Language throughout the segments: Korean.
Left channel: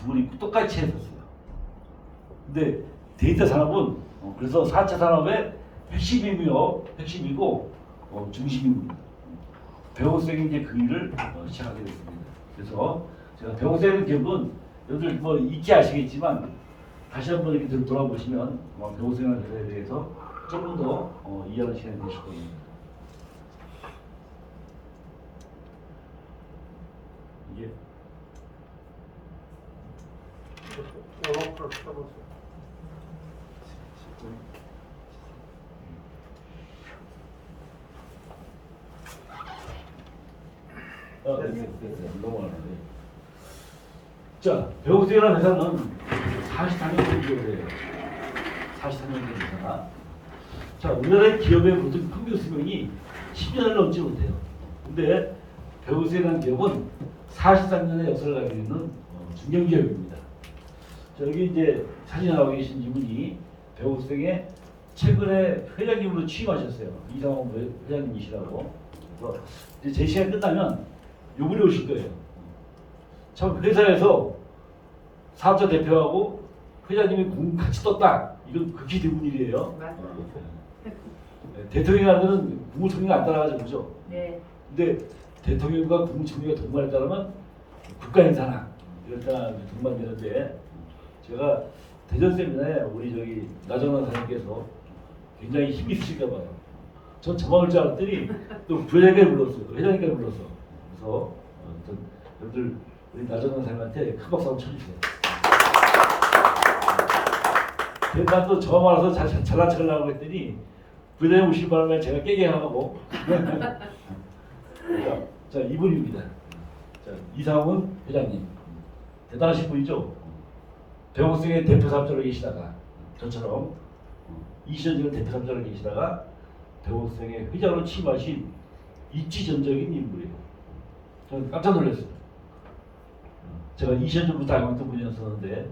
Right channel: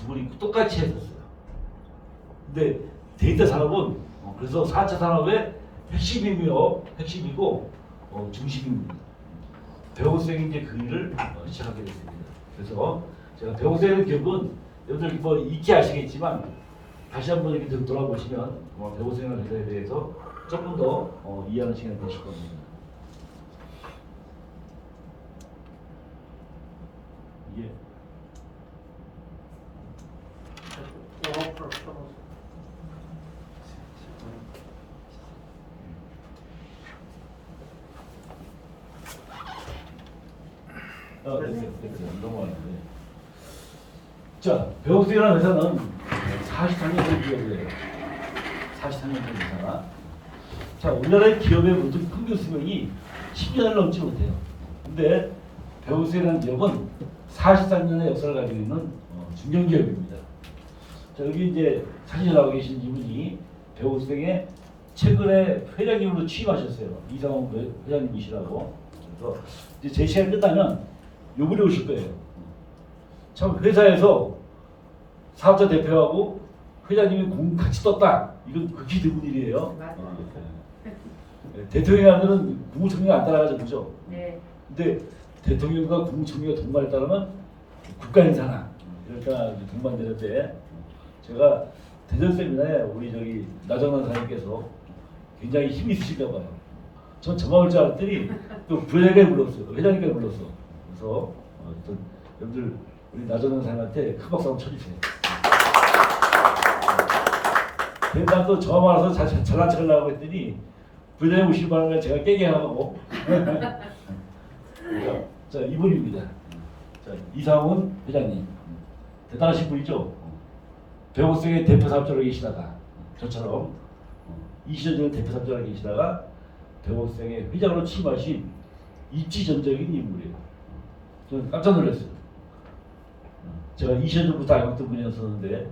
두 분이 똑같이 했었어요. 근데 데이터 산업은 그래서 4차 산업의 핵심이고 중심입니다. 배우생이 이제 그 일을 시작하게 됐습니다. 그래서 제가 배우생의 기업은 여러분들 뭐 익히 아시겠지만 다시 한번 이렇게 돌아보시면 배우생활 회사에 대해서 조금 더 이해하는 시간이 되실 겁니다. 예. 됐어요. 넘어가는데. 자, 배우수이라는 회사는 43년 된 기업이에요. 43년 된 회사가. 자, 우리나라의 기업의 모든 평균 수명이 10년을 넘지 못해요. 근데 배우수이라는 기업은 43년의 역사를 가지고 있는 중견 기업입니다. 자, 여기 이제 사진에 나와 계신 이분이 배우수의 최근에 회장님으로 취임하셨어요. 이상호 회장님이시라고. 그래서 이제 제 시간 끝나면 요분이 오실 거예요. 참 회사에서 사업자 대표하고 회장님이 공 같이 떴다. 이건 극히 드문 일이에요. 대통령이라면 국무총리가 안 따라가죠, 그죠? 네. 근데 대통령과 국무총리가 동반에 따르면 국가 행사나 이럴 때 동반되는데 제가 대전 세미나에 우리 저기 나정원 사장님께서 굉장히 힘이 있으실까 봐요. 전 저만 올 줄 알았더니 또 부회장님까지 불렀어요. 회장님까지 불렀어. 그래서 어쨌든 여러분들 우리 나정원 사장님한테 큰 박수 한번 쳐주세요. 난 또 저만 와서 잘한 척하려고 했더니 부회장님 오실 바람에 제가 깨게 하고 자 이분입니다. 자, 이상훈 회장님 대단하신 분이죠. 배우생의 대표 사업자로 계시다가 저처럼 20년 전에 대표 사업자로 계시다가 배우생의 회장으로 취임하신 입지전적인 인물이에요. 저는 깜짝 놀랐어요. 제가 20년 전부터 알고 있던 분이었었는데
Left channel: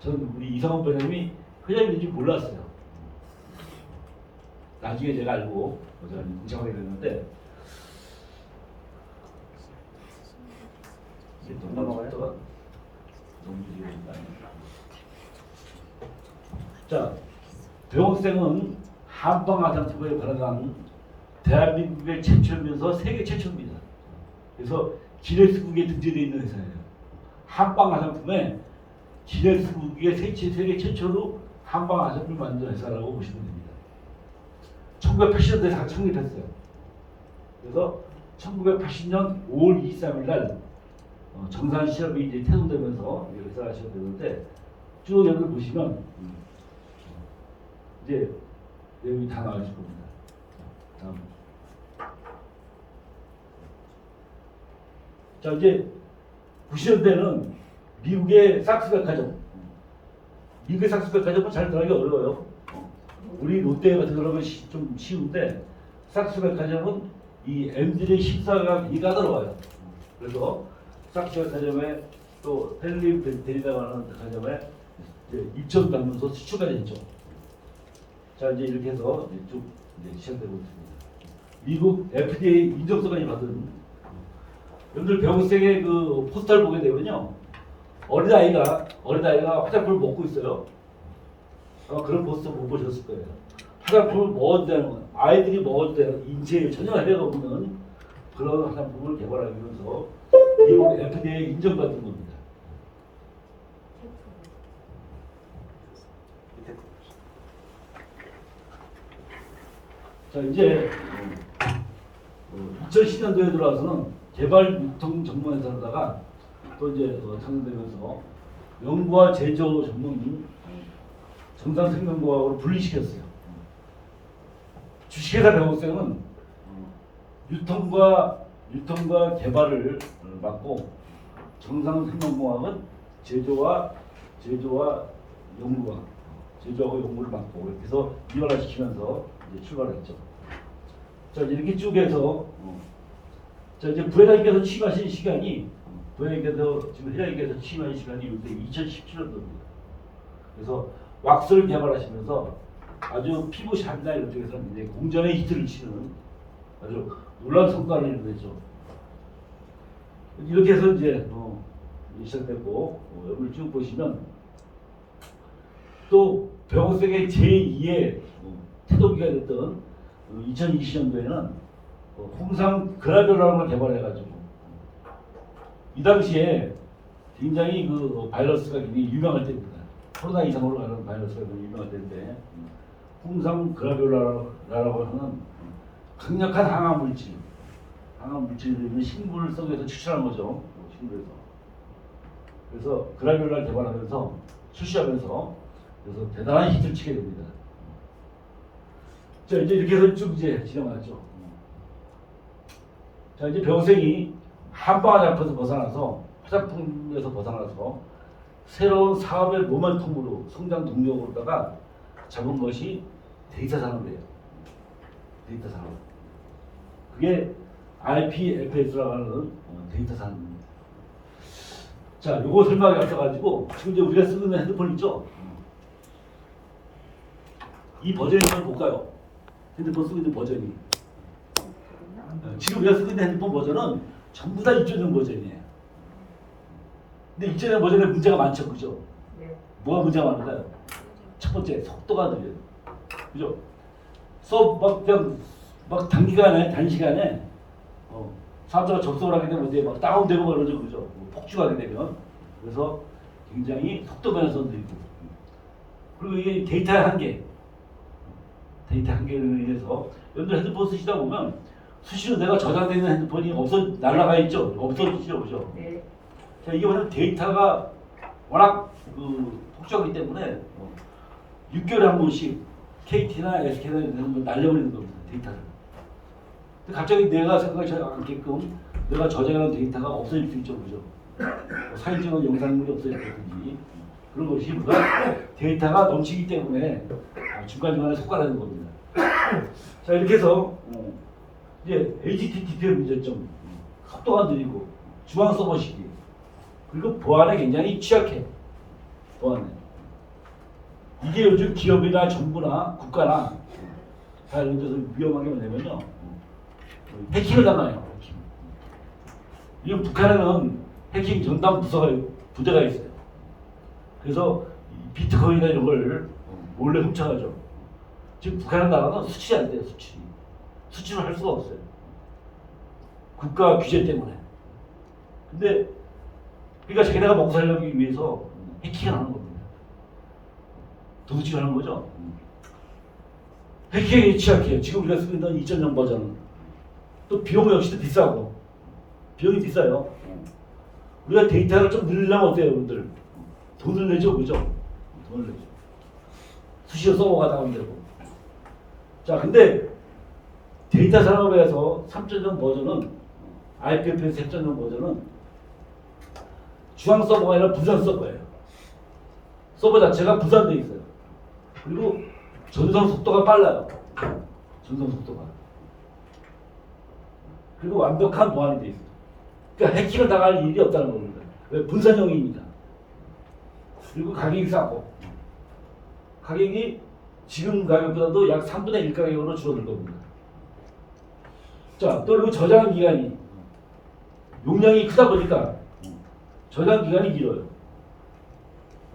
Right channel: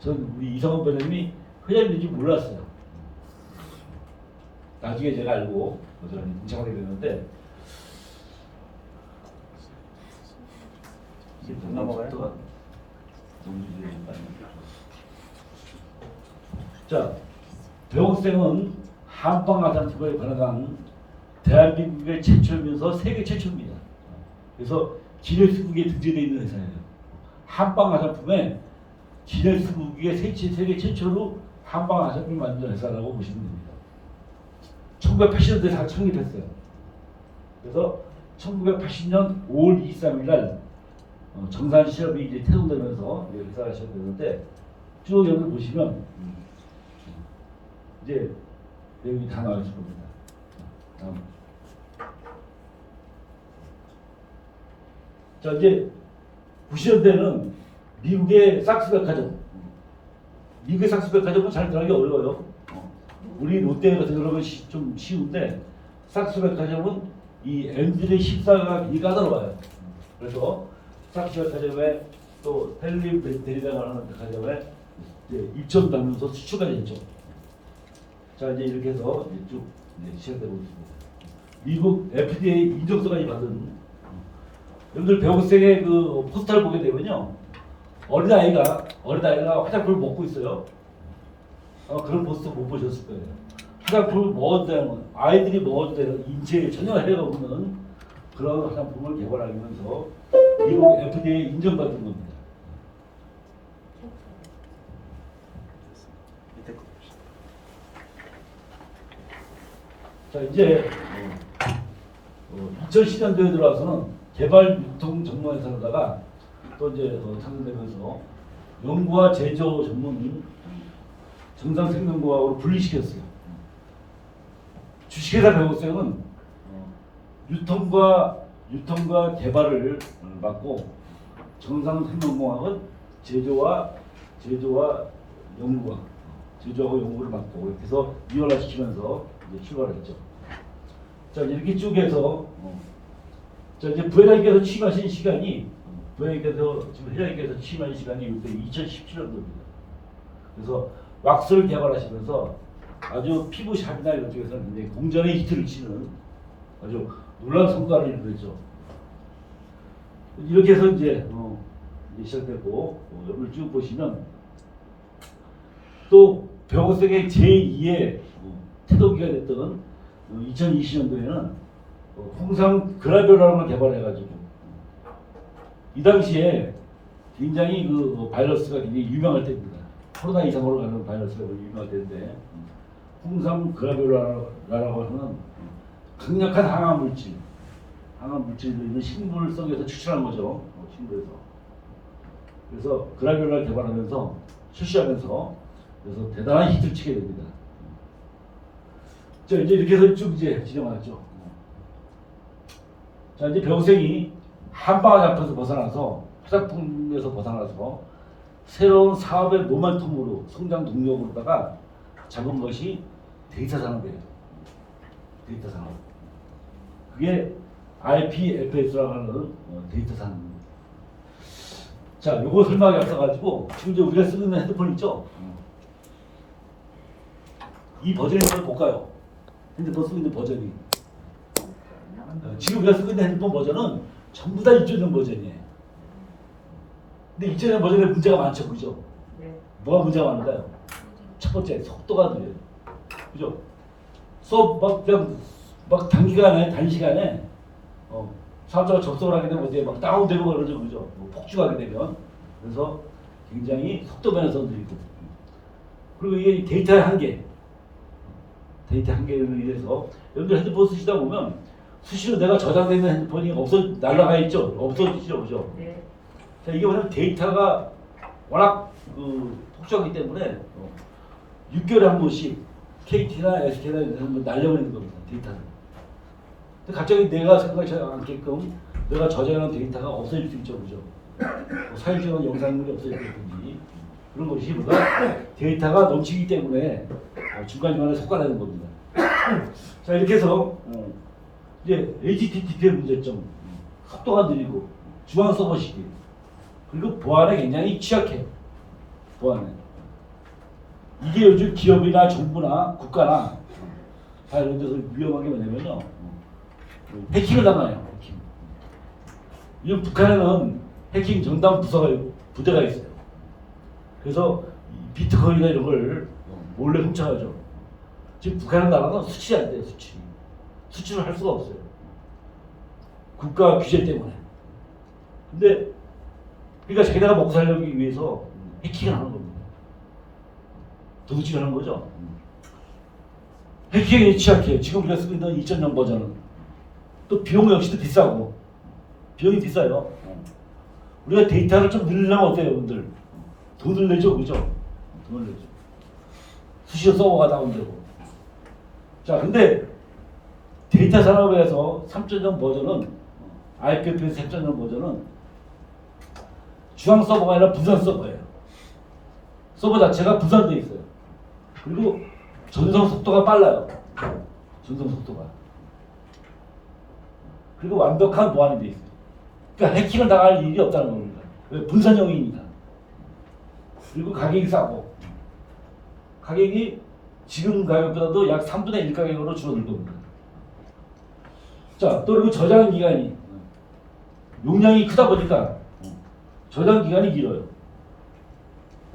저는 우리 이상훈 회장님이 회장님인지 몰랐어요. 나중에 제가 알고 저는 동창하게 됐는데 이게 또 넘어가요? 자, 배우생은 한방 아산티브에 관한 대한민국의 최초이면서 세계 최초입니다. 그래서 기네스북에 등재되어 있는 회사예요. 한방 화장품에 기네스북에 세계 최초로 한방 화장품을 만든 회사라고 보시면 됩니다. 1980년대에 창립했어요. 그래서 1980년 5월 23일 날 정산 시험이 이제 태동되면서 회사가 시작되는데 쭉 여기 보시면 이제 내용이 다 나와 있을 겁니다. 다음. 자 이제 90년대는 미국의 삭스백화점, 미국의 삭스백화점은 잘 들어가기 어려워요. 우리 롯데 같은 경우는 좀 쉬운데 삭스백화점은 이 M들의 십사가 굉장히 까다로워요. 그래서 삭스백화점에 또 헬림 데리다고 하는 백화점에 입점 담으면서 수출가 됐죠. 자 이제 이렇게 해서 이제 쭉 이제 시작되고 있습니다. 미국 FDA 인정서까지 받은 여러분들 배우생의 그 포스터를 보게 되면요 어린아이가 화장품을 먹고 있어요. 아마 그런 포스터 못 보셨을 거예요. 화장품을 먹어도 되는 아이들이 먹어도 되는 인체에 전혀 해가 없는 그런 화장품을 개발하면서 미국 FDA 인정받은 겁니다. 자 이제 2010년도에 들어와서는 개발 유통 전문 회사로다가 또 이제 창설되면서 연구와 제조 전문인 정상생명과학으로 분리시켰어요. 주식회사 배우생은 유통과 개발을 맡고 정상생명공학은 제조하고 연구를 맡고 이렇게 해서 이완화시키면서 이제 출발했죠. 자 이렇게 쭉 해서 자 이제 부회장님께서 취임하신 시간이 지금 회장님께서 취임하신 시간이 2017년도입니다. 그래서 왁스를 개발하시면서 아주 피부샵이나 이런 쪽에서 굉장히 공전의 히트를 치는 아주 놀라운 성과를 이루었죠. 이렇게 해서 이제 이제 시작됐고 여기를 쭉 보시면 또 벽옥색의 제2의 태동기가 됐던 2020년도에는 홍삼 그라뷸라는 걸 개발해가지고 이 당시에 굉장히 그 바이러스가 굉장히 유명할 때입니다. 코로나 이상으로 가는 바이러스가 유명할 때인데 홍삼 그라뷸라라고 하는 강력한 항암 물질을 있는 식물을 썩여서 추출한 거죠. 식물에서. 그래서 그라뷸라를 개발하면서 출시하면서 그래서 대단한 히트를 치게 됩니다. 자, 이제 이렇게 해서 쭉 이제 진행하죠. 자, 이제 병생이 한방을 잡혀서 벗어나서 화장품에서 벗어나서 새로운 사업의 모멘텀으로 성장 동력으로다가 잡은 것이 데이터 산업이에요. 데이터 산업. 그게 IPFS라고 하는 데이터 산업입니다. 자, 요거 설명하기 앞서가지고 지금 이제 우리가 쓰는 핸드폰 있죠? 이 버전이 좀 볼까요? 핸드폰 쓰고 있는 버전이. 지금 우리가 쓰고 있는 핸드폰 버전은 전부 다 2.0 버전이에요. 근데 2.0 버전에 문제가 많죠, 그죠? 네. 뭐가 문제가 많을까요? 첫 번째, 속도가 느려요. 그죠? 막 단시간에 사람들과 접속을 하게 되면 어디에 막 다운되고 그러죠, 그죠? 폭주하게 되면. 그래서 굉장히 속도 면에서 느리고. 그리고 이 데이터의 한계를 위해서 여러분들 핸드폰 쓰시다 보면 수시로 내가 저장되어 있는 핸드폰이 날아가 있죠? 없어지죠, 그죠? 네. 자, 이게 뭐냐면 데이터가 워낙 폭주하기 때문에 6개월에 한 번씩 KT나 SK나 이런 데서 날려버리는 겁니다, 데이터를. 근데 갑자기 내가 생각하지 않게끔 내가 저장하는 데이터가 없어질 수 있죠, 그죠? 사진이나 영상물이 없어지든지 그런 것이보다 데이터가 넘치기 때문에 중간중간에 속가내는 겁니다. 자, 이렇게 해서 이제 HTTP의 문제점, 속도가 느리고 중앙 서버 시기, 그리고 보안에 굉장히 취약해. 보안에. 이게 요즘 기업이나 정부나 국가나 다 이런 데서 위험한 게 뭐냐면요, 해킹을 당해요. 해킹. 이 북한에는 해킹 전담 부대가 있어요. 그래서 비트코인이나 이런 걸 몰래 훔쳐가죠. 지금 북한의 나라는 수출이 안 돼요, 수출을 할 수가 없어요. 국가 규제 때문에. 근데 그러니까 자기네가 먹고 살려기 위해서 해킹을 하는 겁니다. 도둑질 하는 거죠. 해킹에 취약해요. 지금 우리가 쓰고 있는 2.0 버전은 또 비용 역시도 비싸고, 비용이 비싸요. 우리가 데이터를 좀 늘리려면 어때요, 여러분들? 돈을 내죠, 그죠? 돈을 내죠. 수시로 서버가 다운되고. 자, 근데 데이터 산업에서 3.0 버전은 IPFS 3.0 버전은 중앙 서버가 아니라 분산 서버예요. 서버 자체가 분산되어 있어요. 그리고 전송 속도가 빨라요. 전송 속도가. 그리고 완벽한 보안이 되어 있어요. 그러니까 해킹을 당할 일이 없다는 겁니다. 왜? 분산형이니까. 그리고 가격이 싸고. 가격이 지금 가격보다도 약 3분의 1 가격으로 줄어들 겁니다. 자, 또 그리고 저장 기간이 용량이 크다 보니까 저장 기간이 길어요.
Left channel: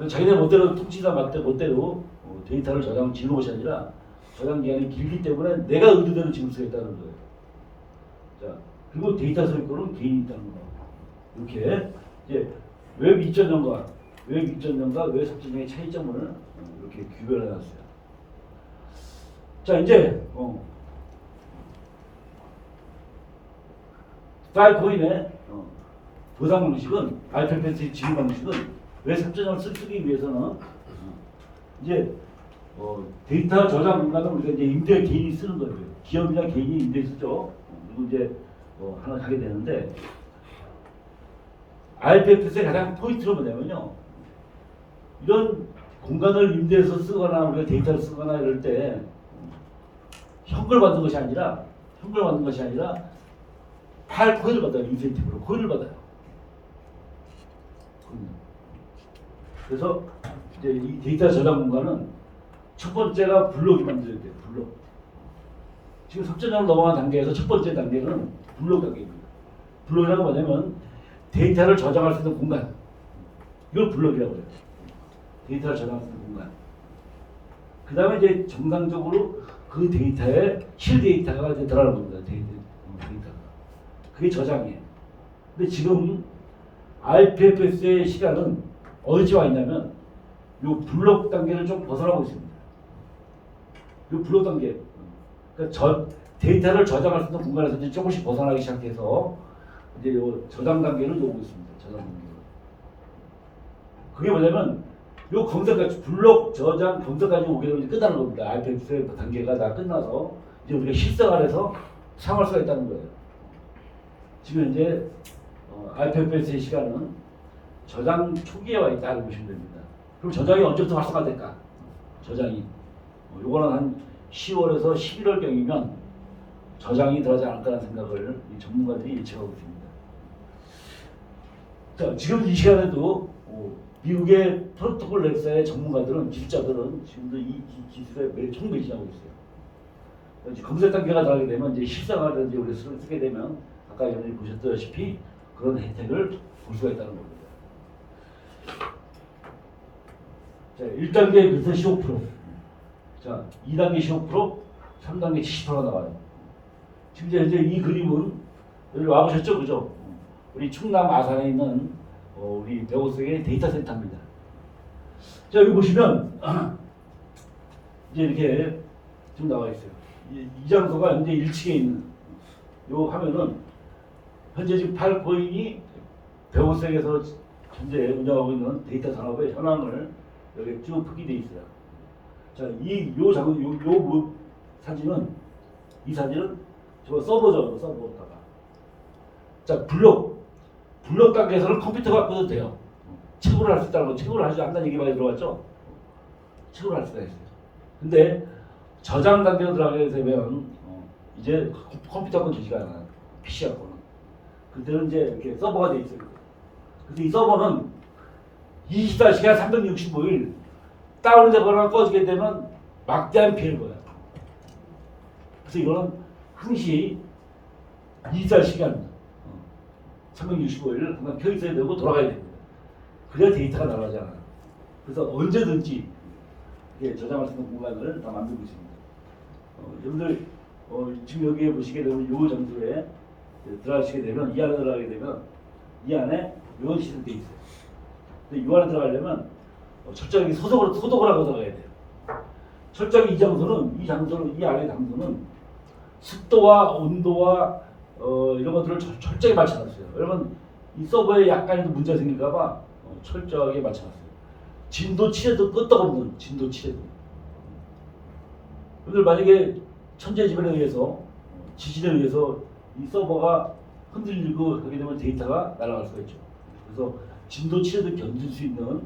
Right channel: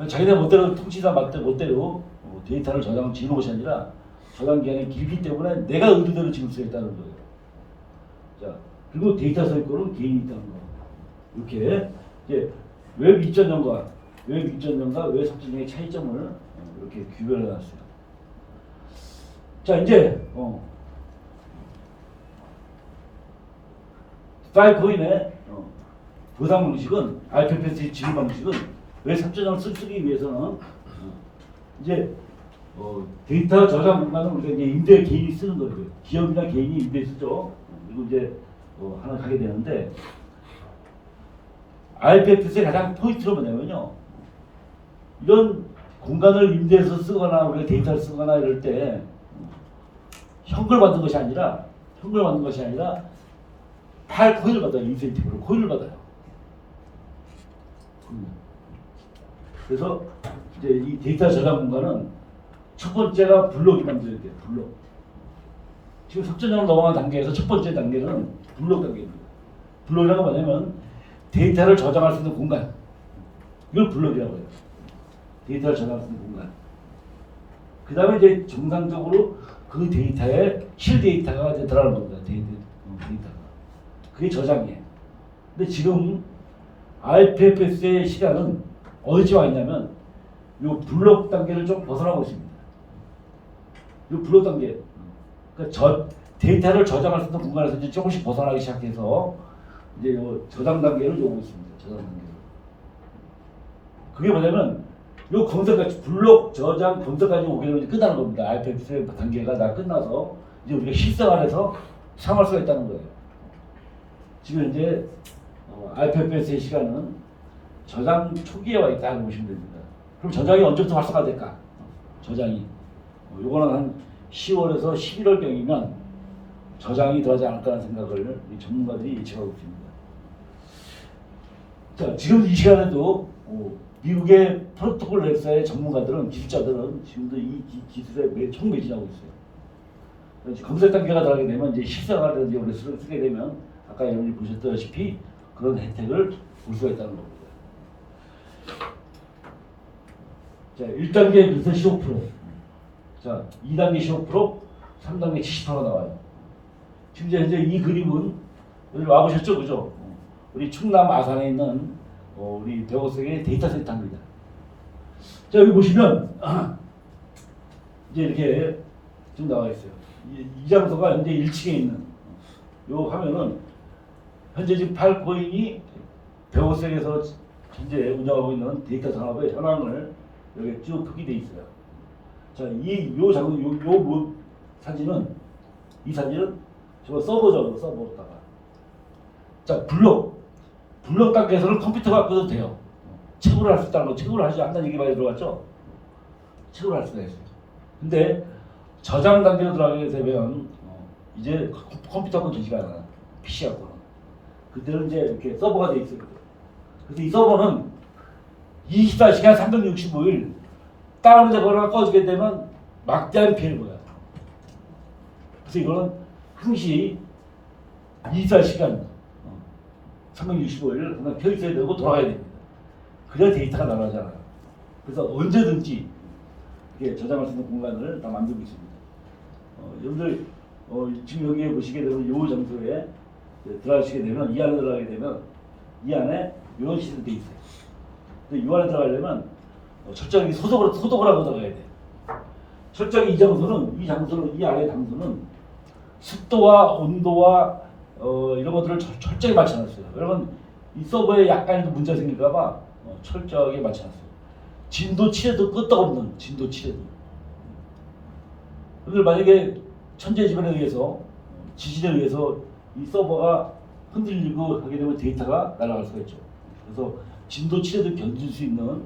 자기네 멋대로 통치사 멋대로 데이터를 지는 것이 아니라 저장 기간이 길기 때문에 내가 의도대로 지을 수가 있다는 거예요. 자, 그리고 데이터 소유권은 개인이 있다는 거. 이렇게 이제 웹 2.0과 웹 3.0의 차이점을 이렇게 규별해 놨어요. 자, 이제 파일코인의 보상 방식은 IPFS의 지급 방식은 웹 3.0을 쓰기 위해서는 이제 데이터 저장 공간은 우리가 이제 임대 개인이 쓰는 거예요. 기업이나 개인이 임대 쓰죠. 그리고 이제 하나 가게 되는데 IPFS의 가장 포인트로 뭐냐면요, 이런 공간을 임대해서 쓰거나 우리가 데이터를 쓰거나 이럴 때 현금을 받는 것이 아니라 파일 코인을 받아요. 인센티브로 코인을 받아요. 그래서 이제 이 데이터 저장 공간은 첫 번째가 블록이 만들어야 돼요. 블록. 지금 3.0을 넘어간 단계에서 첫 번째 단계는 블록 단계입니다. 블록이라는 건 뭐냐면 데이터를 저장할 수 있는 공간. 이걸 블록이라고 해요. 데이터를 저장할 수 있는 공간. 그 다음에 이제 정상적으로 그 데이터에 실 데이터가 이제 들어가는 겁니다. 데이터가. 그게 저장이에요. 근데 지금 IPFS의 시간은 어디에 와 있냐면 요 블록 단계를 좀 벗어나고 있습니다. 요 블록 단계. 그러니까 데이터를 저장할 수 있는 공간에서 이제 조금씩 벗어나기 시작해서 이제 요 저장 단계를 오고 있습니다. 저장 단계로. 그게 뭐냐면 요 검색까지 블록 저장 검색까지 오게 되면 이제 끝나는 겁니다. IPFS 단계가 다 끝나서 이제 우리가 실생활에서 사용할 수가 있다는 거예요. 지금 이제 IPFS의 시간은 저장 초기에 와 있다고 보시면 됩니다. 그럼 저장이 언제부터 활성화될까? 저장이 요거는 한 10월에서 11월 경이면 저장이 들어가지 않을까라는 생각을 이 전문가들이 예측하고 있습니다. 자, 지금 이 시간에도 미국의 프로토콜 랩사의 전문가들은 기술자들은 지금도 이 기술에 매총 매진하고 있어요. 이제 검색 단계가 들어가게 되면 이제 실생활에 이제 우리 쓰게 되면 아까 여러분이 보셨다시피 그런 혜택을 볼 수가 있다는 겁니다. 자, 1단계 비슷한 15%, 자, 2단계 15%, 3단계 70%가 나와요. 지금 현재 이 그림은 여기 와보셨죠, 그죠? 우리 충남 아산에 있는 우리 배우석의 데이터 센터입니다. 자, 여기 보시면 이제 이렇게 지금 나와 있어요. 이 장소가 현재 1층에 있는 요 화면은 현재 지금 팔코인이 배우석에서 현재 운영하고 있는 데이터 산업의 현황을 여기 쭉 표기되어 있어요. 자, 이 사진은 저 서버죠, 서버다가. 자, 블록 단계에서는 컴퓨터 갖고도 돼요. 채굴을 할 수 있다는 거, 채굴을 하지 않는 얘기 많이 들어봤죠? 채굴을 할 수가 있어요. 근데 저장 단계로 들어가게 되면 이제 컴퓨터 갖고는 되지가 않아요. PC 갖고는. 그때는 이제 이렇게 서버가 돼 있어요. 그래서 이 서버는 24시간 365일 다운이 되거나 꺼지게 되면 막대한 피해를 보여요. 그래서 이거는 항시 24시간 365일 항상 켜 있어야 되고 돌아가야 됩니다. 그래야 데이터가 날아가잖아요. 그래서 언제든지 이게 저장할 수 있는 공간을 다 만들고 있습니다. 여러분들 지금 여기에 보시게 되면 이 장소에 들어가시게 되면 이 안에 들어가게 되면 이 안에 이런 시스템이 돼 있어요. 근데 이 안에 들어가려면 철저하게 소독을 하고 들어가야 돼요. 철저하게 이 장소는 이 안에 장소는 습도와 온도와 이런 것들을 철저히 맞춰놨어요. 여러분 이 서버에 약간의 문제가 생길까봐 철저하게 맞춰놨어요. 진도 치료도 끄떡없는 진도 치료도. 오늘 만약에 천재지변에 의해서 지진에 의해서 이 서버가 흔들리고 하게 되면 데이터가 날아갈 수가 있죠. 그래서 진도 치료도 견딜 수 있는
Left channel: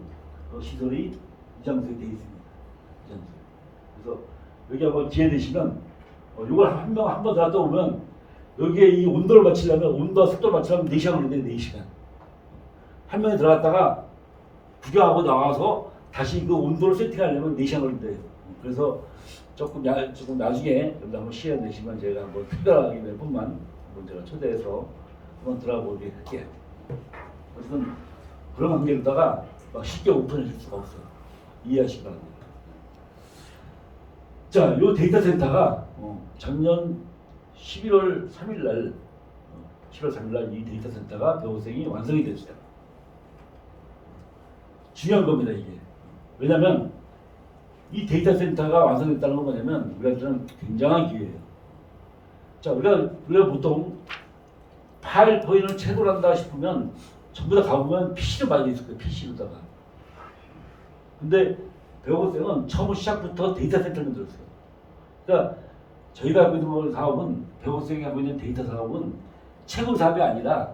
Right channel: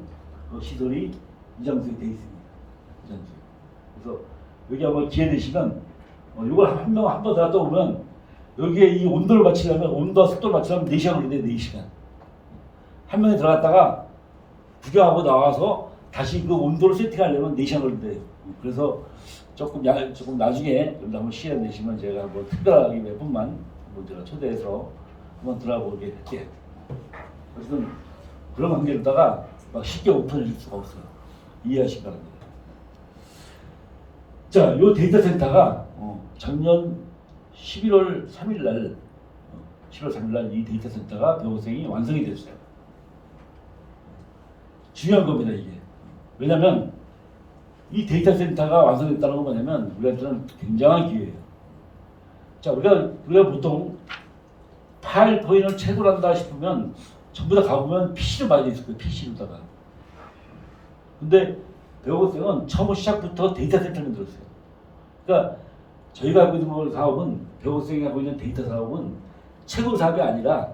시설이 이 장소에 되어 있습니다. 이 장소에. 그래서 여기 한번 기회 되시면 이걸 한 번 들어갔다 오면 여기에 이 온도를 맞추려면 온도와 습도를 맞추려면 4시간 걸린대요. 4시간. 한 명이 들어갔다가 구경하고 나와서 다시 그 온도를 세팅하려면 4시간 걸린대요. 그래서 조금 나중에 여러분 한번 시간 내시면 제가 한번 특별하게 몇 분만 한번 제가 초대해서 한번 들어보게 할게요. 그래서 그런 환경에다가 막 쉽게 오픈해 줄 수가 없어요. 이해하시기 바랍니다. 자, 요 데이터 센터가 작년 11월 3일 날 이 데이터 센터가 배우생이 완성이 됐어요. 중요한 겁니다, 이게. 왜냐면 이 데이터 센터가 완성됐다는 건 뭐냐면 우리한테는 굉장한 기회예요. 자, 우리가 보통 파일 포인을 채굴한다 싶으면 전부 다 가보면 PC로 많이 돼 있을 거예요. PC로다가. 근데 배우생은 처음 시작부터 데이터 센터를 만들었어요. 그러니까 저희가 하고 있는 사업은 배우생이 하고 있는 데이터 사업은 채굴 사업이 아니라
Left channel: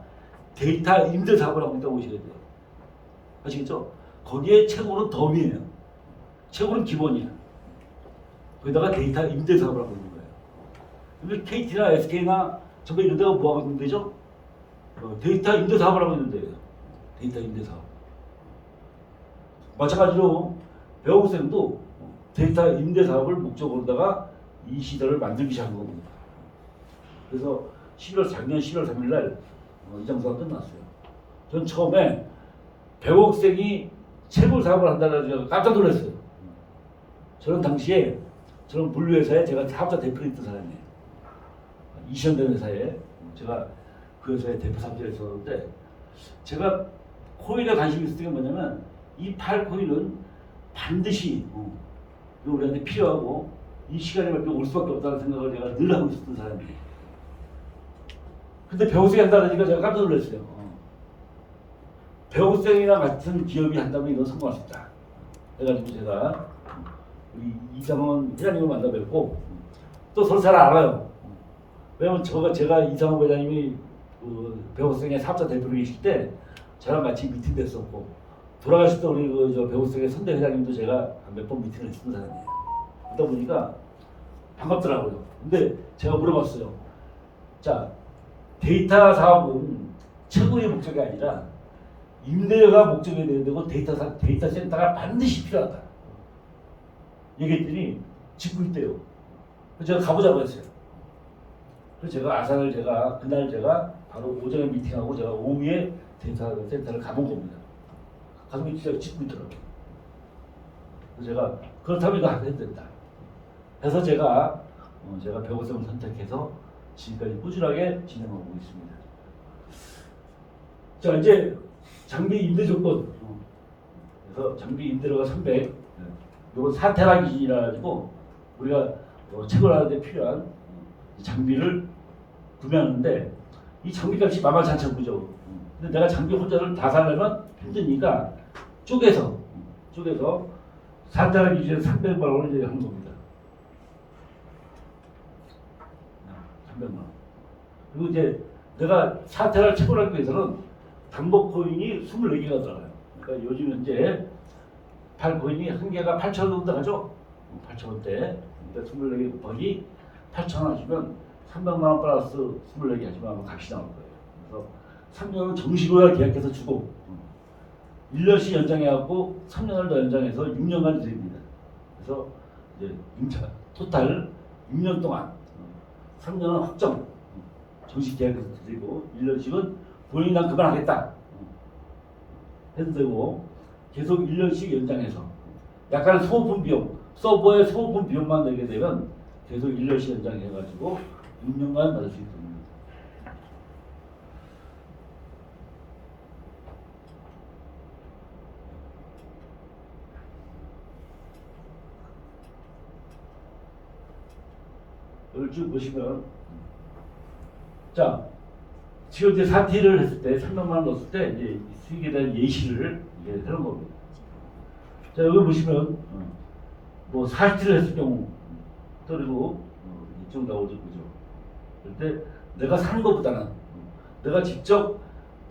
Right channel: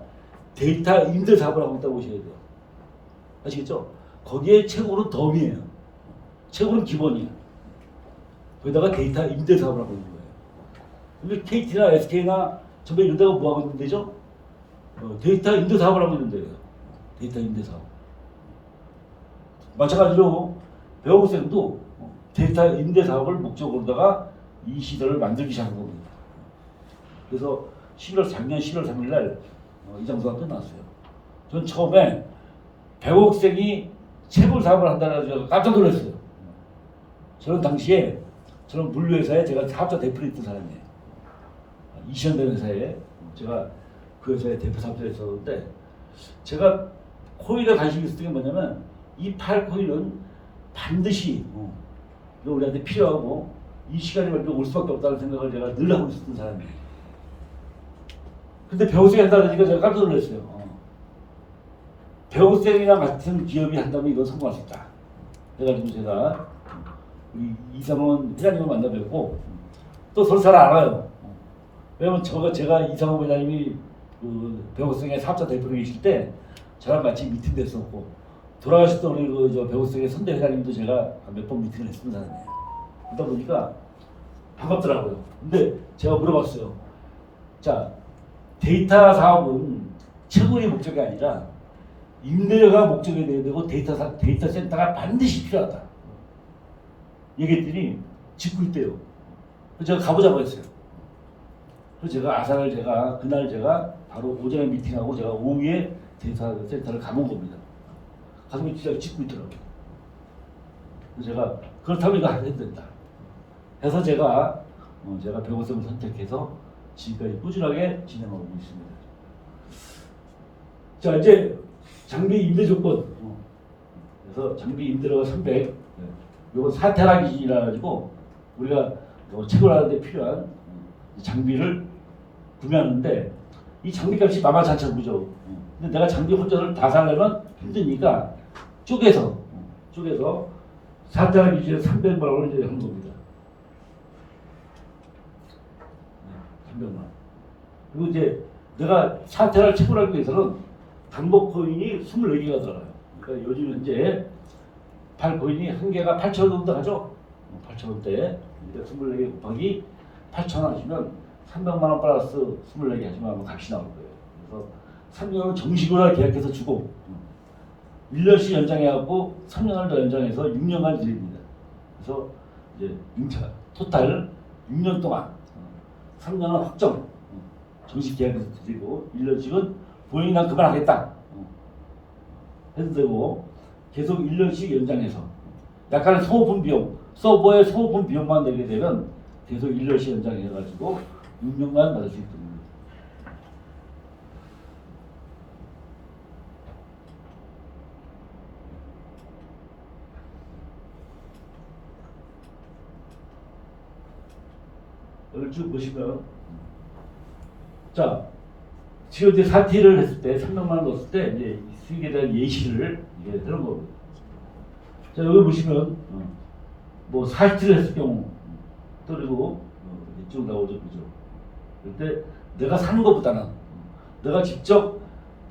데이터 임대 사업을 하고 있다고 보셔야 돼요. 아시겠죠? 거기에 채굴은 덤이에요. 채굴은 기본이야. 거기다가 데이터 임대 사업을 하고 있는 거예요. 근데 KT나 SK나 전부 이런 데가 뭐 하고 있는 데죠? 데이터 임대 사업을 하고 있는 데예요. 데이터 임대 사업. 마찬가지로 배우생도 데이터 임대 사업을 목적으로다가 이 시설을 만들기 시작한 겁니다. 그래서 작년 11월 3일 날 이 장소가 끝났어요. 전 처음에 배우학생이 채굴 사업을 한다는 제가 깜짝 놀랐어요. 저는 당시에 저는 물류회사에 제가 사업자 대표로 있던 사람이에요. 이시현대 회사에 제가 그 회사의 대표 사업자에 있었는데 제가 코일에 관심이 있었던 게 뭐냐면 이 팔코일은 반드시 이거 우리한테 필요하고 이 시간이 걸리면 올 수밖에 없다는 생각을 제가 늘 하고 있었던 사람이에요. 근데 배우생이 한다니까 제가 깜짝 놀랐어요. 배우생이랑 같은 기업이 한다면 이건 성공할 수 있다. 그래가지고 제가 이상원 회장님을 만나 뵙고 또 서로 잘 알아요. 왜냐면 제가 이상원 회장님이 그 배우생의 사업자 대표로 계실 때 저랑 같이 미팅 됐었고 돌아가실 때 우리 그 배우생의 선대 회장님도 제가 몇 번 미팅을 했던 사람이에요. 그러다 보니까 반갑더라고요. 근데 제가 물어봤어요. 자, 데이터 사업은 채굴이 목적이 아니라 임대료가 목적이 돼야 되고 데이터 센터가 반드시 필요하다. 얘기했더니 짓고 있대요. 그래서 제가 가보자고 했어요. 그래서 제가 그날 바로 오전에 미팅하고 제가 오후에 데이터 센터를 가본 겁니다. 가서 진짜 짓고 있더라고요. 그래서 제가 그렇다면 이거 해야 된다. 그래서 제가 배우생을 선택해서 지금까지 꾸준하게 진행하고 있습니다. 자, 이제 장비 임대 조건. 그래서 장비 임대료가 300. 이건 4테라 기준이라 가지고 우리가 채굴하는데 필요한 장비를 구매하는데 이 장비값이 만만치 않죠. 근데 내가 장비 혼자를 다 사려면 힘드니까 쪼개서 4테라 기준에 300만 원을 이제 한 겁니다. 300만 원. 그리고 이제 내가 4테라를 채굴하기 위해서는 반복 코인이 24개가 들어가요. 그러니까 요즘 현재 팔코인이 한 개가 8,000원 정도 하죠. 8,000원대. 그러니까 24개 곱하기 8,000원 하시면 300만 원 플러스 24개 하시면 값이 나올 거예요. 그래서 3년은 정식으로 계약해서 주고 1년씩 연장해갖고 3년을 더 연장해서 6년간 드립니다. 그래서 이제 토탈 6년 동안 3년은 확정 정식 계약해서 드리고 1년씩은 본인이 난 그만하겠다 해도 되고 계속 1년씩 연장해서 약간의 소모품 비용, 서버의 소모품 비용만 내게 되면 계속 1년씩 연장해가지고 6년간 받을 수 있습니다. 여기 쭉 보시면 자 지금 이제 4T를 했을 때 300만 원 넣었을 때 이제 수익에 대한 예시를 이게 하는 겁니다. 자 여기 보시면 뭐 40T를 했을 경우 그리고 이쪽 나오죠, 그죠? 그때 내가 사는 것보다는 내가 직접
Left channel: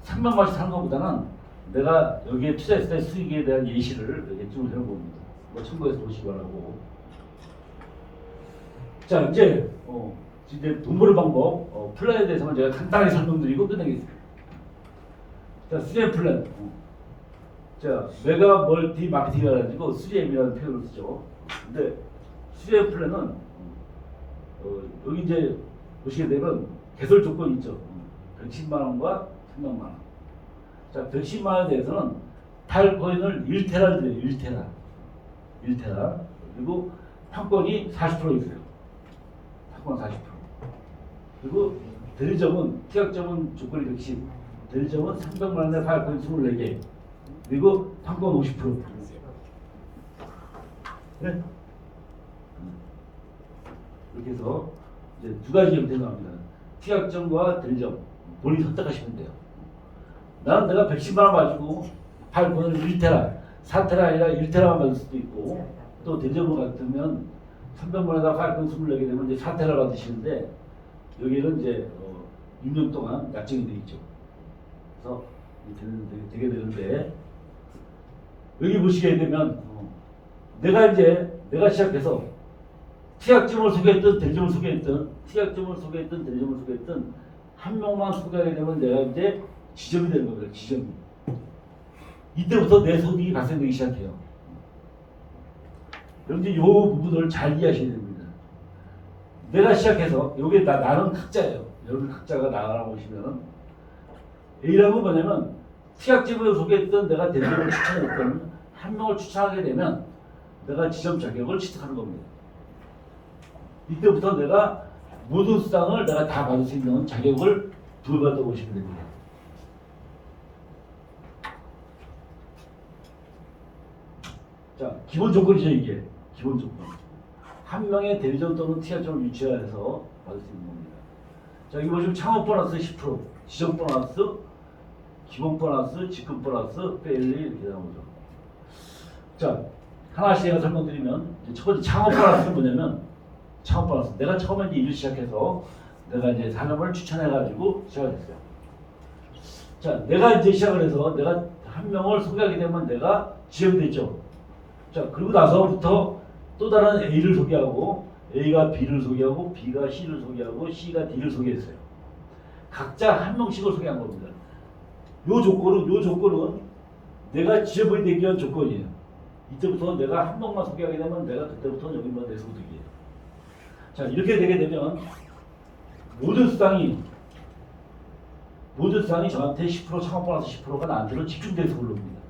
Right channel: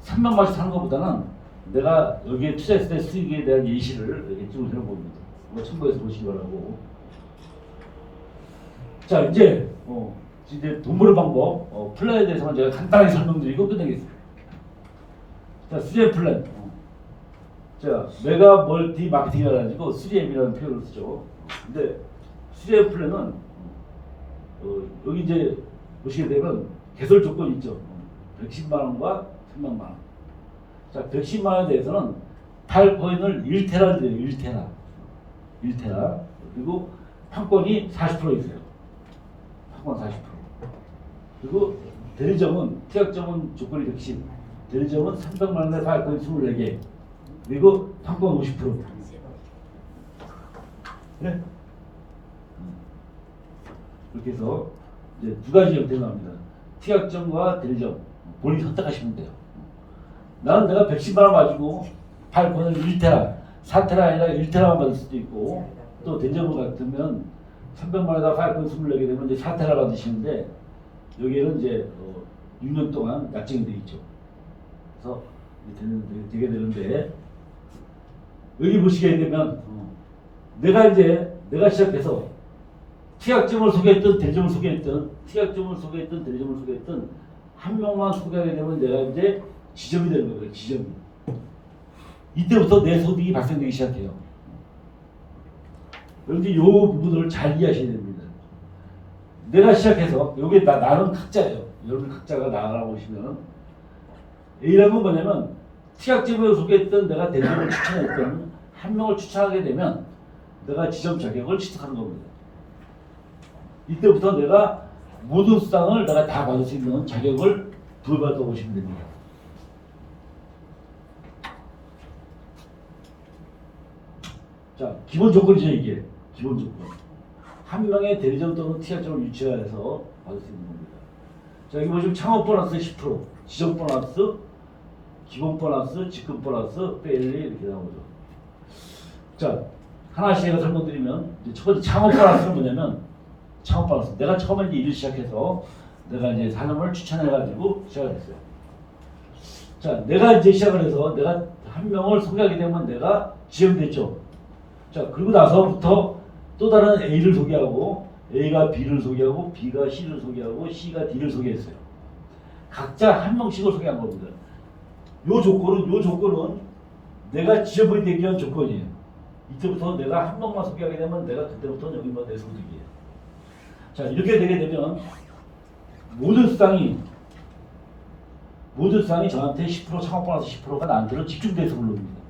300만 원씩 사는 것보다는 내가 여기에 투자했을 때 수익에 대한 예시를 여기 쭉 하는 겁니다. 뭐 참고해서 보시기 바라고. 자 이제 돈 버는 방법 플랜에 대해서만 제가 간단하게 설명드리고 끝내겠습니다. 자 3M 플랜. 자 메가 멀티 마케팅이라 가지고 3M이라는 표현을 쓰죠. 근데 3M 플랜은 여기 이제 보시게 되면 개설 조건이 있죠. 110만 원과 300만 원. 자 110만 원에 대해서는 팔코인을 1테라를 드려요. 1테라. 그리고 판권이 40% 있어요. 판권 40%. 그리고 대리점은 특약점은 조건이 110. 대리점은 300만 원에 팔코인 24개. 그리고 판권 50%. 그래? 이렇게 해서 이제 두 가지 형태가 나옵니다. 특약점과 대리점 본인이 선택하시면 돼요. 나는 내가 110만 원 가지고 팔코인을 1테라, 4테라 아니라 1테라만 받을 수도 있고 또 대리점을 같으면 300만 원에다 팔코인 24개 되면 이제 4테라 받으시는데 여기는 이제 6년 동안 약정이 되어 있죠. 그래서 되게 되는데 여기 보시게 되면 내가 시작해서 특약점을 소개했던 대리점을 소개했던 대리점을 소개했던 한 명만 소개하게 되면 내가 이제 지점이 되는 거예요. 지점. 이때부터 내 소득이 발생되기 시작해요. 여러분들 이 부분을 잘 이해하셔야 됩니다. 내가 시작해서 요게 나는 각자예요. 여러분 각자가 나가라 보시면 A라는 건 뭐냐면 특약지명을 소개했던 내가 대리점을 추천했던 한 명을 추천하게 되면 내가 지점 자격을 취득하는 겁니다. 이때부터 내가 모든 수당을 내가 다 받을 수 있는 자격을 부여받아 보시면 됩니다. 자, 기본 조건이죠, 이게. 기본 조건. 한 명의 대리점 또는 특약점을 유치해서 받을 수 있는 겁니다. 자, 여기 보시면 창업 보너스 10%, 지점 보너스, 기본 보너스, 직급 보너스, 페일리 이렇게 나오죠. 자, 하나씩 제가 설명드리면 첫 번째 창업 보너스는 뭐냐면 창업 보너스. 내가 처음에 이제 일을 시작해서 내가 이제 사람을 추천해가지고 시작을 했어요. 자, 내가 이제 시작을 해서 내가 한 명을 소개하게 되면 내가 지점이 됐죠. 자, 그리고 나서부터 또 다른 A를 소개하고 A가 B를 소개하고 B가 C를 소개하고 C가 D를 소개했어요. 각자 한 명씩을 소개한 겁니다. 요 조건은 내가 지점이 되기 위한 조건이에요. 이때부터 내가 한 명만 소개하게 되면 내가 그때부터는 여기 내 소득이에요. 자, 이렇게 되게 되면 모든 수당이 저한테 10% 창업 보너스 10%가 나한테는 집중돼서 올라옵니다.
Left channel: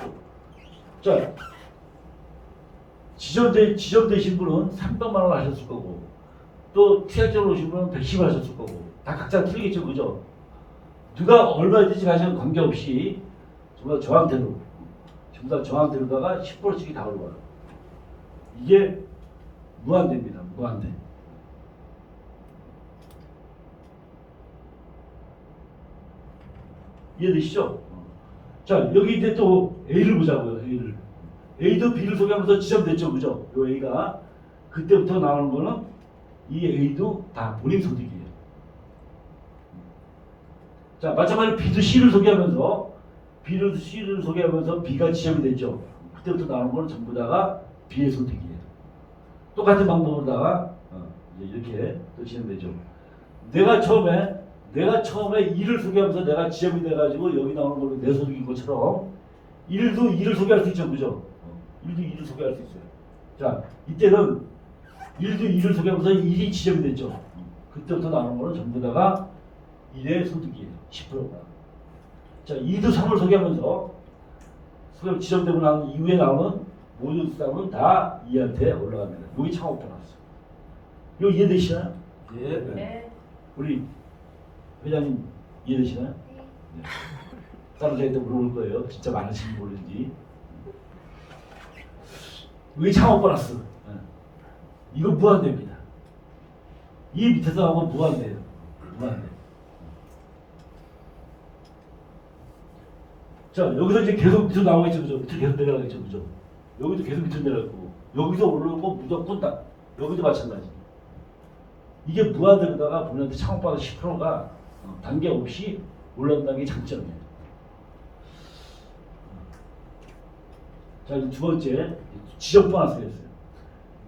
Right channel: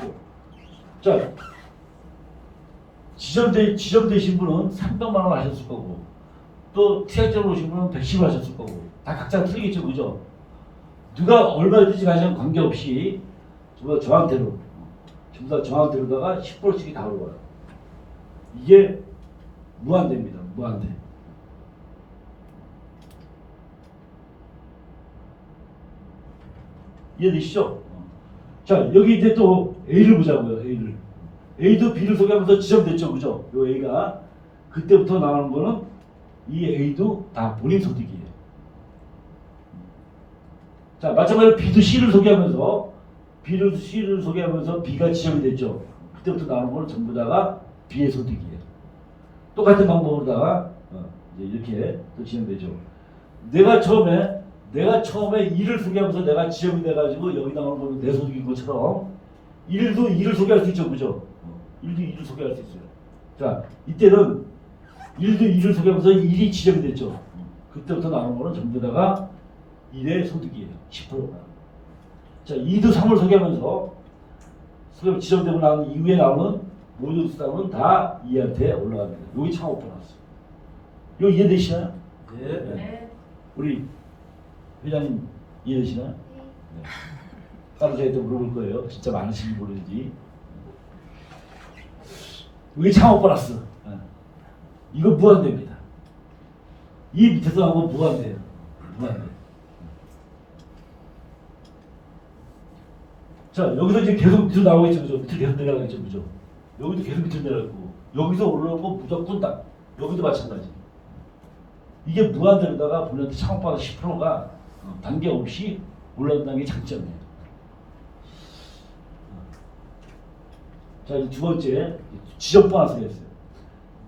10%. 자, 지점 되신 분은 300만 원 하셨을 거고 또 TR점으로 오신 분은 110만 원 하셨을 거고 다 각자 틀리겠죠, 그죠? 누가 얼마든지 가시는 관계없이 전부 다 저한테로다가 10%씩이 다 올라와요. 이게 무한대입니다. 무한대. 이해되시죠? 자, 여기 이제 또 A를 보자고요. A도 B를 소개하면서 지점됐죠, 그죠? 요 A가 그때부터 나오는 거는 이 A도 다 본인 소득이에요. 자, 마찬가지로 B도 C를 소개하면서 B가 지점이 됐죠. 그때부터 나오는 거는 전부 다가 B의 소득이에요. 똑같은 방법으로다가 이제 이렇게 또 지점되죠. 내가 처음에 일을 소개하면서 내가 지점이 돼가지고 여기 나오는 거는 내 소득인 것처럼 일도 일을 소개할 수 있죠, 그죠? 일도 일을 소개할 수 있어요. 자, 이때는 일도 일을 소개하면서 일이 지점이 됐죠. 그때부터 나오는 거는 전부 다가 일의 소득이에요. 10%가. 자, 2도 3을 소개하면서 지점되고 난 이후에 나오는 모든 수당은 다 이한테 올라갑니다. 여기 창업 보너스. 이거 이해되시나요? 네. 네. 우리 회장님 이해되시나요? 네. 따로 저희한테 물어볼 거예요. 진짜 많으신지 모르는지. 여기 창업 보너스. 네. 이거 무한대입니다. 이 밑에서 하고 무한대예요. 무한대. 자, 여기서 이제 계속 밑으로 나오겠죠, 그죠? 밑으로 계속 내려가겠죠, 그죠? 여기도 계속 밑으로 내려가고 여기서 올라오는 거 무조건 딱. 여기도 마찬가지. 이게 무한대로다가 보는데 창업보너스 10%가 단계 없이 올라온다는 게 장점이에요. 자, 이제 두 번째 지점 보너스가 있어요.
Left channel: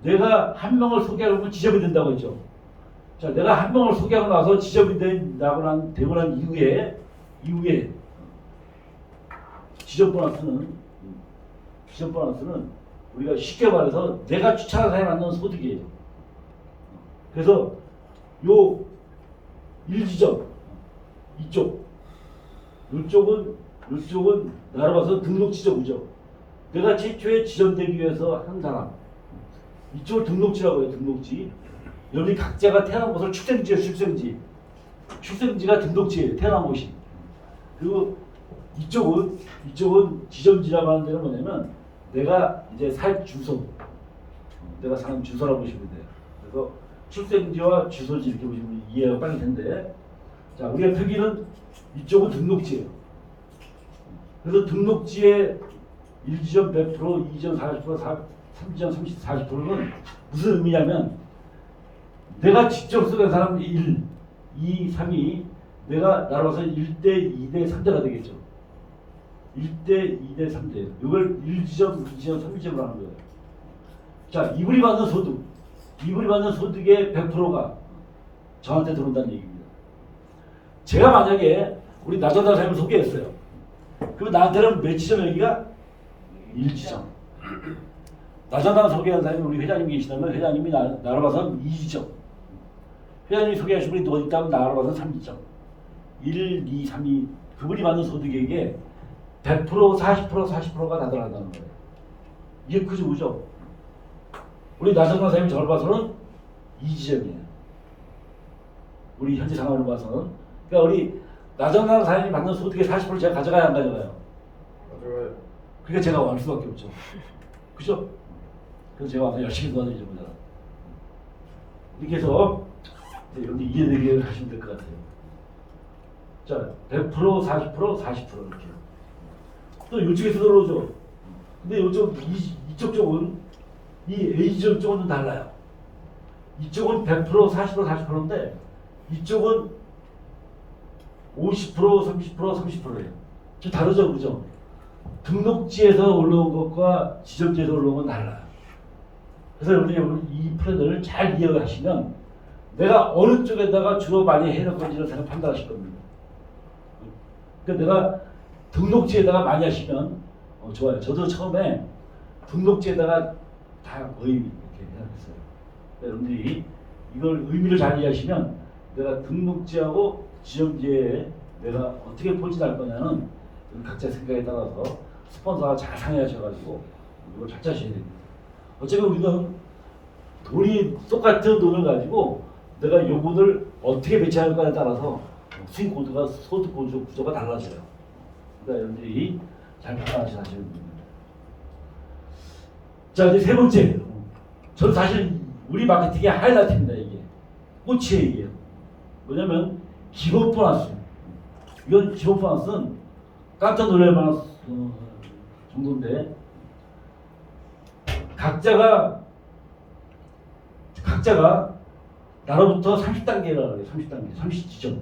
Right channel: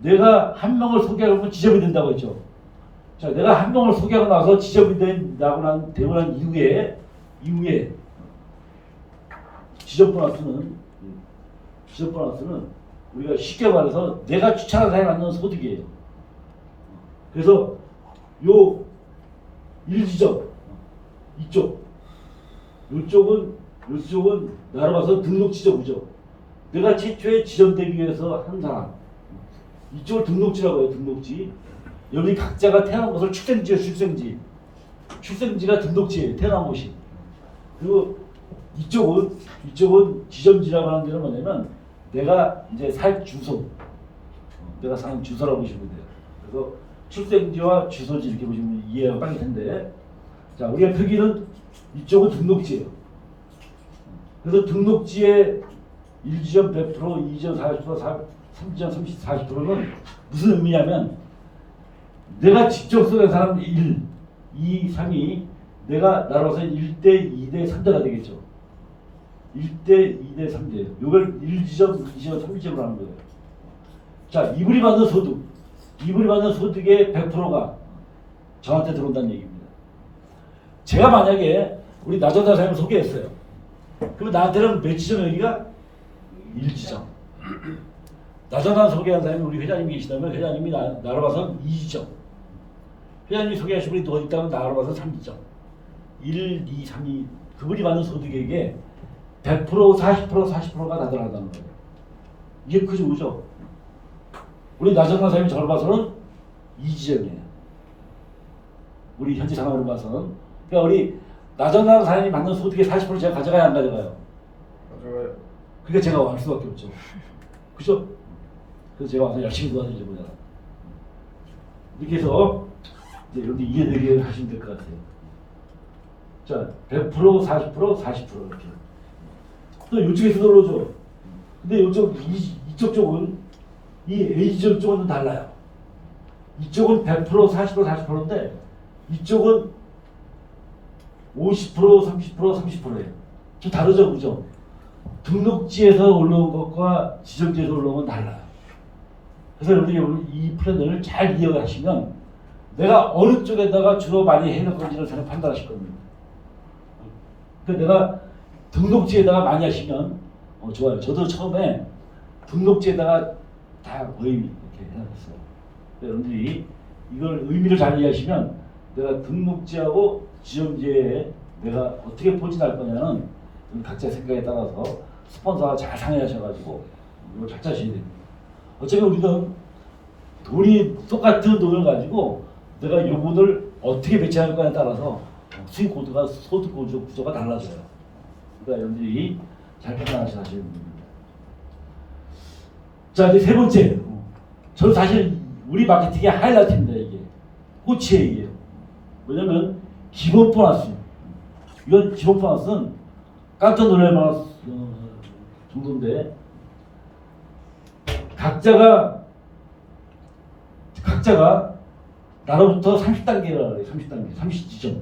내가 한 명을 소개하면 지점이 된다고 했죠. 자, 내가 한 명을 소개하고 나서 지점이 되고 난 이후에 지점 보너스는 우리가 쉽게 말해서 내가 추천한 사람이 받는 소득이에요. 그래서 요 1지점 이쪽은 나로 봐서 등록지점이죠. 내가 최초에 지점되기 위해서 한 사람. 이쪽을 등록지라고 해요. 등록지. 여기 각자가 태어난 곳을 출생지가 등록지예요. 태어난 곳이. 그리고 이쪽은 지점지라고 하는 데는 뭐냐면 내가 이제 살 주소, 내가 사는 주소라고 보시면 돼요. 그래서 출생지와 주소지 이렇게 보시면 이해가 빨리 텐데, 자, 우리가 표기는 이쪽은 등록지예요. 그래서 등록지에 1지점 100%, 2지점 40%, 3지점 40%는 무슨 의미냐면 내가 직접 소개한 사람 1, 2, 3이 내가 나로서 1대, 2대, 3대가 되겠죠. 1대, 2대, 3대. 이걸 1지점, 2지점, 3지점으로 하는 거예요. 자, 이분이 받는 소득의 100%가 저한테 들어온다는 얘기입니다. 제가 만약에 우리 나전다 사람을 소개했어요. 그럼 나한테는 몇 지점 여기가? 1지점. 나전다 소개한 사람이 우리 회장님 계시다면 회장님이 나로 봐서 2지점. 회장님이 소개하신 분이 더 있다면 나로 봐서 3지점. 1, 2, 3이 그분이 받는 소득액에 100%, 40%, 40%가 다 들어간다는 거예요. 이게 크죠, 그죠? 우리 나정란 사장님 저를 봐서는 이 지점이에요. 우리 현재 상황으로 봐서는. 그러니까 우리 나정란 사장님이 받는 소득의 40% 제가 가져가야 안 가져가요? 가져가요. 그러니까 제가 할 수밖에 없죠. 그죠? 그래서 제가 와서 열심히 도와드리죠, 보자. 이렇게 해서 이제 여러분들 이해되게 하시면 될 것 같아요. 자, 100%, 40%, 40% 이렇게. 또 이쪽에서 들어오죠. 근데 이쪽 쪽은 이 A지점 쪽은 좀 달라요. 이쪽은 100%, 40%, 40%인데 이쪽은 50%, 30%, 30%예요. 좀 다르죠, 그죠? 등록지에서 올라온 것과 지정지에서 올라온 건 달라요. 그래서 여러분이 이 플랜을 잘 이해하시면 내가 어느 쪽에다가 주로 많이 해야 건지를 제가 판단하실 겁니다. 그러니까 내가 등록지에다가 많이 하시면 좋아요. 저도 처음에 등록지에다가 다 거의 이렇게 해놨어요. 여러분들이 이걸 의미를 잘 이해하시면 내가 등록지하고 지정지에 내가 어떻게 포진할 거냐는 우리 각자 생각에 따라서 스폰서가 잘 상의하셔가지고 이걸 잘 짜셔야 됩니다. 어차피 우리는 돈이 똑같은 돈을 가지고 내가 요금을 어떻게 배치할까에 따라서 수익 코드가 소득 구조가 달라져요. 그러니까 여러분들이 잘 판단하셔야 됩니다. 자, 이제 세 번째. 저는 사실 우리 마케팅의 하이라이트입니다. 이게 꽃이에요. 이게 뭐냐면 기본 보너스. 이건 기본 보너스는 깜짝 놀랄 만한 정도인데 각자가 나로부터 30단계라 그래요. 30단계, 30지점.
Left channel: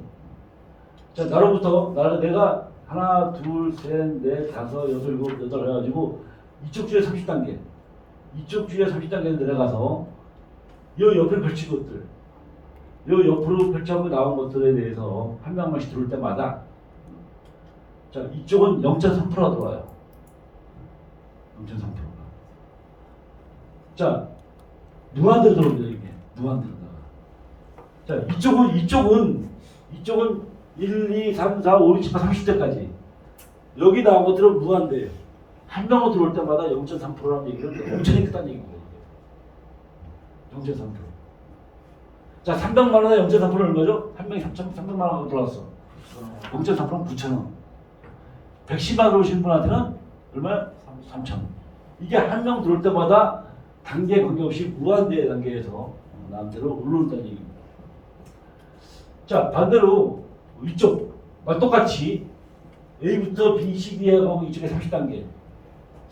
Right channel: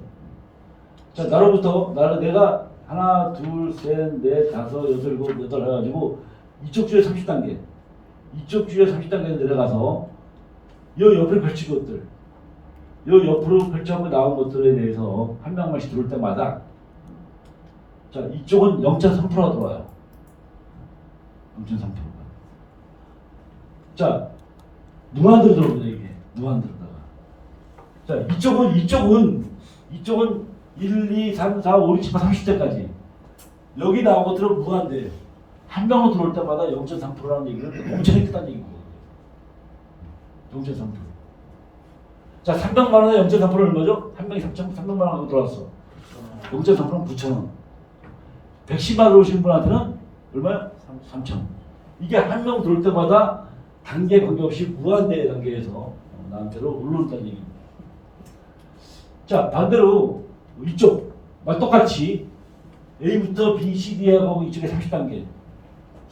자, 내가 하나, 둘, 셋, 넷, 다섯, 여섯, 일곱, 여덟 해가지고 이쪽 주에 30단계, 이쪽 주에 30단계 내려가서 요 옆을 펼친 것들, 요 옆으로 펼쳐서 나온 것들에 대해서 한 명씩 들어올 때마다 자, 이쪽은 0.3%가 들어와요. 0.3%가. 자, 무한대로 들어옵니다. 이게 무한대로다가. 자, 이쪽은 1, 2, 3, 4, 5, 6, 7, 8, 30대까지 여기 나온 것들은 무한대예요. 한 명으로 들어올 때마다 0.3%라는 얘기는 엄청 크다는 얘기예요. 0.3%. 자, 300만 원에 0.3%는 얼마죠? 한 명이 300만 원 하고 들어왔어. 0.3%는 9,000원. 110만 원 오신 분한테는 얼마요? 3,000원. 이게 한 명 들어올 때마다 단계 관계없이 무한대 단계에서 나한테로 올라온다는 얘기입니다. 자, 반대로 이쪽 똑같이 A부터 B, C, D하고 이쪽에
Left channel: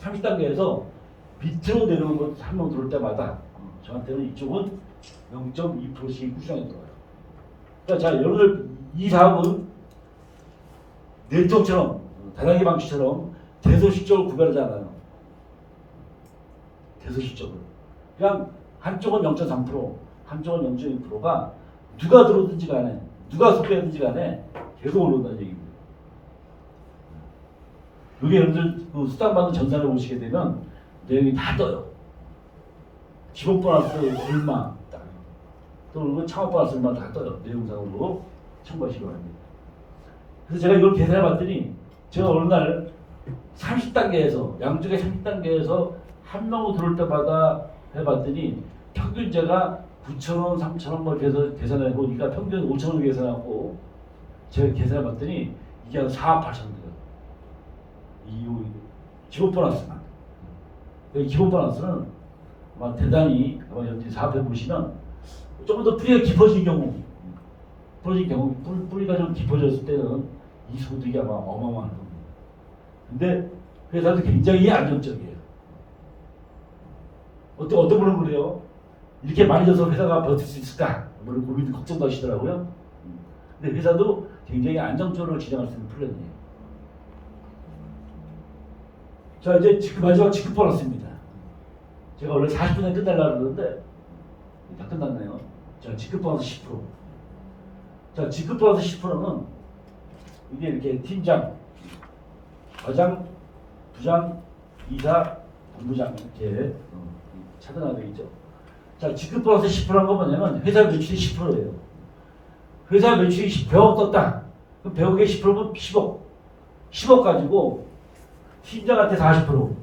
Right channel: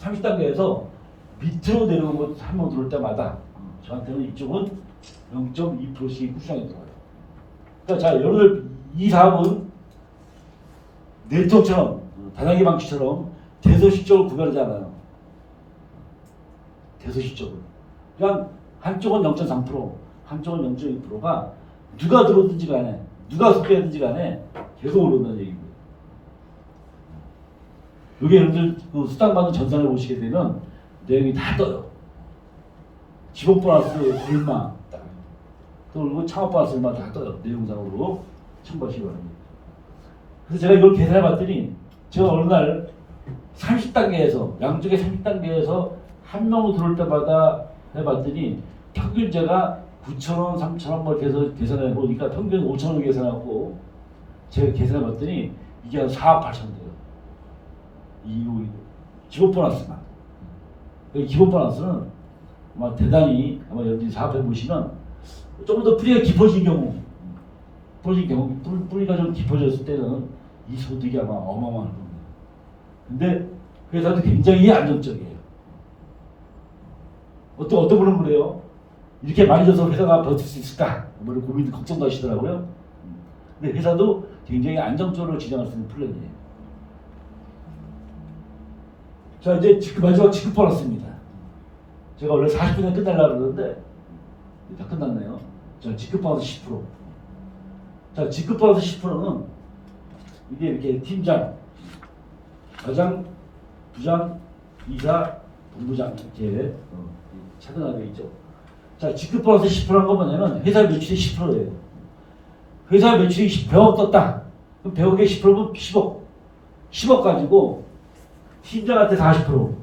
30단계에서 밑으로 내려온 것 한 명 들어올 때마다 저한테는 이쪽은 0.2%씩 꾸준하게 들어와요. 자, 여러분들 이 사업은 네트워크처럼 다단계 방식처럼 대소식적으로 구별하지 않아요. 대소식적으로. 그냥 한쪽은 0.3%, 한쪽은 0.2%가 누가 들어오든지 간에 누가 소개하든지 간에 계속 올라온다는 얘기입니다. 여기 여러분들 그 수당받는 전산을 보시게 되면 내용이 다 떠요. 기본 보너스 얼마, 또 그리고 창업 보너스 얼마 다 떠요. 내용상으로 참고하시기 바랍니다. 그래서 제가 이걸 계산해 봤더니 제가 어느 날 30단계에서 양쪽에 30단계에서 한 명으로 들어올 때마다 해봤더니 평균 제가 9,000원, 3,000원 뭐 계산해 보니까 평균 5,000원 계산하고 제가 계산해 봤더니 이게 한 4억 8천 돼요. 이 기본 보너스만. 기본 보너스는 아마 대단히 아마 여기 사업해 보시면 조금 더 뿌리가 깊어진 경우, 뿌리가 좀 깊어졌을 때는 이 소득이 아마 어마어마할 겁니다. 근데 회사도 굉장히 안정적이에요. 어떤 분은 그래요. 이렇게 많이 줘서 회사가 버틸 수 있을까? 뭐 고민, 걱정도 하시더라고요. 근데 회사도 굉장히 안정적으로 진행할 수 있는 플랜이에요. 자, 이제 마지막 지급 보너스입니다. 제가 원래 40분에 끝내려고 그러는데 다 끝났네요. 자, 지급 보너스 10%. 자, 지급 보너스 10%는 이게 이렇게 팀장, 과장, 부장, 이사, 본부장 이렇게 차등하게 있죠. 자, 지급 보너스 10%란 건 뭐냐면 회사 매출이 10%예요. 회사 매출이 100억 떴다. 그럼 100억에 10%면 10억. 10억 가지고 팀장한테 40%,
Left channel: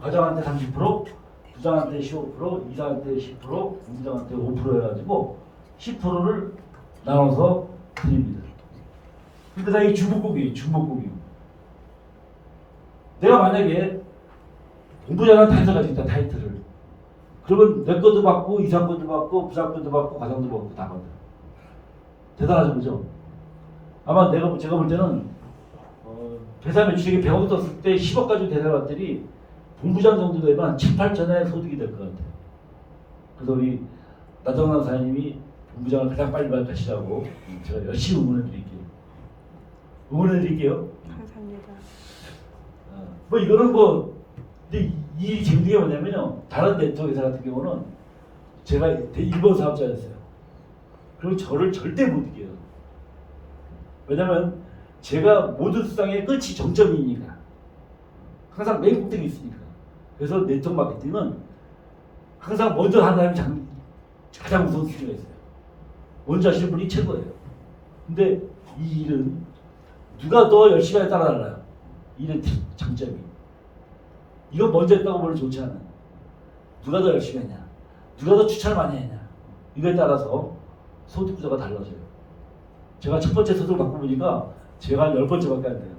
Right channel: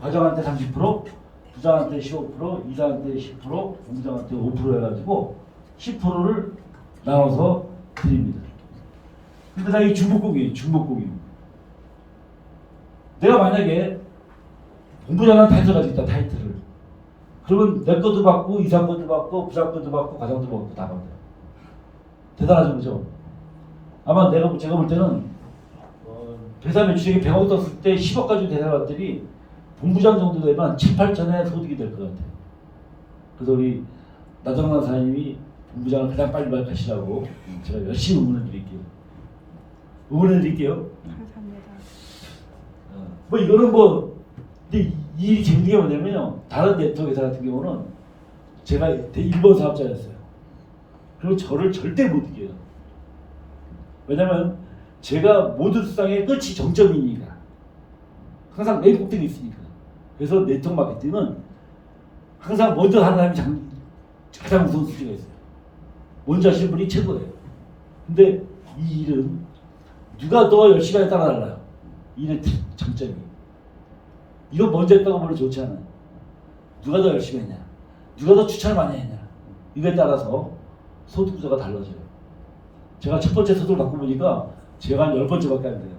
과장한테 30%, 부장한테 15%, 이사한테 10%, 본부장한테 5% 해가지고 10%를 나눠서 드립니다. 근데 나 이 중복공이. 내가 만약에 본부장은 타이틀 가지고 있다, 타이틀을. 그러면 내 것도 받고, 이사 것도 받고, 부장 것도 받고, 과장도 받고, 다 받아요. 대단하죠, 그죠? 아마 제가 볼 때는, 회사 매출액이 100억 떴을 때 10억 가지고 대사받들이 본부장 정도 되면 7, 8천의 소득이 될 것 같아요. 그래서 우리 나정란 사장님이 본부장을 가장 빨리 가시라고 제가 열심히 응원해 드릴게요. 감사합니다. 뭐 이거는 뭐, 근데 이 재밌는 게 뭐냐면요. 다른 네트워크 회사 같은 경우는 제가 1번 사업자였어요. 그리고 저를 절대 못 이겨요. 왜냐면 제가 모든 수상의 끝이 정점이니까. 항상 맨 꼭대기 있으니까. 그래서 네트워크 마케팅은 항상 먼저 하는 사람이 가장 우선 수준가 있어요. 먼저 하시는 분이 최고예요. 근데 이 일은 누가 더 열심히 하냐에 따라 달라요. 이 일의 장점이. 이거 먼저 했다고 별로 좋지 않아요. 누가 더 열심히 했냐. 누가 더 추천을 많이 했냐. 이거에 따라서 소득 구조가 달라져요. 제가 첫 번째 소득을 받고 보니까 제가 한 10번째밖에 안 돼요.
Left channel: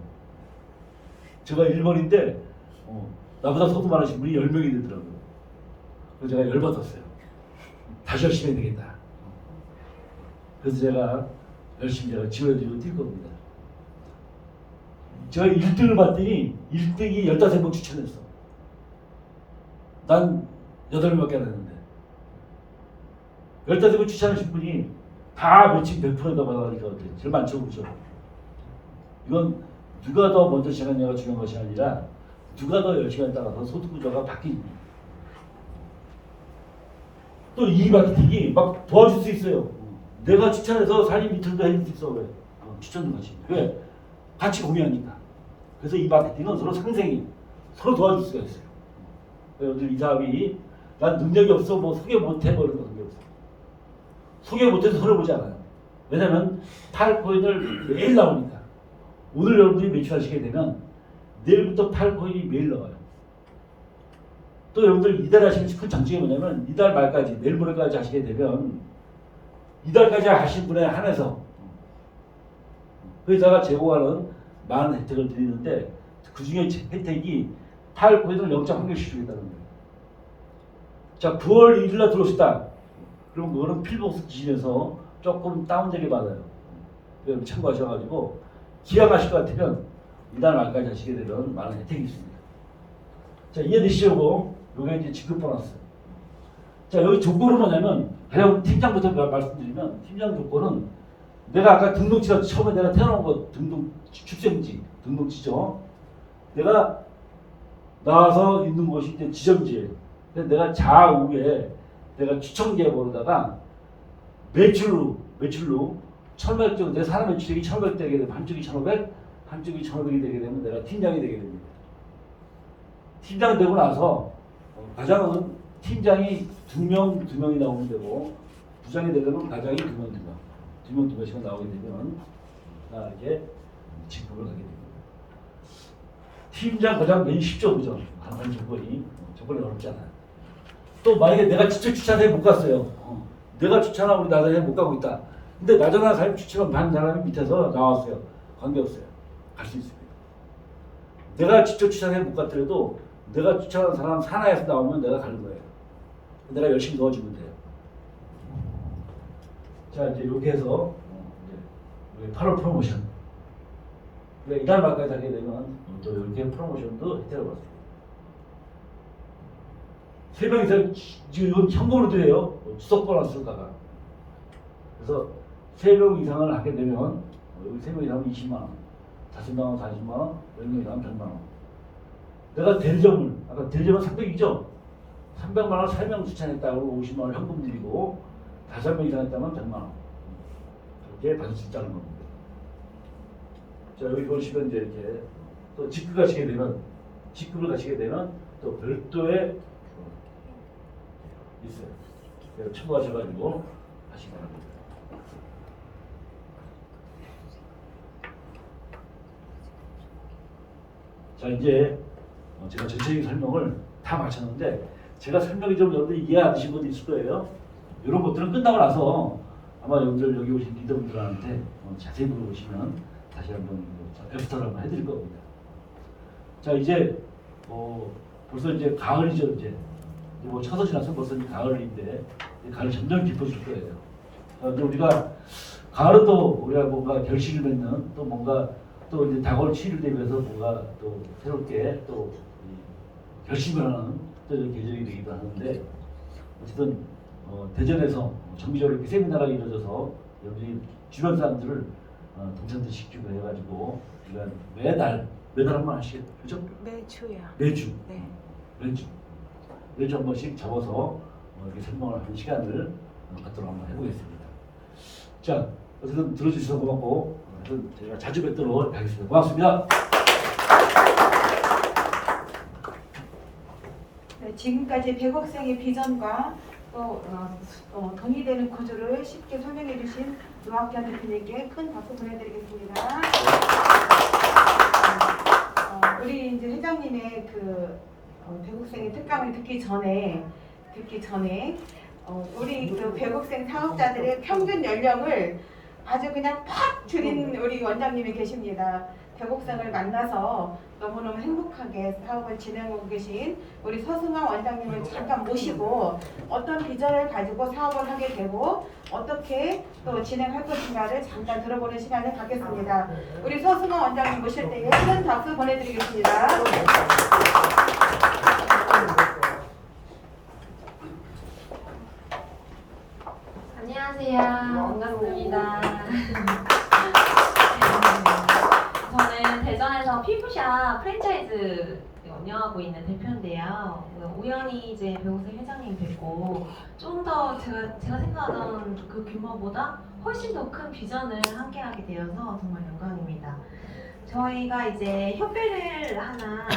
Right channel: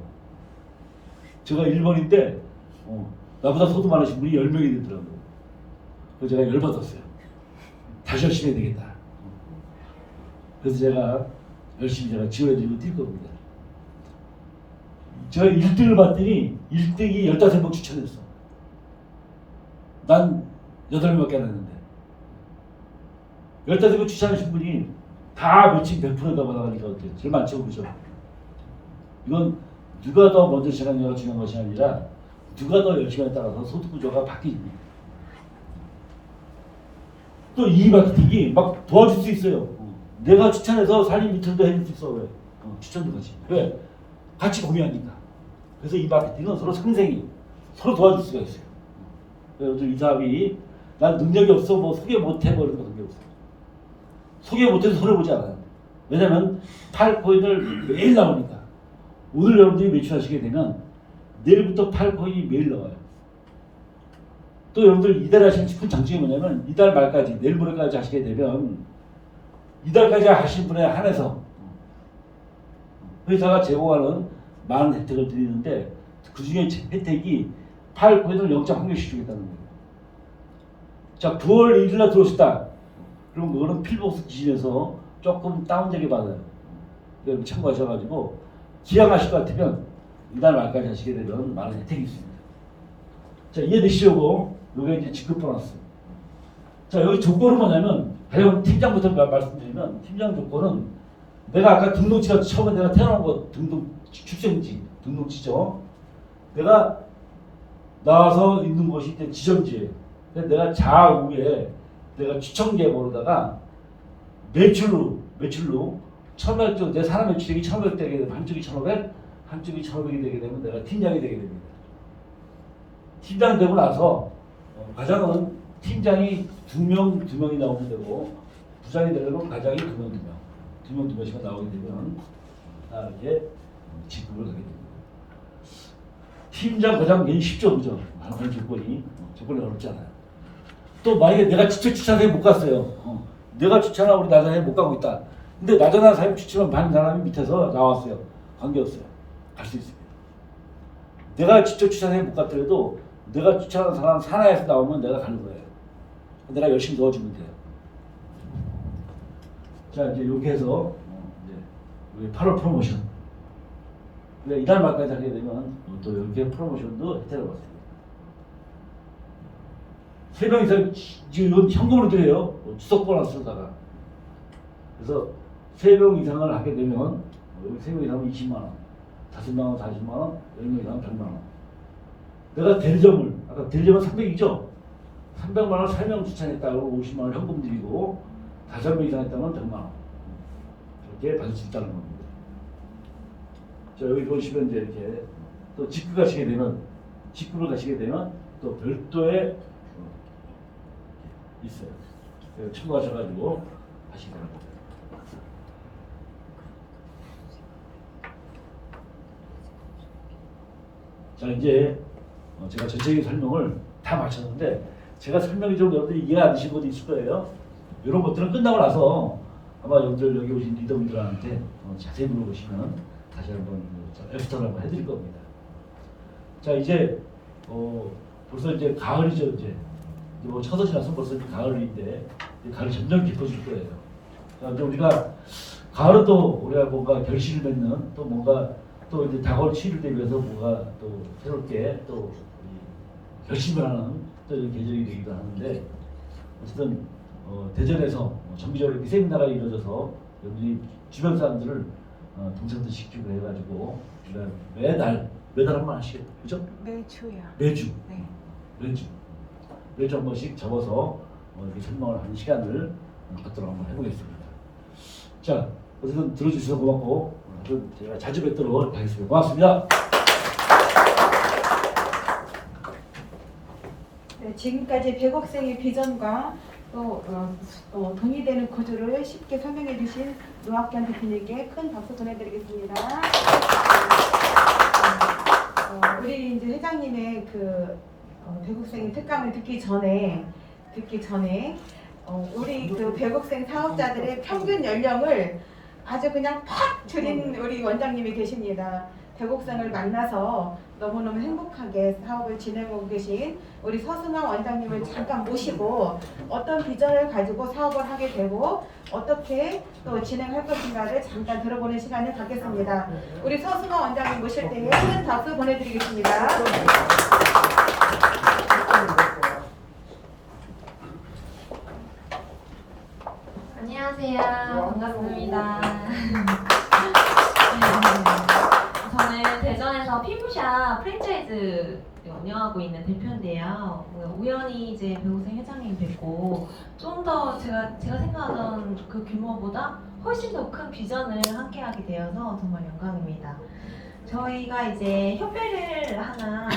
제가 1번인데 나보다 소득 많으신 분이 10명이 되더라고요. 그래서 제가 열받았어요. 다시 열심히 해야 되겠다. 그래서 제가 열심히 지원해드리고 뛸 겁니다. 제가 1등을 받더니 1등이 15명 추천했어. 난 8명밖에 안 했는데 15명 추천하신 분이 다 매칭 100%다 받아가니까 어때요? 제일 많죠, 그죠? 이건 누가 더 먼저 시작하냐가 중요한 것이 아니라 누가 더 열심히에 따라서 소득 구조가 바뀝니다. 또 이 마케팅이 막 도와줄 수 있어요. 내가 추천해서 살림 밑으로도 해줄 수 있어. 왜? 추천도 같이. 왜? 같이 공유하니까. 그래서 이 마케팅은 서로 상생이 서로 도와줄 수가 있어요. 여러분들 이 사람이 난 능력이 없어 뭐 소개 못해 뭐 이런 거 관계 없어. 소개 못해서 손해보지 않아요. 왜냐면 팔코인을 매일 나오니까. 오늘 여러분들이 매출하시게 되면 내일부터 팔코인이 매일 나와요. 또 여러분들 이달 하시면 큰 장점이 뭐냐면 이달 말까지 내일 모레까지 하시게 되면 이달까지 하신 분에 한해서 회사가 제공하는 많은 혜택을 드리는데 그 중에 혜택이 팔코인을 영장 환경시 주겠다는 거예요. 자, 9월 1일 날 들어오셨다. 그럼 그거는 필복스 기준에서 조금 다운되게 받아요. 여러분 참고하셔가지고 기약하실 것 같으면 이달 말까지 하시게 되면 많은 혜택이 있습니다. 자, 이해되시려고 요게 이제 직급 보너스. 자, 여기 조건은 뭐냐면 그냥 팀장부터 말씀드리면 팀장 조건은 내가 아까 등록지가 처음에 내가 태어난 거 출생지 등록지죠. 내가 나와서 있는 곳이 지점지예요. 내가 좌우에 내가 추천기에 보다가 매출로 1,500 정도 내 사람 매출이 1,500 되게 되면 한쪽이 1,500, 한쪽이 1,500이 되게 되면 내가 팀장이 되게 됩니다. 팀장 되고 나서 과장은 팀장이 2명이 나오면 되고 부장이 되려면 과장이 2명씩만 나오게 되면 이렇게 직급을 하게 됩니다. 팀장 과장 매일 쉽죠, 그죠? 많은 조건이 어렵잖아요. 또 만약에 내가 직접 추천해 못 갔어요. 내가 추천한 우리 나전에 못 가고 있다. 근데 나전한 사람이 추천을 받는 사람이 밑에서 나왔어요. 관계없어요. 갈 수 있습니다. 내가 직접 추천해 못 갔더라도 내가 추천한 사람 산하에서 나오면 내가 가는 거예요. 내가 열심히 도와주면 돼요. 자, 이제 이렇게 해서 8월 프로모션. 이달 말까지 하게 되면 또 이렇게 프로모션도 혜택을 받습니다. 3명이서 지금 현금으로 드려요. 추석 보너스로다가. 그래서 3명 이상을 하게 되면 여기 3명 이상은 20만 원, 5명 40만 원, 10명 이상은 100만 원. 내가 대리점을 아까 대리점은 300이죠. 300만 원 3명 추천했다고 50만 원 현금 드리고 5명 이상 했다면 100만 원. 그렇게 받을 수 있다는 겁니다. 자, 여기 보시면 이제 이렇게 또 직급을 가시게 되면 또 별도의 있어요. 참고하셔가지고 하시기 바랍니다. 자 이제 제가 전체적인 설명을 다 마쳤는데 제가 설명이 좀 여러분들이 이해 안 되신 것도 있을 거예요. 이런 것들은 끝나고 나서 아마 여러분들 여기 오신 리더분들한테 자세히 물어보시면 다시 한번 엑스트라를 한번 해드릴 겁니다. 자 이제 벌써 이제 가을이죠. 이제 뭐 첫옷 지나서 벌써 이제 가을인데 가을이 점점 깊어질 거예요. 자 이제 우리가 가을은 또 우리가 뭔가 결실을 맺는 또 뭔가 또 이제 다가올 7일 대비해서 뭔가 또 새롭게 또 결심을 하는 또 이런 계절이 되기도 하는데 어쨌든 대전에서 정기적으로 이렇게 세미나가 이루어져서 여기 주변 사람들을 동창도 시키고 해가지고 우리가 매달 한 번씩 그죠? 매주요. 매주 네. 매주 한 번씩 잡아서 이렇게 설명을 하는 시간을 갖도록 한번 해보겠습니다. 자 어쨌든 들어주셔서 고맙고 제가 자주 뵙도록 하겠습니다. 고맙습니다. 네, 지금까지 배곡생의 비전과 또 돈이 되는 구조를 쉽게 설명해 주신 노학견 대표님께 큰 박수 보내드리겠습니다. 우리 이제 회장님의 그 배곡생의 특강을 듣기 전에 우리 그 배곡생 사업자들의 평균 연령을 아주 그냥 팍 줄인 우리 원장님이 계십니다. 배곡생을 만나서 너무너무 행복하게 사업을 진행하고 계신 우리 서승환 원장님을 잠깐 모시고 어떤 비전을 가지고 사업을 하게 되고 어떻게 또 진행할 것인가를 잠깐 들어보는 시간을 갖겠습니다. 우리 서승환 원장님 모실 때에 큰 박수 보내드리겠습니다. 안녕하세요. 반갑습니다. 저는 대전에서 피부샵 프랜차이즈 운영하고 있는 대표인데요. 우연히 이제 배고생 회장님 뵙고 좀 더 제가 생각하던 그 규모보다 훨씬 더 큰 비전을 함께하게 되어서 정말 영광입니다. 저희가 이제 협회를 하나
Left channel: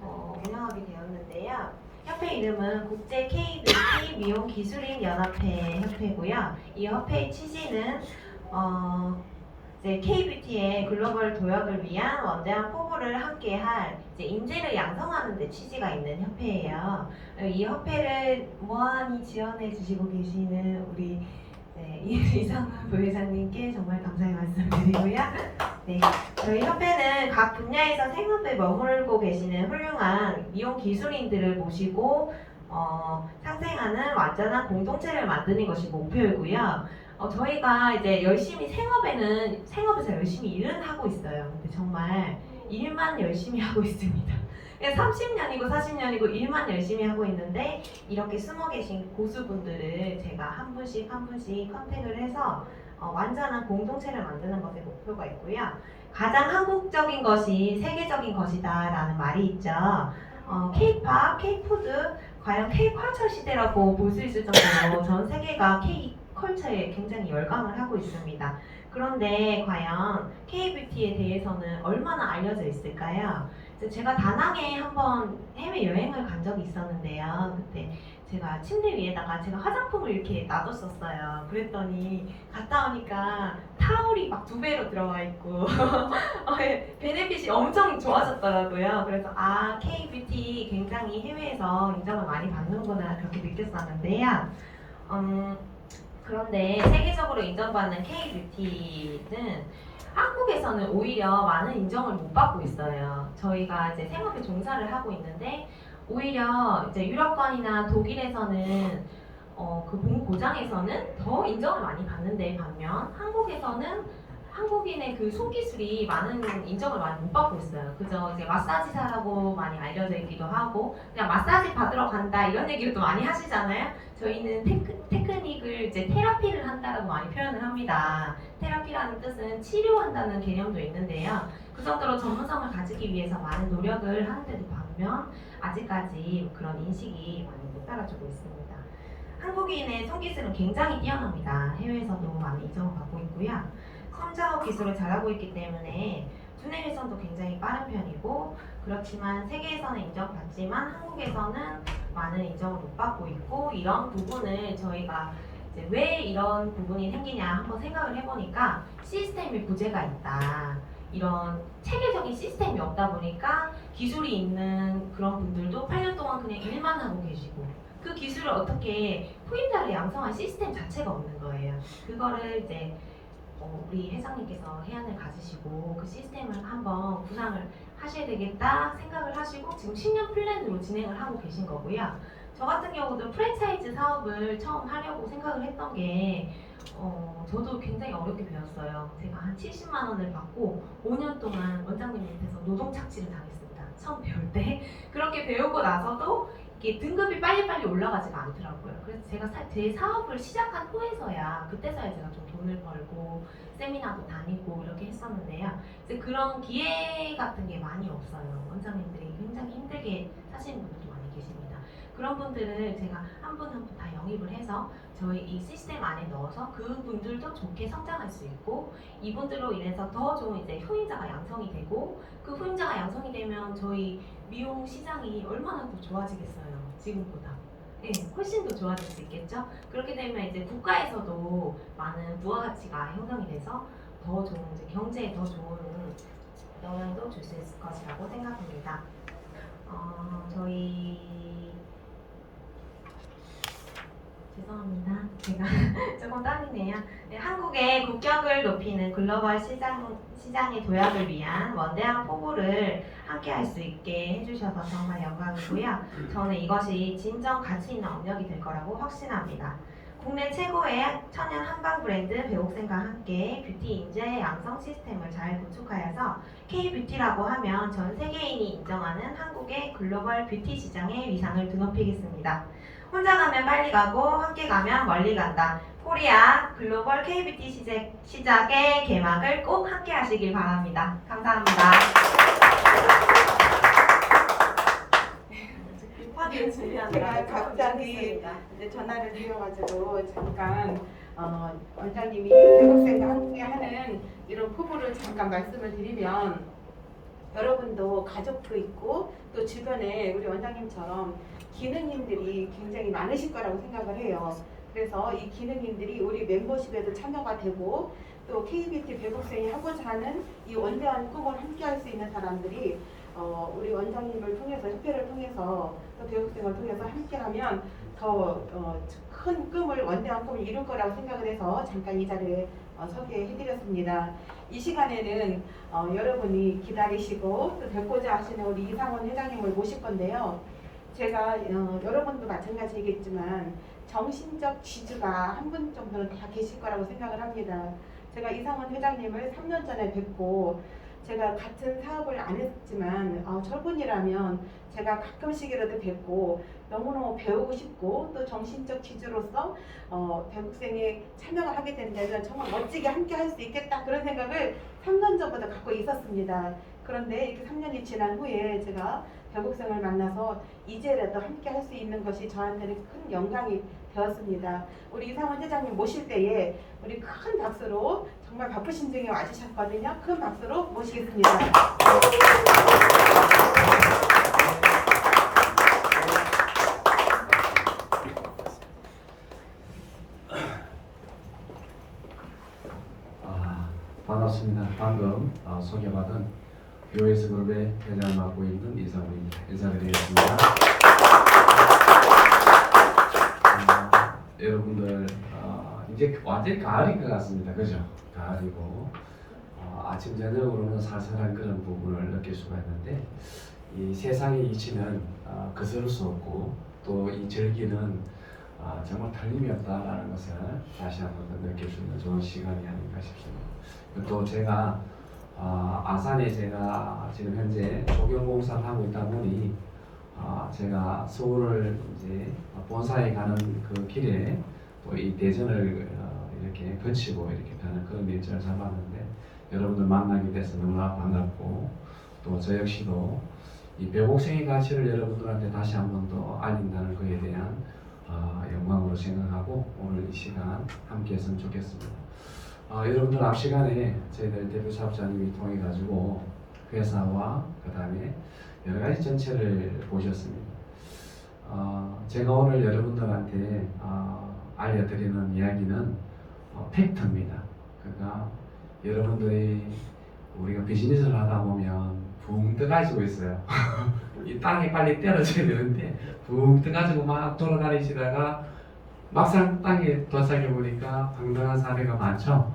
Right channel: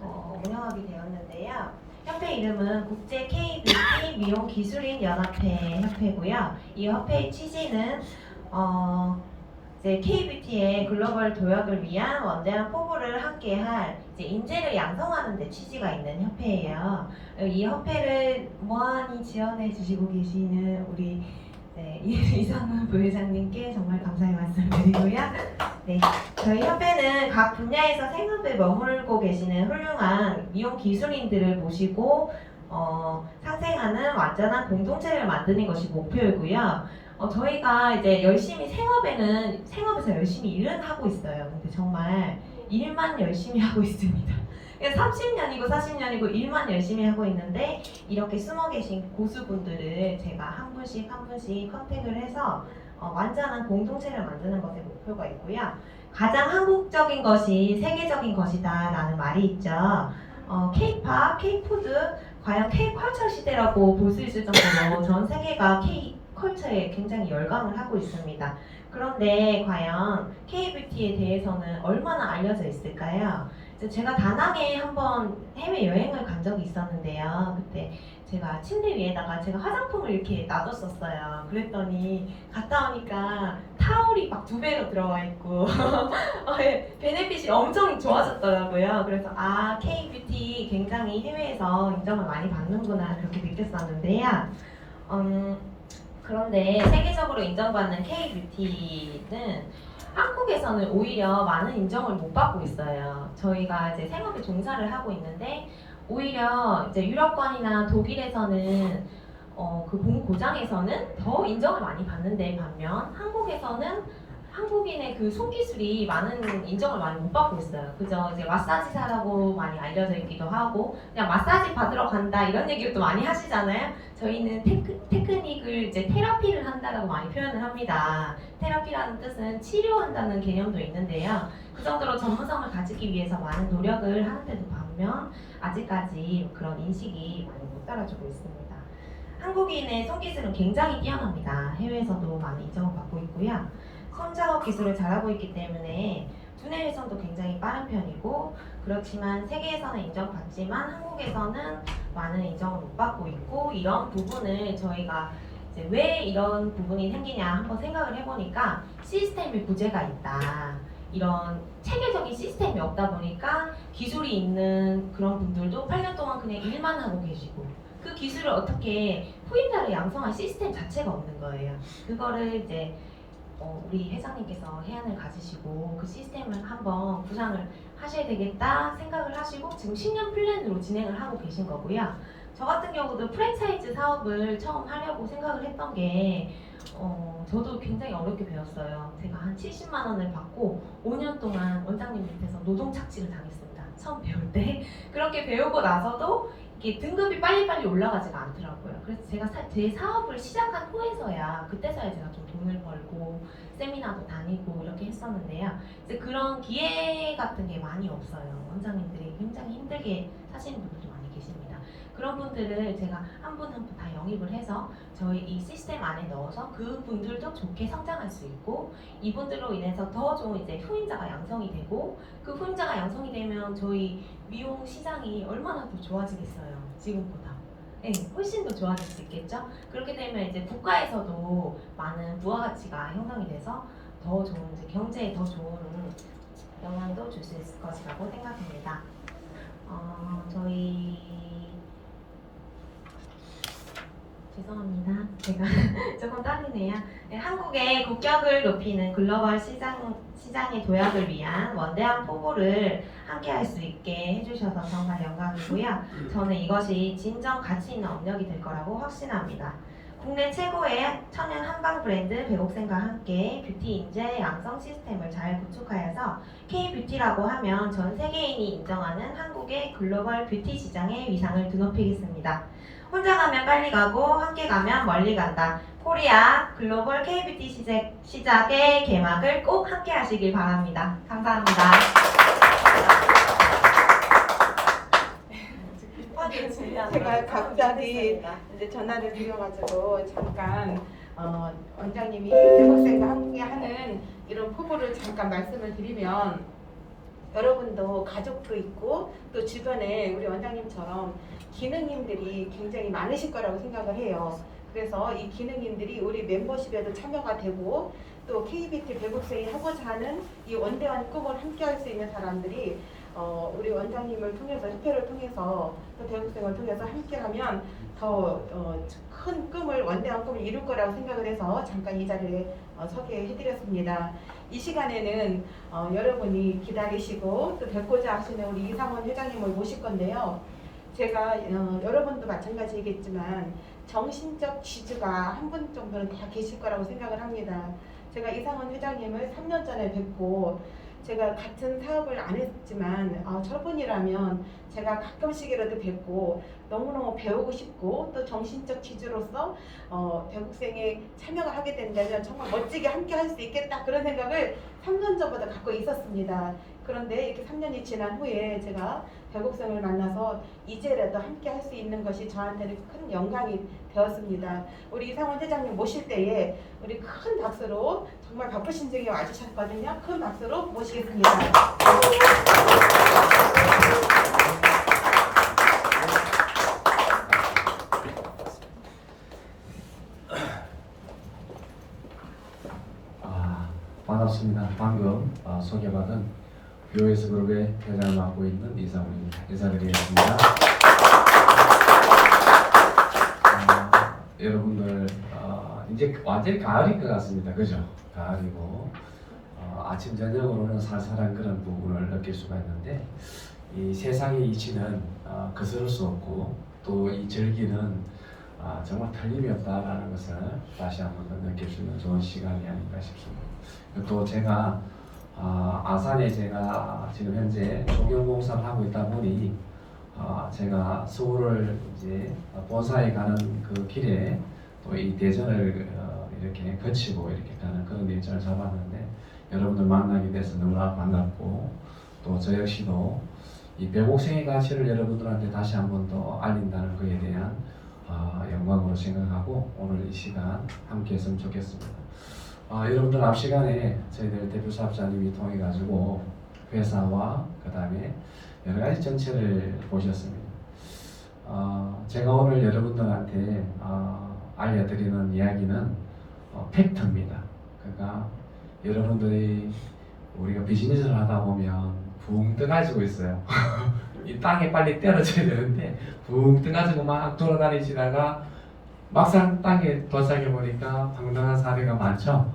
운영하게 되었는데요. 협회 이름은 국제 K-뷰티 미용 기술인 연합회 협회고요. 이 협회의 취지는 이제 K-뷰티의 글로벌 도약을 위한 원대한 포부를 함께할 이제 인재를 양성하는 데 취지가 있는 협회예요. 이 협회를 무한히 지원해 주시고 계시는 우리 이상훈 부회장님께 정말 감사의 말씀을 드리고요. 네, 저희 협회는 각 분야에서 생업에 머물고 계시는 훌륭한 미용 기술인들을 모시고 상생하는 완전한 공동체를 만드는 것이 목표이고요. 저희가 이제 열심히 생업에서 열심히 일은 하고 있어요. 근데 정말 일만 열심히 하고 있습니다. 30년이고 40년이고 일만 열심히 하고 있는데 이렇게 숨어 계신 고수분들을 제가 한 분씩 컨택을 해서 완전한 공동체를 만드는 것에 목표가 있고요. 가장 한국적인 것이 세계적인 것이다 라는 말이 있죠. K-팝, K-푸드, 과연 K-컬처 시대라고 볼 수 있을 정도로 전 세계가 K-컬처에 굉장히 열광을 하고 있습니다. 그런데 과연 K-뷰티에 대해서는 얼마나 알려져 있을까요? 제가 다낭에 한번 해외여행을 간 적이 있었는데요. 그때 제가 침대 위에다가 제가 화장품을 이렇게 놔뒀었어요. 그랬더니 갔다 오니까 타올이 막 2배로 들어와 있고 베네핏이 엄청 좋아졌더라고요. 그래서 K-뷰티 굉장히 해외에서 인정을 많이 받는구나 그렇게 느꼈었는데요. 그런데 세계적으로 인정받는 K-뷰티는 한국에서는 오히려 많은 인정을 못 받고 있어요. 저희가 이제 생업에 종사를 하고 있는데 오히려 이제 유럽권이나 독일에서는 그 본고장에서는 더 인정을 많이 받는데 반면 한국에서는 한국인의 그 손기술이 많은 인정을 많이 못 받고 있어요. 그저 이제 마사지사라고 많이 알려져 있기도 하고 그냥 마사지 받으러 간다 이런 얘기를 또 많이 하시잖아요. 저희는 테크닉을 이제 테라피를 한다라고 많이 표현을 합니다. 테라피라는 뜻은 치료한다는 개념도 있는데요. 그 정도로 전문성을 가지기 위해서 많은 노력을 하는데도 반면 아직까지 그런 인식이 많이 못 따라주고 있습니다. 한국인의 손기술은 굉장히 뛰어납니다. 해외에서도 많이 인정을 받고 있고요. 손작업 기술을 잘하고 있기 때문에 두뇌 회전도 굉장히 빠른 편이고 그렇지만 세계에서는 인정받지만 한국에서는 많은 인정을 못 받고 있고 이런 부분을 저희가 이제 왜 이런 부분이 생기냐 한번 생각을 해보니까 시스템의 부재가 있다. 이런 체계적인 시스템이 없다 보니까 기술이 있는 그런 분들도 8년 동안 그냥 일만 하고 계시고 그 기술을 어떻게 후임자를 양성할 시스템 자체가 없는 거예요. 그거를 이제 우리 회장님께서 해안을 가지시고 그 시스템을 한번 구상을 하셔야 되겠다 생각을 하시고 지금 10년 플랜으로 진행을 하고 계신 거고요. 저 같은 경우도 프랜차이즈 사업을 처음 하려고 생각을 했던 게 저도 굉장히 어렵게 배웠어요. 제가 한 70만 원을 받고 5년 동안 원장님 밑에서 노동 착취를 당했습니다. 처음 배울 때. 그렇게 배우고 나서도 이게 등급이 빨리빨리 올라가지가 않더라고요. 그래서 제가 제 사업을 시작한 후에서야 그때서야 제가 좀 돈을 벌고 세미나도 다니고 이렇게 했었는데요. 이제 그런 기회 같은 게 많이 없어요. 원장님들이 굉장히 힘들게 사시는 분들도 많이 계십니다. 그런 분들을 제가 한 분 한 분 다 영입을 해서 저희 이 시스템 안에 넣어서 그 분들도 좋게 성장할 수 있고 이분들로 인해서 더 좋은 이제 후임자가 양성이 되고 그 후임자가 양성이 되면 저희 미용 시장이 얼마나 더 좋아지겠어요. 지금보다. 네, 훨씬 더 좋아질 수 있겠죠. 그렇게 되면 이제 국가에서도 많은 부가가치가 형성이 돼서 더 좋은 이제 경제에 더 좋은 영향도 줄 수 있을 것이라고 생각합니다. 저희 죄송합니다. 제가 조금 떨리네요. 네, 한국의 국격을 높이는 글로벌 시장의 도약을 위한 원대한 포부를 함께할 수 있게 해주셔서 정말 영광이고요. 저는 이것이 진정 가치 있는 업력이 될 거라고 확신합니다. 국내 최고의 천연 한방 브랜드 배옥생과 함께 뷰티 인재 양성 시스템을 잘 구축하여서 K-뷰티라고 하면 전 세계인이 인정하는 한국의 글로벌 뷰티 시장의 위상을 드높이겠습니다. 혼자 가면 빨리 가고 함께 가면 멀리 간다. 코리아 글로벌 K-뷰티 시작의 개막을 꼭 함께 하시길 바랍니다. 감사합니다. 제가 갑자기 이제 전화를 드려가지고 잠깐 원장님이 대국생과 함께 하는 이런 포부를 잠깐 말씀을 드리면 여러분도 가족도 있고 또 주변에 우리 원장님처럼 기능인들이 굉장히 많으실 거라고 생각을 해요. 그래서 이 기능인들이 우리 멤버십에도 참여가 되고 또 KBT 배국생이 하고자 하는 이 원대한 꿈을 함께 할 수 있는 사람들이 우리 원장님을 통해서 협회를 통해서 또 배국생을 통해서 함께하면 더 큰 꿈을 원대한 꿈을 이룰 거라고 생각을 해서 잠깐 이 자리에 소개해드렸습니다. 이 시간에는 여러분이 기다리시고 또 뵙고자 하시는 우리 이상원 회장님을 모실 건데요. 제가 여러분도 마찬가지겠지만 정신적 지주가 한 분 정도는 다 계실 거라고 생각을 합니다. 제가 이상원 회장님을 3년 전에 뵙고 제가 같은 사업을 안 했지만 저분이라면 제가 가끔씩이라도 뵙고 너무너무 배우고 싶고 또 정신적 지주로서 배국생에 참여를 하게 된다면 정말 멋지게 함께 할 수 있겠다 그런 생각을 3년 전부터 갖고 있었습니다. 그런데 이렇게 3년이 지난 후에 제가 배국생을 만나서 이제라도 함께 할 수 있는 것이 저한테는 큰 영광이 되었습니다. 우리 이상원 회장님 모실 때에 우리 큰 박수로 정말 바쁘신 중에 와주셨거든요. 큰 박수로 모시겠습니다. 반갑습니다. 방금 소개받은 뷰에스 그룹의 회장을 맡고 있는 이상훈입니다. 인사드리겠습니다. 여러분들 이제 완전히 가을인 것 같습니다. 그죠? 가을이고 아침 저녁으로는 살살한 그런 부분을 느낄 수가 있는데 이 세상의 이치는 거스를 수 없고 또 이 절기는 정말 틀림이 없다라는 것을 다시 한번 더 느낄 수 있는 좋은 시간이 아닌가 싶습니다. 또 제가 아산에 제가 지금 현재 조경공사를 하고 있다 보니 제가 서울을 이제 본사에 가는 그 길에 또 이 대전을 이렇게 거치고 이렇게 가는 그런 일정을 잡았는데 여러분들 만나게 돼서 너무나 반갑고 또 저 역시도 이 배곡생의 가치를 여러분들한테 다시 한번 더 알린다는 것에 대한 영광으로 생각하고 오늘 이 시간 함께 했으면 좋겠습니다. 여러분들 앞 시간에 저희들 대표 사업자님이 통해 가지고 회사와 그 다음에 여러 가지 전체를 보셨습니다. 제가 오늘 여러분들한테 알려드리는 이야기는 팩트입니다. 그러니까 여러분들이 우리가 비즈니스를 하다 보면 붕 떠가지고 있어요. 이 땅에 빨리 떨어져야 되는데 붕 떠가지고 막 돌아다니시다가 막상 땅에 도착해 보니까 황당한 사례가 많죠.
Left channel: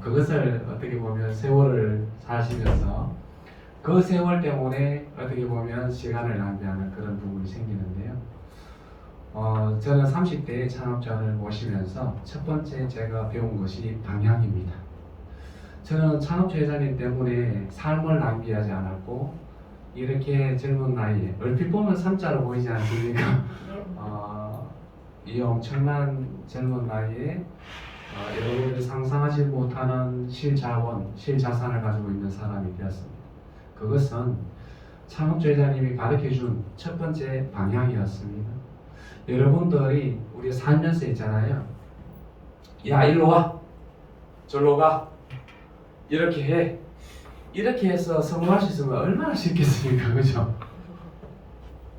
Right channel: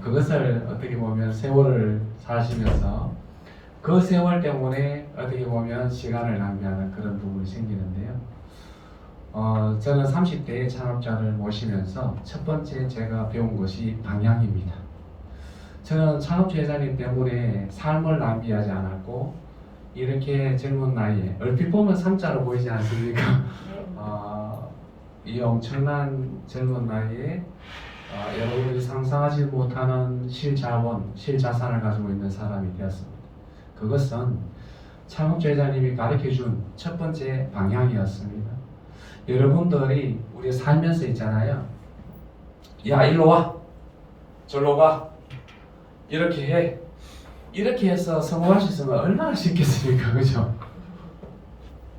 그것을 어떻게 보면 세월을 사시면서 그 세월 때문에 어떻게 보면 시간을 낭비하는 그런 부분이 생기는데요. 저는 30대의 창업자를 모시면서 첫 번째 제가 배운 것이 방향입니다. 저는 창업자 회장님 때문에 삶을 낭비하지 않았고 이렇게 젊은 나이에 얼핏 보면 3자로 보이지 않습니까? 이 엄청난 젊은 나이에 여러분들이 상상하지 못하는 실자원, 실자산을 가지고 있는 사람이 되었습니다. 그것은 창업자 회장님이 가르쳐준 첫 번째 방향이었습니다. 여러분들이 우리 살면서 있잖아요. 야, 일로 와. 절로 가. 이렇게 해. 이렇게 해서 성공할 수 있으면 얼마나 쉽겠습니까? 그죠?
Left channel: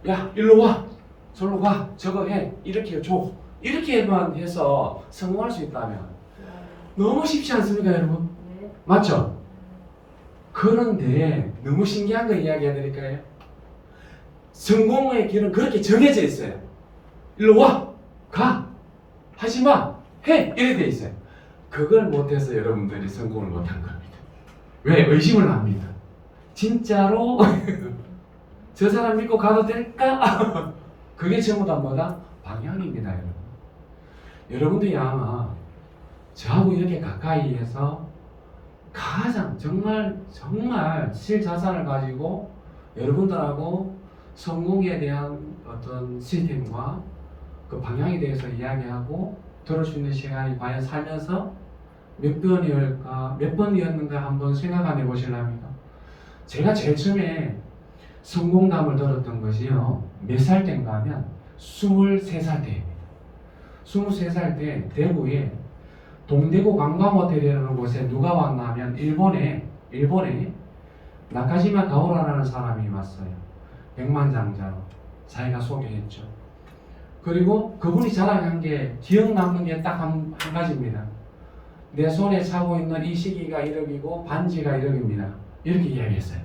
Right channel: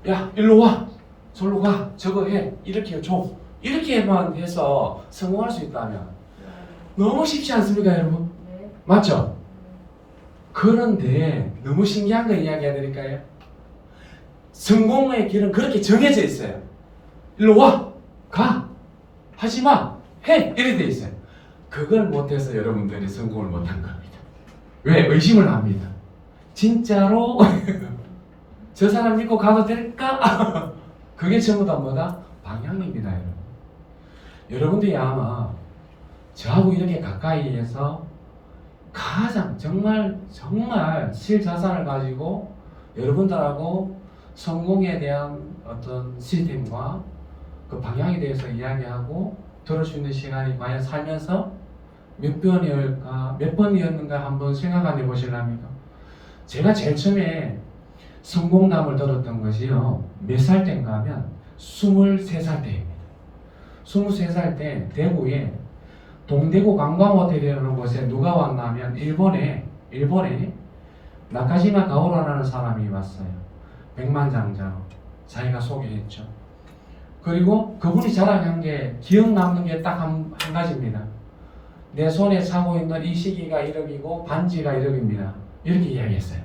야, 일로 와. 절로 가. 저거 해. 이렇게 해줘. 이렇게만 해서 성공할 수 있다면 너무 쉽지 않습니까, 여러분? 맞죠? 그런데 너무 신기한 거 이야기해 드릴까요? 성공의 길은 그렇게 정해져 있어요. 일로 와, 가, 하지 마, 해, 이렇게 돼 있어요. 그걸 못해서 여러분들이 성공을 못한 겁니다. 왜? 의심을 합니다. 진짜로 저 사람 믿고 가도 될까? 그게 전부 다 뭐다? 방향입니다, 여러분. 여러분들이 아마 저하고 이렇게 가까이에서 가장 정말 실자산을 가지고 여러분들하고 성공에 대한 어떤 시스템과 그 방향에 대해서 이야기하고 들을 수 있는 시간이 과연 살면서 몇 번이었는가 한번 생각 안 해보실랍니까? 제가 제일 처음에 성공담을 들었던 것이요, 몇 살 때인가 하면 23살 때입니다. 23살 때 대구에 동대구 관광호텔이라는 곳에 누가 왔나 하면 일본에 나카지마 가오라라는 사람이 왔어요. 백만장자로 자기가 소개했죠. 그리고 그분이 자랑한 게 기억 남는 게 딱 한 가지입니다. 내 손에 차고 있는 이 시기가 1억이고 반지가 1억입니다. 이렇게 이야기했어요.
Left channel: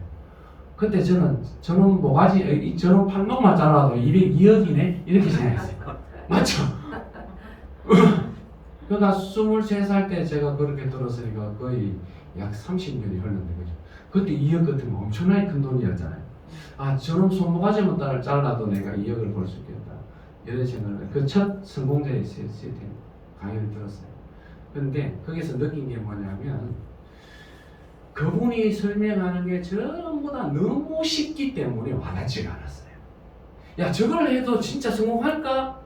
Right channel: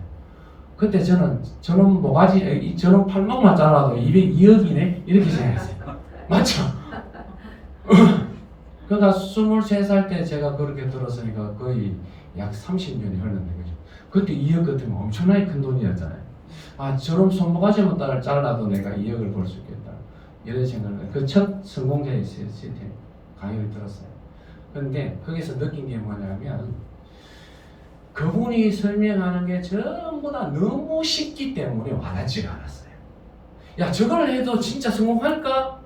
그때 저는 모가지, 저는 팔목만 잘라도 202억이네? 이렇게 생각했어요. 맞죠? 그러니까 23살 때 제가 그렇게 들었으니까 거의 약 30년이 흘렀는데, 그죠? 그때 2억 같으면 엄청나게 큰 돈이었잖아요. 아, 저런 손모가지만 잘라도 내가 2억을 벌 수 있겠다. 이런 생각을, 그 첫 성공자의 시스템 강의를 들었어요. 근데 거기서 느낀 게 뭐냐면, 그분이 설명하는 게 전부 다 너무 쉽기 때문에 와닿지가 않았어요. 야, 저걸 해도 진짜 성공할까?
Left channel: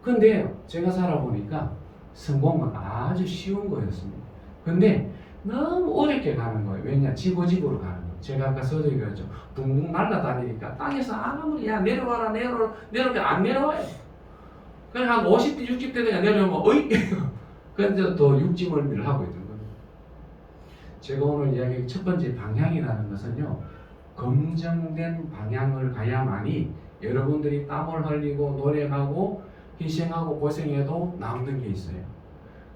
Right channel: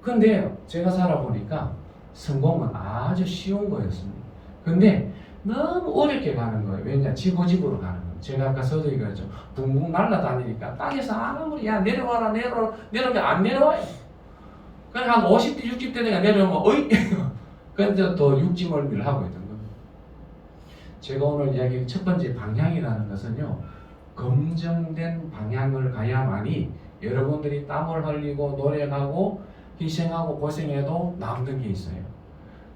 근데 제가 살아보니까 성공은 아주 쉬운 거였습니다. 근데 너무 어렵게 가는 거예요. 왜냐? 지고집으로 가는 거예요. 제가 아까 서두에 그랬죠. 붕붕 날아다니니까 땅에서 아무리 야 내려와라 내려오면 안 내려와요. 그냥 한 50대 60대 내가 내려오면 어이 근데 또 육지멀미를 하고 있는 겁니다. 제가 오늘 이야기한 첫 번째 방향이라는 것은요, 검증된 방향을 가야만이 여러분들이 땀을 흘리고 노력하고 희생하고 고생해도 남는 게 있어요.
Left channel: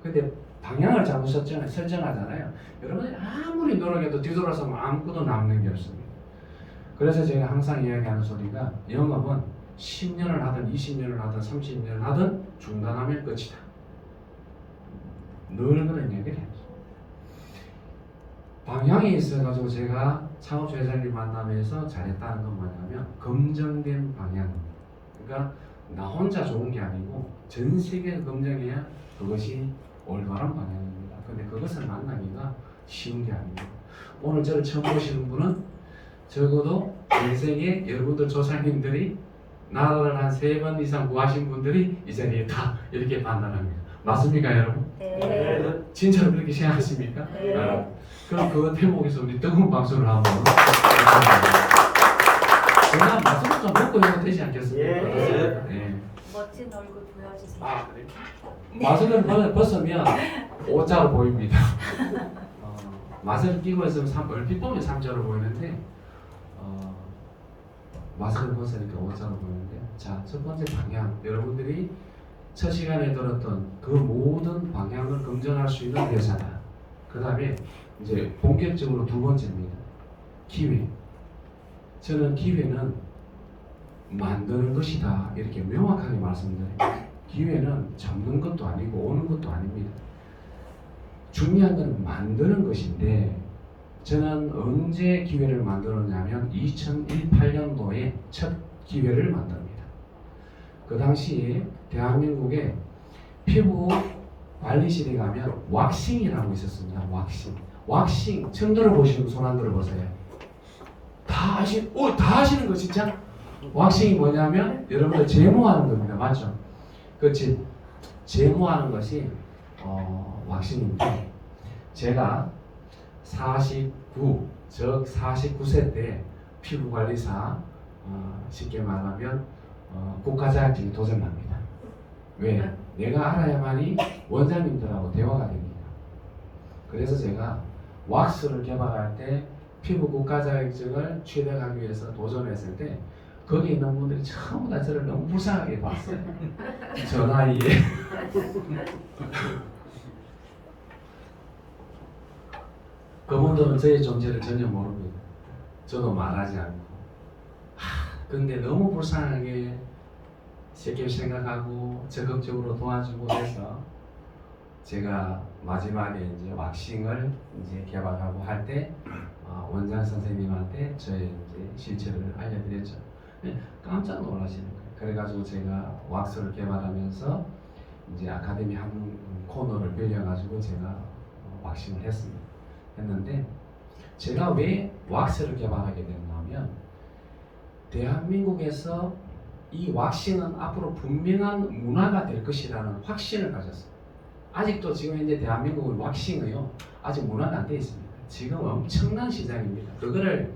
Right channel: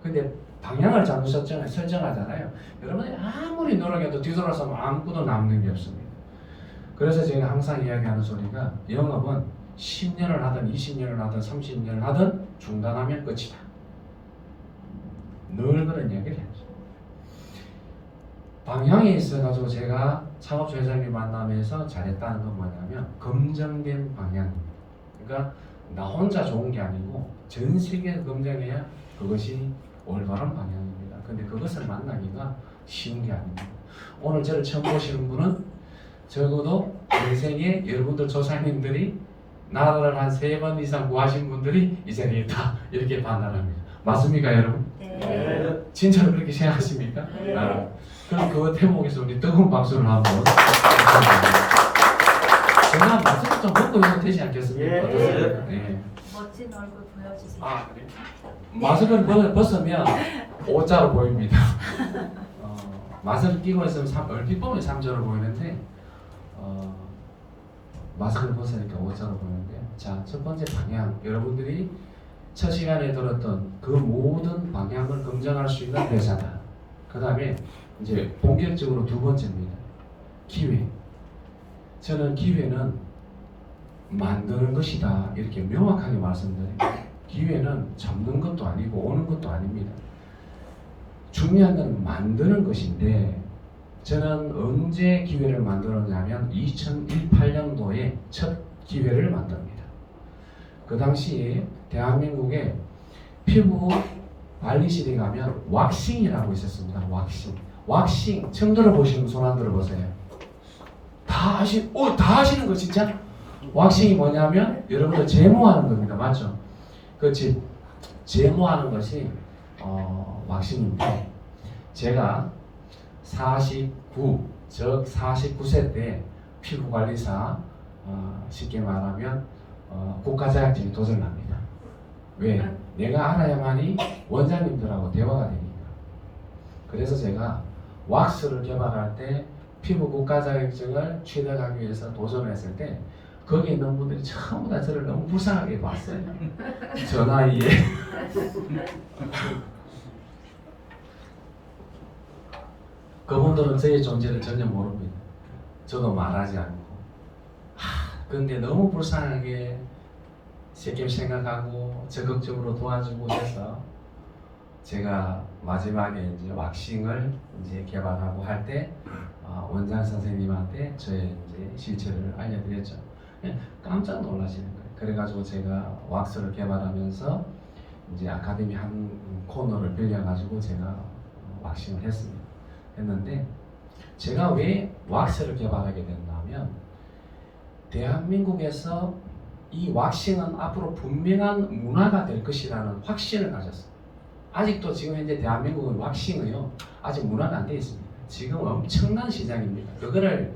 근데 방향을 잘못 설정하잖아요. 여러분들이 아무리 노력해도 뒤돌아서면 아무것도 남는 게 없습니다. 그래서 제가 항상 이야기하는 소리가, 영업은 10년을 하든 20년을 하든 30년을 하든 중단하면 끝이다. 늘 그런 얘기를 해요. 방향에 있어가지고 제가 창업자 회장님 만나면서 잘했다는 건 뭐냐면, 검증된 방향. 그러니까 나 혼자 좋은 게 아니고 전 세계에서 검증해야 그것이 올바른 방향입니다. 근데 그것을 만나기가 쉬운 게 아닙니다. 오늘 저를 처음 보시는 분은 적어도 인생에 여러분들 조상님들이 나라를 한 3번 이상 구하신 분들이 이 자리에 있다, 이렇게 판단합니다. 맞습니까, 여러분? 네. 진짜로 그렇게 생각하십니까? 네. 그럼 그 대목에서 우리 뜨거운 박수를 한번. 제가 마스크 좀 벗고 해도 되지 않겠습니까? 예. 네. 멋진 얼굴 보여주세요. 아, 그래? 마스크를 벗으면 O자로 보입니다. 마스크를 끼고 있으면 얼핏 보면 3자로 보이는데, 마스크를 벗으니까 O자로 보이는데, 자, 첫 번째 방향, 여러분들이 첫 시간에 들었던 그 모든 방향을 검증할 수 있는 대사다. 그 다음에 이제 본격적으로 두 번째입니다. 기회. 저는 기회는 만드는 것이다 이렇게 명확하게 말씀드려요. 기회는 잡는 것도 아니고 오는 것도 아닙니다. 중요한 건 만드는 것인데 저는 언제 기회를 만들었냐면 2018년도에 첫 기회를 만듭니다. 그 당시에 대한민국에 피부 관리실에 가면 왁싱이라고 있었습니다. 왁싱 처음 들어보시는 손 안 들어보세요. 다 하시는 거 진짜? 왁싱이 뭐냐면 여러분들 제모하는 겁니다. 맞죠? 그렇지. 제모하는 것이 왁싱인데 제가 49세 때 피부관리사 쉽게 말하면 국가 자격증이 도전합니다. 왜? 내가 알아야만이 원장님들하고 대화가 되니까. 그래서 제가 왁스를 개발할 때 피부 국가 자격증을 취득하기 위해서 도전했을 때 거기 있는 분들이 전부 다 저를 너무 불쌍하게 봤어요. 저 나이에. 그분들은 저의 존재를 전혀 모릅니다. 저도 말하지 않고. 근데 너무 불쌍하게 쉽게 생각하고 적극적으로 도와주고 해서 제가 마지막에 이제 왁싱을 이제 개발하고 할 때 원장 선생님한테 저의 이제 실체를 알려드렸죠. 깜짝 놀라시는 거예요. 그래가지고 제가 왁스를 개발하면서 이제 아카데미 한 코너를 빌려가지고 제가 왁싱을 했는데 제가 왜 왁스를 개발하게 됐냐면 대한민국에서 이 왁싱은 앞으로 분명한 문화가 될 것이라는 확신을 가졌어요. 아직도 지금 현재 대한민국은 왁싱은요 아직 문화가 안 돼 있습니다. 지금 엄청난 시장입니다. 그거를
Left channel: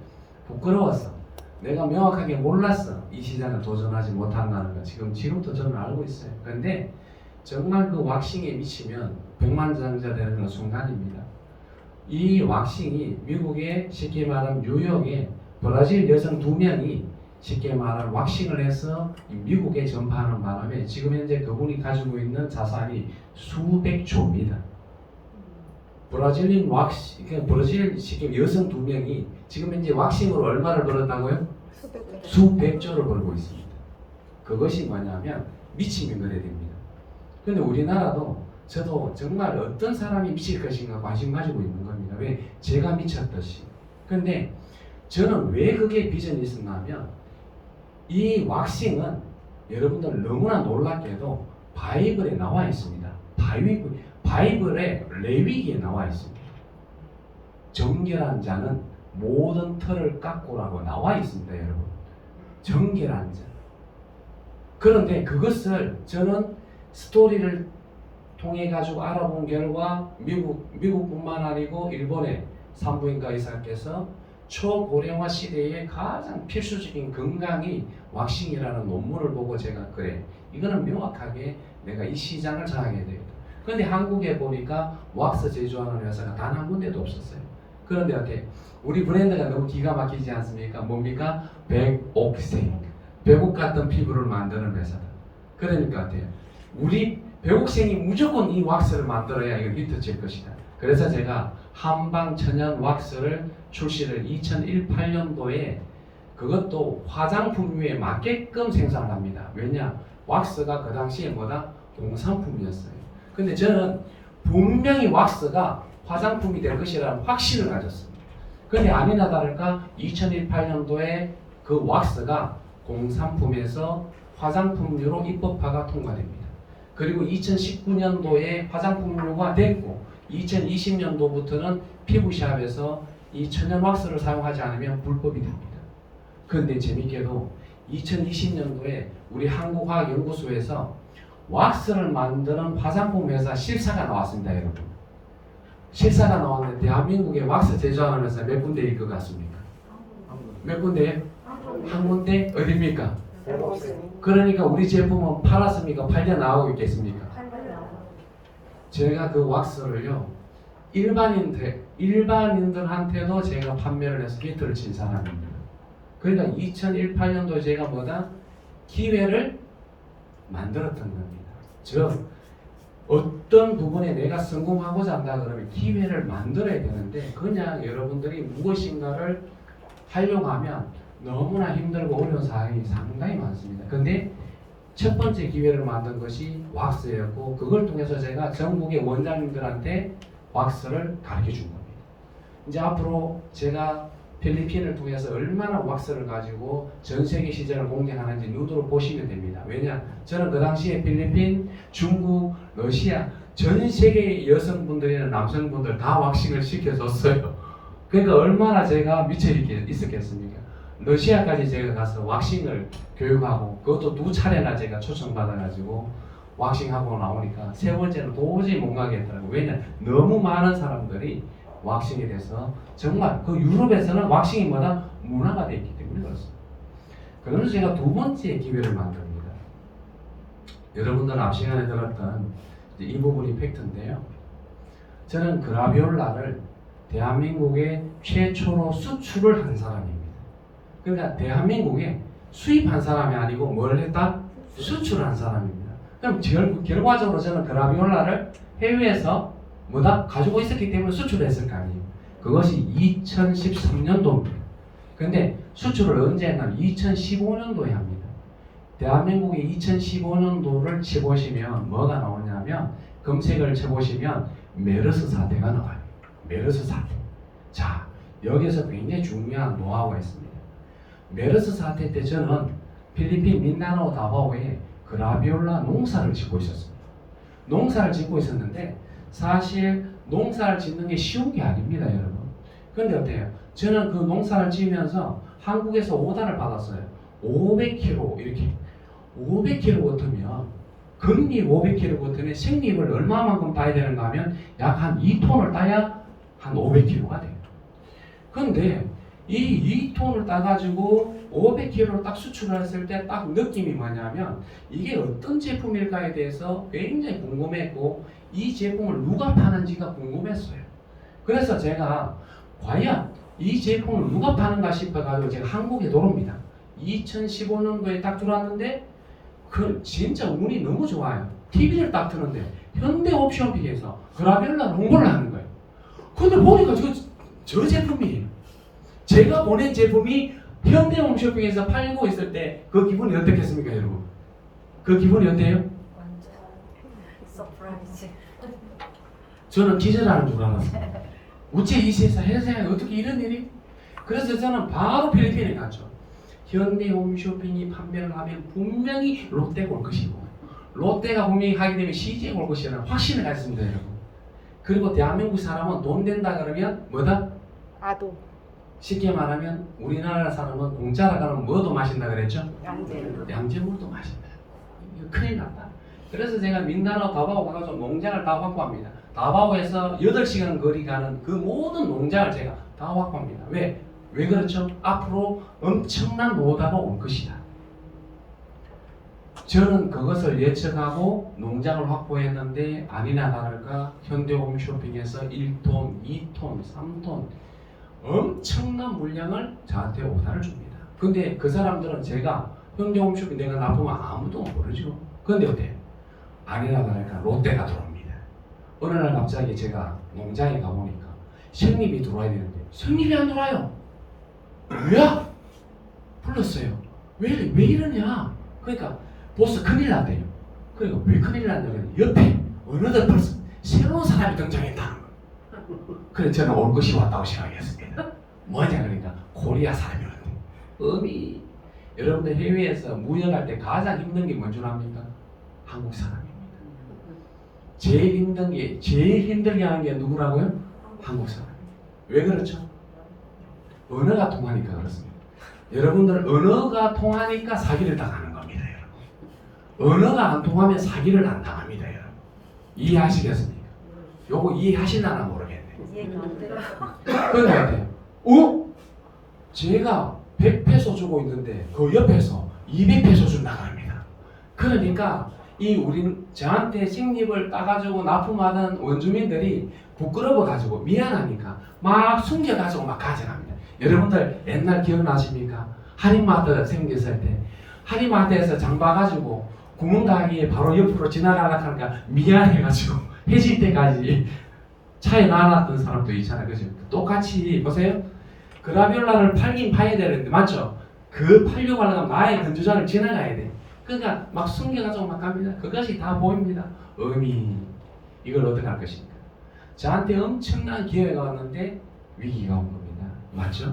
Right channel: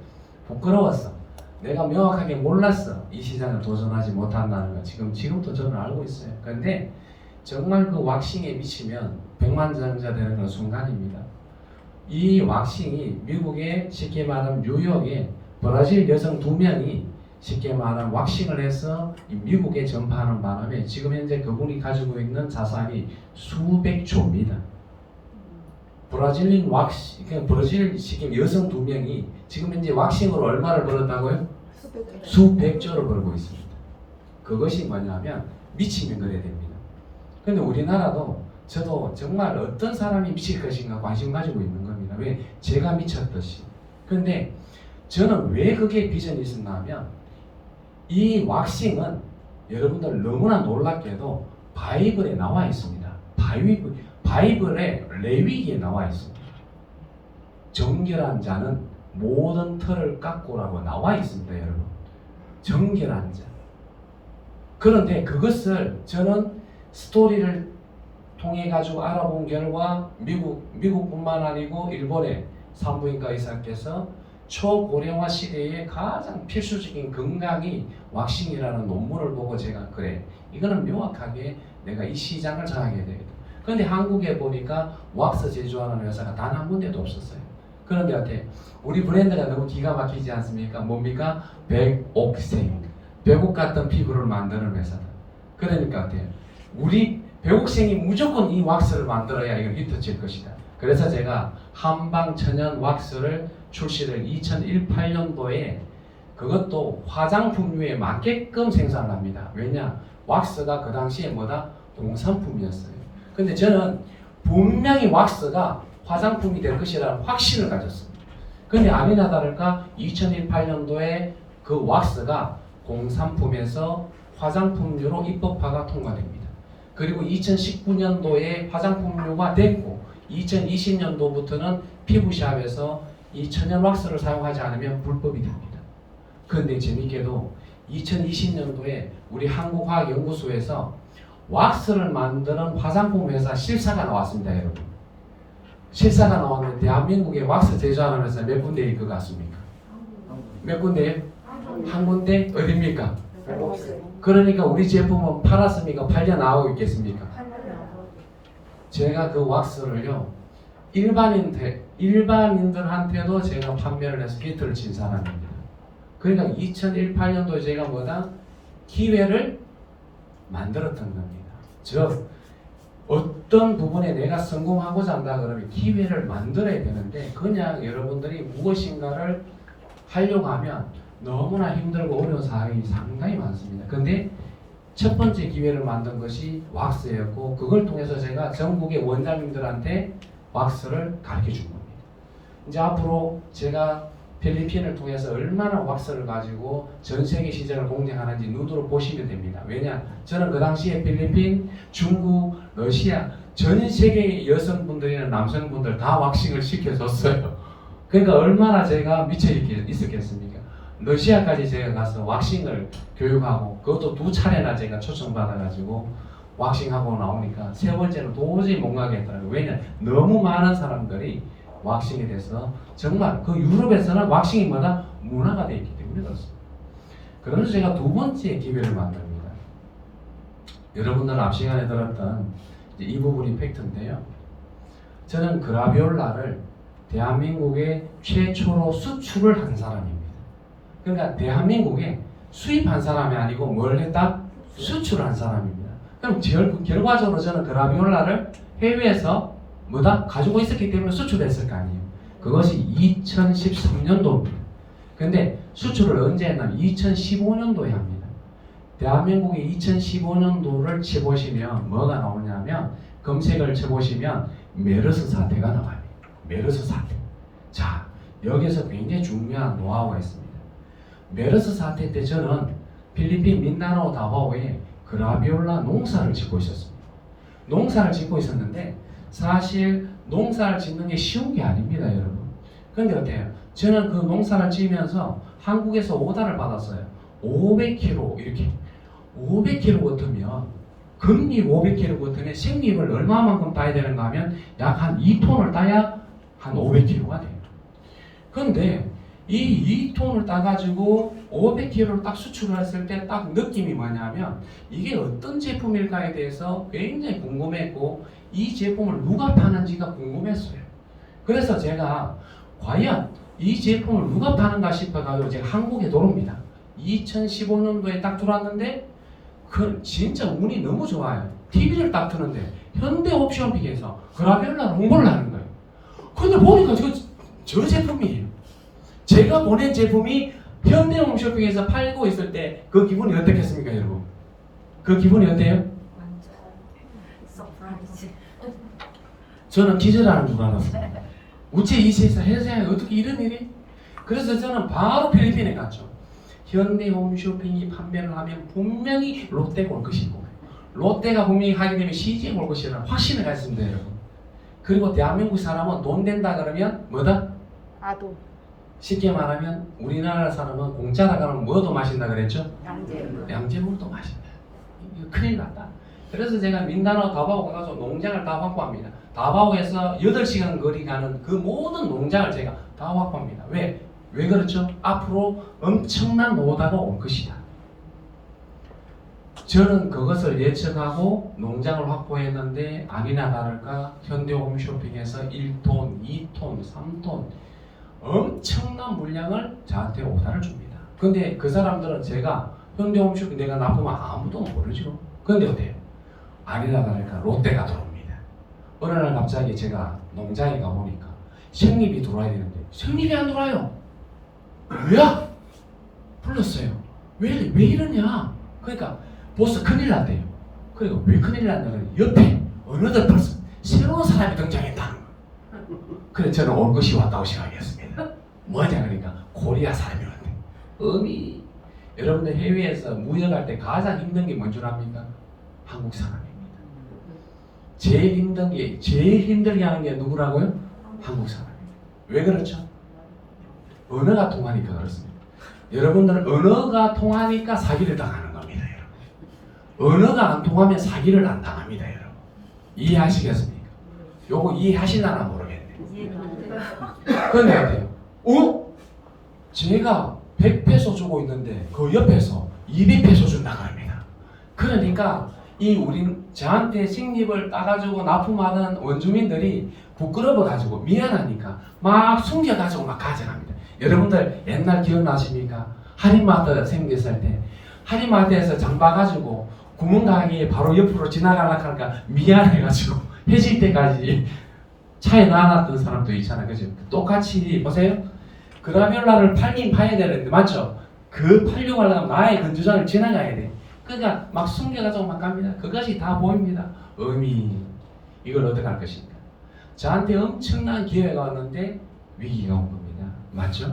부끄러웠어. 내가 명확하게 몰랐어. 이 시장을 도전하지 못한다는 거 지금도 저는 알고 있어요. 그런데 정말 그 왁싱에 미치면 백만장자 되는 그런 순간입니다. 이 왁싱이 미국의 쉽게 말하면 뉴욕의 브라질 여성 2명이 쉽게 말하면 왁싱을 해서 미국에 전파하는 바람에 지금 현재 그분이 가지고 있는 자산이 수백조입니다. 브라질린 왁싱, 그러니까 브라질 쉽게 여성 2명이 지금 현재 왁싱으로 얼마를 벌었다고요? 수백조를 벌고 있습니다. 그것이 뭐냐면 미치면 그래 됩니다. 그런데 우리나라도 저도 정말 어떤 사람이 미칠 것인가 관심 가지고 있는 겁니다. 왜? 제가 미쳤듯이. 그런데 저는 왜 그게 비전이 있었냐면 이 왁싱은 여러분들 너무나 놀랍게도 바이블에 나와 있습니다. 바이블에 레위기에 나와 있습니다. 정결한 자는 모든 털을 깎고라고 나와 있습니다, 여러분. 정결한 자. 그런데 그것을 저는 스토리를 통해 가지고 알아본 결과 미국뿐만 아니고 일본의 산부인과 의사께서 초고령화 시대에 가장 필수적인 건강이 왁싱이라는 논문을 보고 제가 그래 이거는 명확하게 내가 이 시장을 장악해야 되겠다. 그런데 한국에 보니까 왁스 제조하는 회사가 단 한 군데도 없었어요. 그런데 어때? 우리 브랜드가 너무 기가 막히지 않습니까? 뭡니까? 백옥생. 백옥 같은 피부를 만드는 회사다. 그러니까 어때요? 우리 백옥생이 무조건 이 왁스를 만들어야 이건 히트칠 것이다. 그래서 제가 한방 천연 왁스를 출시를 2018년도에 그것도 화장품류에 맞게끔 생산을 합니다. 왜냐? 왁스가 그 당시에 뭐다? 공산품이었어요. 근데 저는 분명히 왁스가 화장품이 될 것이라는 확신을 가졌습니다. 근데 아니나 다를까 2018년도에 그 왁스가 공산품에서 화장품류로 입법화가 통과됩니다. 그리고 2019년도에 화장품류가 됐고 2020년도부터는 피부샵에서 이 천연 왁스를 사용하지 않으면 불법이 됩니다. 그런데 재밌게도 2020년도에 우리 한국화학연구소에서 왁스를 만드는 화장품 회사 실사가 나왔습니다, 여러분. 실사가 나왔는데 대한민국에 왁스 제조하는 회사 몇 군데 있을 것 같습니까? 몇 군데요? 한 군데? 어디입니까? 그러니까 우리 제품은 팔았습니까? 팔려 나오고 있겠습니까? 제가 그 왁스를요 일반인들한테도 제가 판매를 해서 히트를 친 사람입니다. 그러니까 2018년도에 제가 뭐다? 기회를 만들었던 겁니다. 즉 어떤 부분에 내가 성공하고자 한다 그러면 기회를 만들어야 되는데 그냥 여러분들이 무엇인가를 하려고 하면 너무나 힘들고 어려운 사항이 상당히 많습니다. 근데 첫 번째 기회를 만든 것이 왁스였고 그걸 통해서 제가 전국의 원장님들한테 왁스를 가르쳐 준 겁니다. 이제 앞으로 제가 필리핀을 통해서 얼마나 왁스를 가지고 전 세계 시장을 공략하는지 눈으로 보시면 됩니다. 왜냐? 저는 그 당시에 필리핀, 중국, 러시아 전 세계 여성분들이나 남성분들 다 왁싱을 시켜줬어요. 그러니까 얼마나 제가 미쳐 있었겠습니까? 러시아까지 제가 가서 왁싱을 교육하고 그것도 2차례나 제가 초청받아가지고 왁싱하고 나오니까 세 번째는 도저히 못 가겠더라고요. 왜냐? 너무 많은 사람들이 왁싱에 대해서 정말 그 유럽에서는 왁싱이 뭐다? 문화가 되어 있기 때문에 그렇습니다. 그러면서 제가 두 번째 기회를 만듭니다. 여러분들 앞 시간에 들었던 이 부분이 팩트인데요. 저는 그라비올라를 대한민국에 최초로 수출을 한 사람입니다. 그러니까 대한민국에 수입한 사람이 아니고 뭘 했다? 수출한 사람입니다. 그럼 결과적으로 저는 그라비올라를 해외에서 뭐다? 가지고 있었기 때문에 수출했을 거 아니에요. 그것이 2013년도입니다. 근데 수출을 언제 했냐면 2015년도에 합니다. 대한민국의 2015년도를 쳐보시면 뭐가 나오냐면 검색을 쳐보시면 메르스 사태가 나와요. 메르스 사태. 자, 여기서 굉장히 중요한 노하우가 있습니다. 메르스 사태 때 저는 필리핀 민다나오 다바오에 그라비올라 농사를 짓고 있었습니다. 농사를 짓고 있었는데 사실 농사를 짓는 게 쉬운 게 아닙니다, 여러분. 근데 어때요? 저는 그 농사를 지으면서 한국에서 오다를 받았어요. 500kg 이렇게 500kg 같으면 금잎 500kg 같으면 생잎을 얼마만큼 따야 되는가 하면 약 한 2톤을 따야 한 500kg가 돼요. 근데 이 2톤을 따가지고 500kg를 딱 수출했을 때 딱 느낌이 뭐냐면 이게 어떤 제품일까에 대해서 굉장히 궁금했고 이 제품을 누가 파는지가 궁금했어요. 그래서 제가 과연 이 제품을 누가 파는가 싶어가지고 제가 한국에 들어옵니다. 2015년도에 딱 들어왔는데 그 진짜 운이 너무 좋아요. TV를 딱 트는데 현대옵션픽에서 그라비올라 홍보를 하는 거예요. 근데 보니까 저 제품이에요. 제가 보낸 제품이 현대홈쇼핑에서 팔고 있을 때 그 기분이 어떻겠습니까, 여러분? 그 기분이 어때요? 완전 서프라이즈. 저는 기절하는 줄 알았어요. 우체 이 세상에 어떻게 이런 일이? 그래서 저는 바로 필리핀에 갔죠. 현대홈쇼핑이 판매를 하면 분명히 롯데가 올 것이고 롯데가 분명히 하게 되면 CJ가 올 것이라는 확신을 가졌습니다, 여러분. 그리고 대한민국 사람은 돈 된다 그러면 뭐다? 아도. 쉽게 말하면 우리나라 사람은 공짜라 가면 뭐도 마신다 그랬죠? 양재. 양재물도 마신다. 이거 큰일 났다. 그래서 제가 민다나오 다바오 가서 농장을 다 확보합니다. 다바오에서 8시간 거리 가는 그 모든 농장을 제가 다 확보합니다. 왜? 왜 그렇죠? 앞으로 엄청난 노다가 올 것이다. 저는 그것을 예측하고 농장을 확보했는데 아니나 다를까 현대홈쇼핑에서 1톤, 2톤, 3톤 엄청난 물량을 저한테 오다를 줍니다. 근데 그 사람들은 제가 현대홈쇼핑 내가 납품을 아무도 모르죠. 근데 어때요? 아니나 다를까 롯데가 들어옵니다. 어느 날 갑자기 제가 농장에 가보니까 생잎이 들어와야 되는데 생잎이 안 들어와요. 뭐야? 불렀어요. 왜 이러냐? 그러니까 보스 큰일 났대요. 그러니까 왜 큰일 났냐면 옆에 어느덧 벌써 새로운 사람이 등장했다는 거예요. 그래서 저는 올 것이 왔다고 생각했습니다. 뭐냐 그러니까 코리아 사람이 왔대. 어미 여러분들 해외에서 무역할 때 가장 힘든 게 뭔 줄 압니까? 한국 사람입니다. 제일 힘들게 하는 게 누구라고요? 한국 사람. 왜 그렇죠? 언어가 통하니까 그렇습니다. 여러분들 언어가 통하니까 사기를 당하는 겁니다, 여러분. 언어가 안 통하면 사기를 안 당합니다, 여러분. 이해하시겠습니까? 요거 이해하시나 모르겠네. 그런데 어때요? 제가 100페소 주고 있는데 그 옆에서 200페소 준다고 합니다. 그러니까 저한테 식립을 따가지고 납품하는 원주민들이 부끄러워가지고 미안하니까 막 숨겨가지고 막 가져갑니다. 여러분들 옛날 기억나십니까? 할인마트 생겼을 때 할인마트에서 장 봐가지고 구멍가게 바로 옆으로 지나가려고 하니까 미안해가지고 해질 때까지 차에 놔놨던 사람도 있잖아요. 그죠? 똑같이 보세요. 그라비올라를 팔긴 파야 되는데 맞죠? 그 팔려고 하려면 나의 건조장을 지나가야 돼. 그러니까 막 숨겨가지고 막 갑니다. 그것이 다 보입니다. 의미. 이걸 어떻게 할 것인가. 저한테 엄청난 기회가 왔는데 위기가 온 겁니다. 맞죠?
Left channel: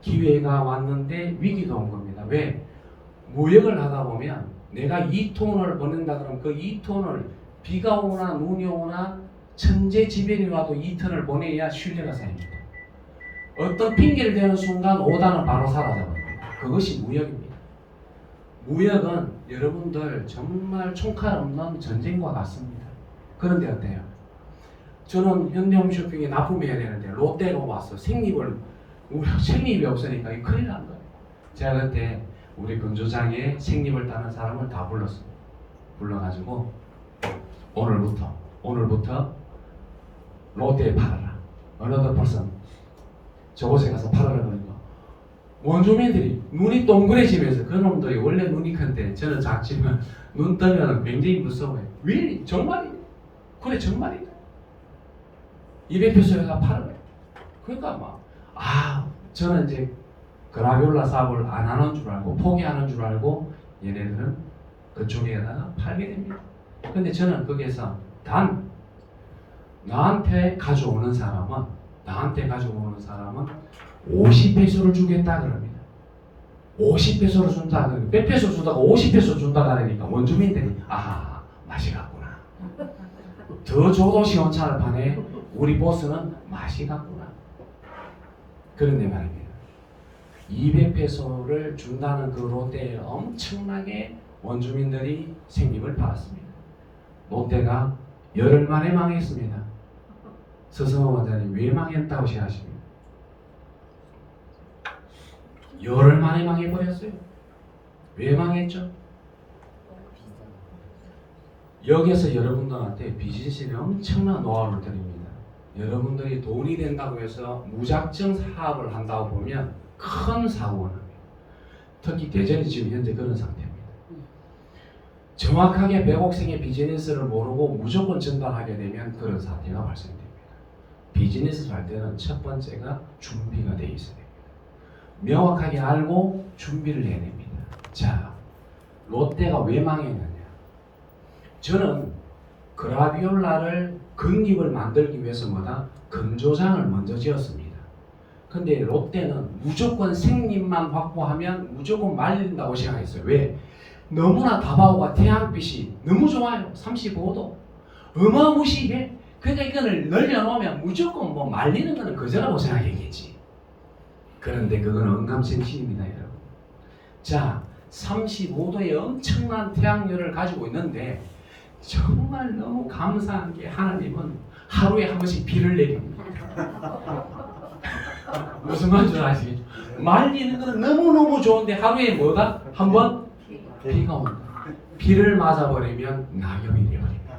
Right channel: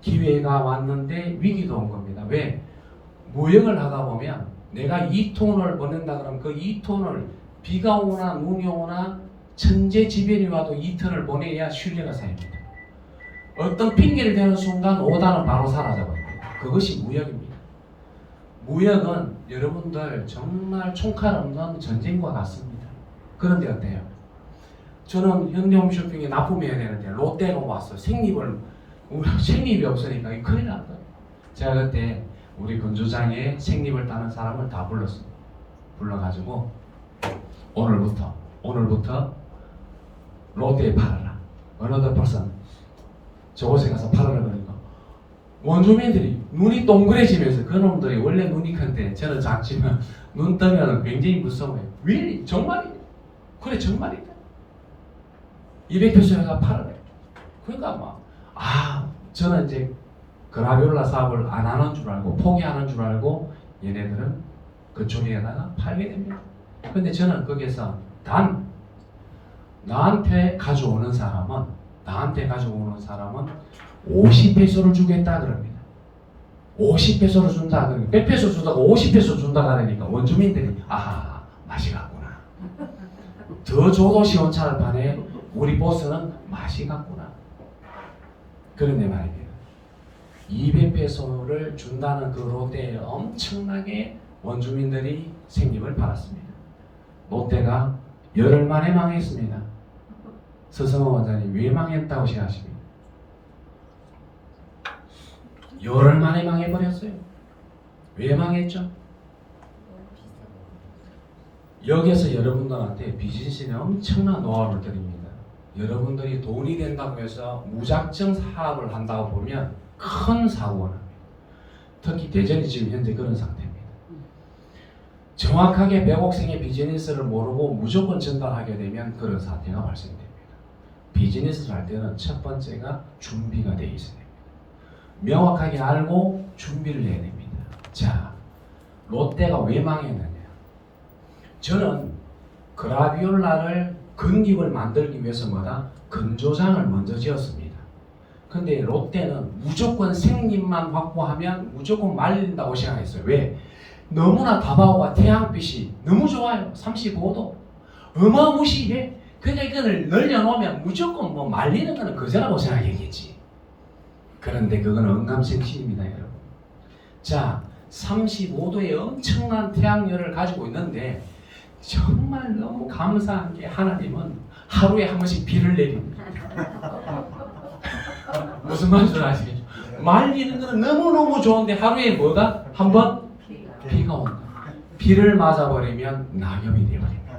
기회가 왔는데 위기가 온 겁니다. 왜? 무역을 하다 보면 내가 2톤을 보낸다 그러면 그 2톤을 비가 오거나 눈이 오거나 천재지변이 와도 2톤을 보내야 신뢰가 쌓입니다. 어떤 핑계를 대는 순간 오다는 바로 사라져버립니다. 그것이 무역입니다. 무역은 여러분들 정말 총칼 없는 전쟁과 같습니다. 그런데 어때요? 저는 현대홈쇼핑에 납품해야 되는데 롯데가 왔어. 생립이 없으니까 이 큰일 난 거예요. 제가 그때 우리 건조장에 생립을 따는 사람을 다 불렀어요. 불러가지고 오늘부터 롯데에 팔아라. Another person. 저곳에 가서 팔아라 그러니까 원주민들이 눈이 동그래지면서 그놈들이 원래 눈이 큰데 저는 작지만 눈 뜨면 굉장히 무서워요. 왜? 정말이냐? 그래 정말이냐? 200페소에 가 팔아라. 그러니까 저는 이제 그라비올라 사업을 안 하는 줄 알고 포기하는 줄 알고 얘네들은 그쪽에다가 팔게 됩니다. 근데 저는 거기에서 단 나한테 가져오는 사람은 50페소를 주겠다 그럽니다. 50페소를 준다. 100페소 주다가 50페소 준다 그러니까 원주민들이 맛이 갔구나. 더 줘도 시원찮을 판에 우리 보스는 맛이 갔구나. 그런데 말입니다. 200페소를 준다는 그 롯데에 엄청나게 원주민들이 생님을 받았습니다. 롯데가 열흘 만에 망했습니다. 서성호 원장님 왜 망했다고 생각하십니까? 열흘 만에 망해버렸어요. 왜 망했죠? 여기서 여러분들한테 비즈니스는 엄청난 노하우를 드립니다. 여러분들이 돈이 된다고 해서 무작정 사업을 한다고 보면 큰 사고가 납니다. 특히 대전이 지금 현재 그런 상태입니다. 정확하게 100억생의 비즈니스를 모르고 무조건 전달하게 되면 그런 사태가 발생됩니다. 비즈니스를 할 때는 첫 번째가 준비가 되어 있어야 됩니다. 명확하게 알고 준비를 해야 됩니다. 자, 롯데가 왜 망했느냐? 저는 그라비올라를 건립을 만들기 위해서 건조장을 먼저 지었습니다. 근데 롯데는 무조건 생립만 확보하면 무조건 말린다고 생각했어요. 왜? 너무나 다바오가 태양빛이 너무 좋아요. 35도. 어마무시해. 그러니까 이거를 늘려놓으면 무조건 말리는 거는 거저라고 생각했겠지. 그런데 그건 언감생심입니다, 여러분. 자, 35도의 엄청난 태양열을 가지고 있는데 정말 너무 감사한 게 하나님은 하루에 한 번씩 비를 내립니다. 무슨 말인지 아시겠죠? 말리는 거는 너무너무 좋은데 하루에 뭐가? 한 번? 비가 온다. 비를 맞아버리면 낙엽이 되어버립니다.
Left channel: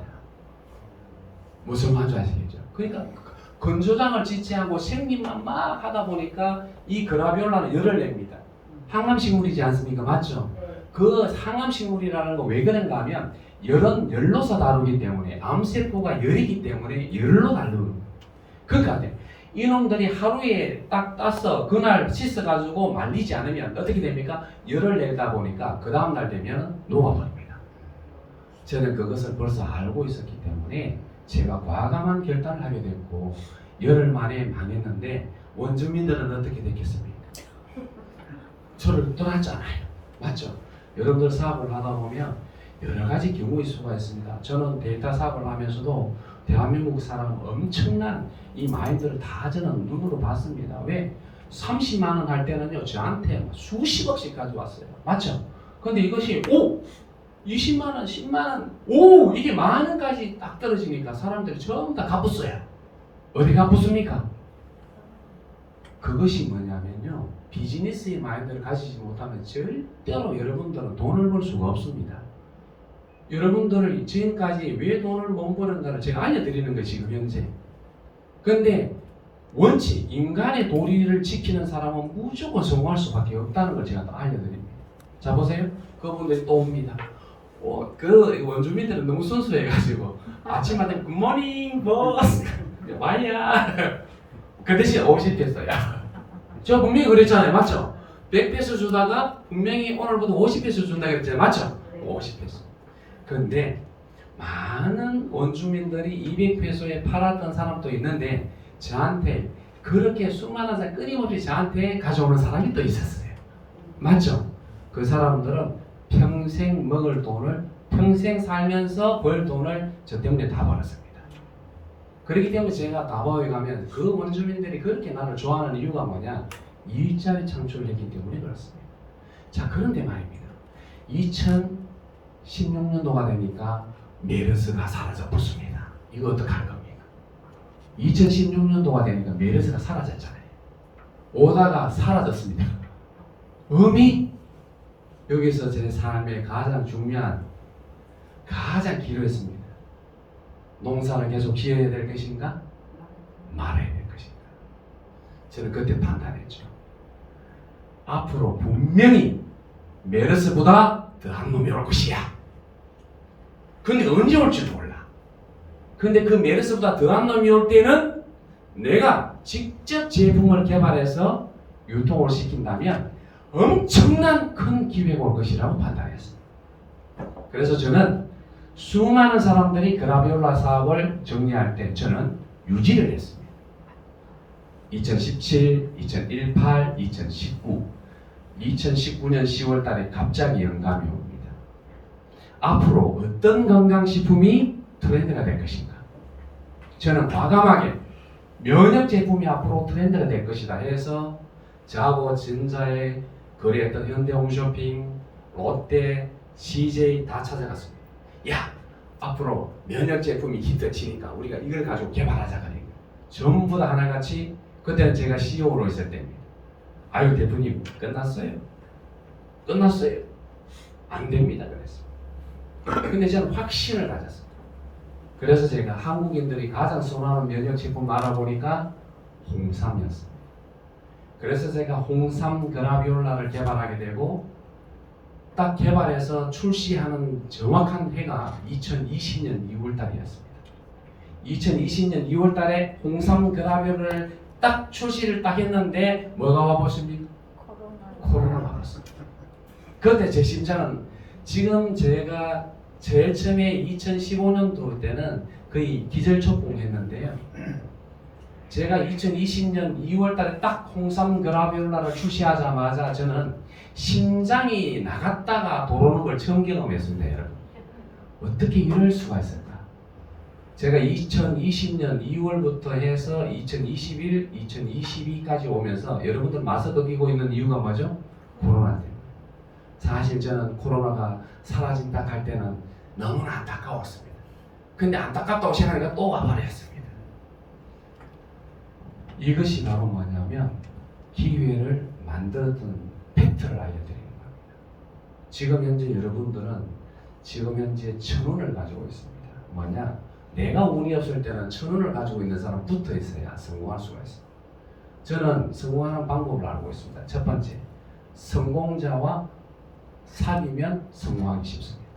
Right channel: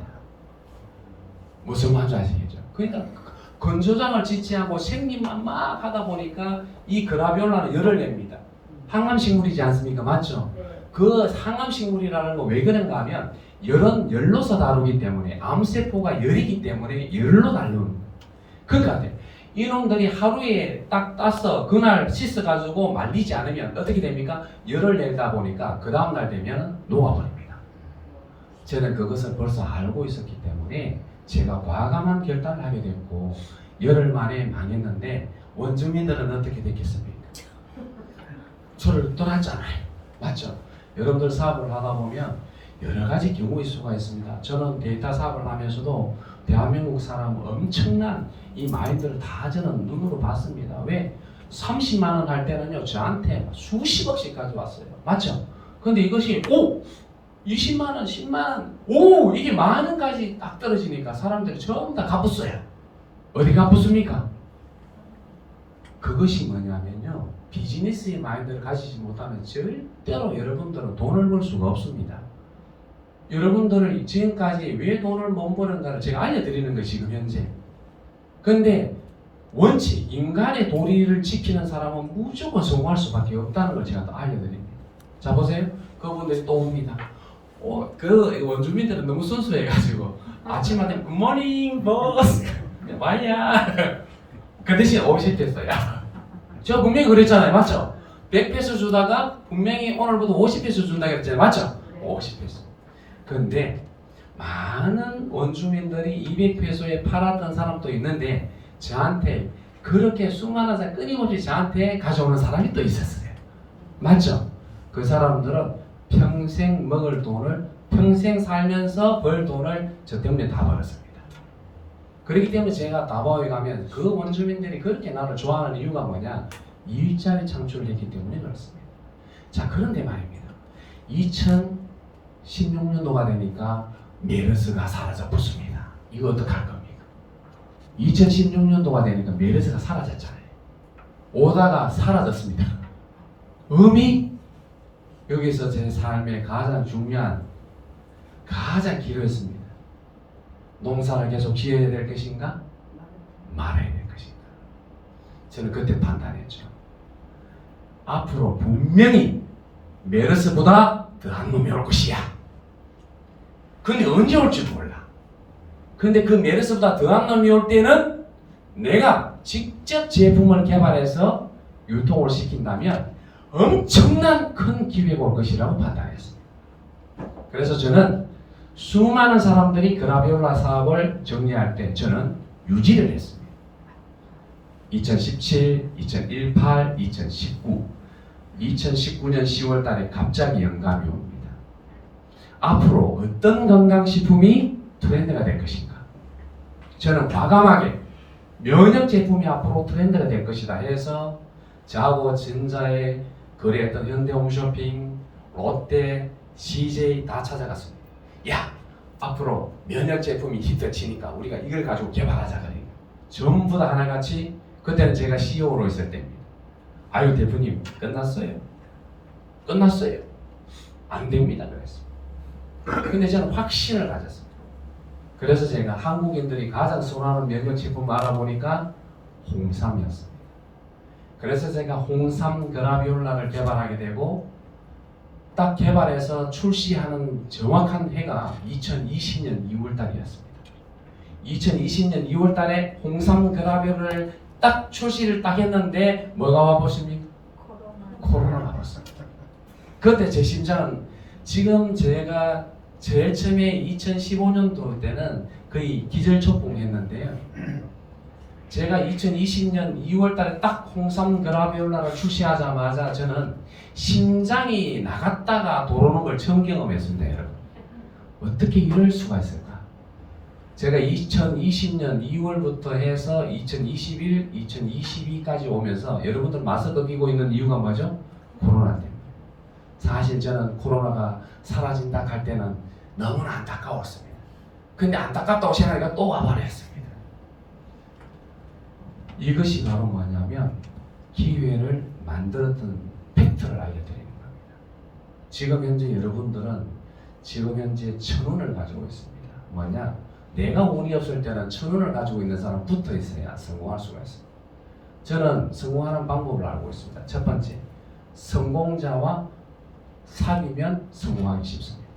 무슨 말인지 아시겠죠? 그러니까 건조장을 짓지 않고 생립만 막 하다 보니까 이 그라비올라는 열을 냅니다. 항암식물이지 않습니까? 맞죠? 그 항암식물이라는 거 왜 그런가 하면 열은 열로서 다루기 때문에 암세포가 열이기 때문에 열로 다루는 거예요. 그러니까 이놈들이 하루에 딱 따서 그날 씻어가지고 말리지 않으면 어떻게 됩니까? 열을 내다 보니까 그 다음날 되면 녹아버립니다. 저는 그것을 벌써 알고 있었기 때문에 제가 과감한 결단을 하게 됐고 열흘 만에 망했는데 원주민들은 어떻게 됐겠습니까? 저를 떠났잖아요. 맞죠? 여러분들 사업을 하다 보면 여러 가지 경우의 수가 있습니다. 저는 데이터 사업을 하면서도 대한민국 사람 엄청난 이 마인드를 다 저는 눈으로 봤습니다. 왜? 30만 원 할 때는요 저한테 수십억씩 가져왔어요. 맞죠? 근데 이것이 20만 원, 10만 원, 이게 만 원까지 딱 떨어지니까 사람들이 전부 다 갚았어요. 어디 갚았습니까? 그것이 뭐냐면요 비즈니스의 마인드를 가지지 못하면 절대로 여러분들은 돈을 벌 수가 없습니다. 여러분들을 지금까지 왜 돈을 못 버는가를 제가 알려드리는 거예요 지금 현재. 근데 원칙 인간의 도리를 지키는 사람은 무조건 성공할 수밖에 없다는 걸 제가 또 알려드립니다. 자 보세요. 그분들이 또 옵니다. 그 원주민들은 너무 순수해가지고 아침마다 굿모닝 버스 와야 그 대신 50페소야. 저 분명히 그랬잖아요. 맞죠? 100페소 주다가 분명히 오늘부터 50페소 준다 그랬잖아요. 맞죠? 50페소. 그런데 많은 원주민들이 200페소에 팔았던 사람도 있는데 저한테 그렇게 수많은 사람 끊임없이 저한테 가져오는 사람이 또 있었어요. 맞죠? 그 사람들은 평생 먹을 돈을 평생 살면서 벌 돈을 저 때문에 다 벌었습니다. 그렇기 때문에 제가 다바오에 가면 그 원주민들이 그렇게 나를 좋아하는 이유가 뭐냐? 일자리 창출을 했기 때문에 그렇습니다. 자, 그런데 말입니다. 2016년도가 되니까 메르스가 사라져 붙습니다. 이거 어떡할 겁니까? 2016년도가 되니까 메르스가 사라졌잖아요. 오다가 사라졌습니다. 의미? 여기서 제 삶의 가장 중요한 가장 기로했습니다. 농사를 계속 지어야 될 것인가? 말아야 될 것인가? 저는 그때 판단했죠. 앞으로 분명히 메르스보다 더한 놈이 올 것이야. 근데 언제 올지 몰라. 근데 그 메르스보다 더한 놈이 올 때는 내가 직접 제품을 개발해서 유통을 시킨다면 엄청난 큰 기회가 올 것이라고 판단했습니다. 그래서 저는 수많은 사람들이 그라비올라 사업을 정리할 때 저는 유지를 했습니다. 2017, 2018, 2019, 2019년 10월 달에 갑자기 영감이 옵니다. 앞으로 어떤 건강식품이 트렌드가 될 것인가? 저는 과감하게 면역 제품이 앞으로 트렌드가 될 것이다 해서 저하고 전자에 거래했던 현대홈쇼핑, 롯데, CJ 다 찾아갔습니다. 야, 앞으로 면역 제품이 히트치니까 우리가 이걸 가지고 개발하자 그래. 전부 다 하나같이 그때는 제가 CEO로 있을 때입니다. 아유 대표님 끝났어요. 끝났어요. 안 됩니다 그랬어요. 근데 저는 확신을 가졌습니다. 그래서 제가 한국인들이 가장 선호하는 면역 제품 알아보니까 홍삼이었습니다. 그래서 제가 홍삼 그라비올라를 개발하게 되고 딱 개발해서 출시하는 정확한 해가 2020년 2월달이었습니다. 2020년 2월달에 홍삼 그라비올라를 딱 출시를 딱 했는데 뭐가 와보십니까? 코로나가 왔습니다. 그때 제 심장은 지금 제가 제일 처음에 2015년도 때는 거의 기절초풍했는데요. 제가 2020년 2월달에 딱 홍삼 그라비올라를 출시하자마자 저는 심장이 나갔다가 돌아오는 걸 처음 경험했습니다, 여러분. 어떻게 이럴 수가 있을까? 제가 2020년 2월부터 해서 2021, 2022까지 오면서 여러분들 마스크 끼고 있는 이유가 뭐죠? 코로나 때문에. 사실 저는 코로나가 사라진다 할 때는 너무나 안타까웠습니다. 근데 안타깝다고 생각하니까 또 와버렸습니다. 이것이 바로 뭐냐면 기회를 만들었던 팩트를 알려드리는 겁니다. 지금 현재 여러분들은 지금 현재 1,000원을 가지고 있습니다. 뭐냐? 내가 운이 없을 때는 1,000원을 가지고 있는 사람 붙어 있어야 성공할 수가 있습니다. 저는 성공하는 방법을 알고 있습니다. 첫 번째, 성공자와 사귀면 성공하기 쉽습니다.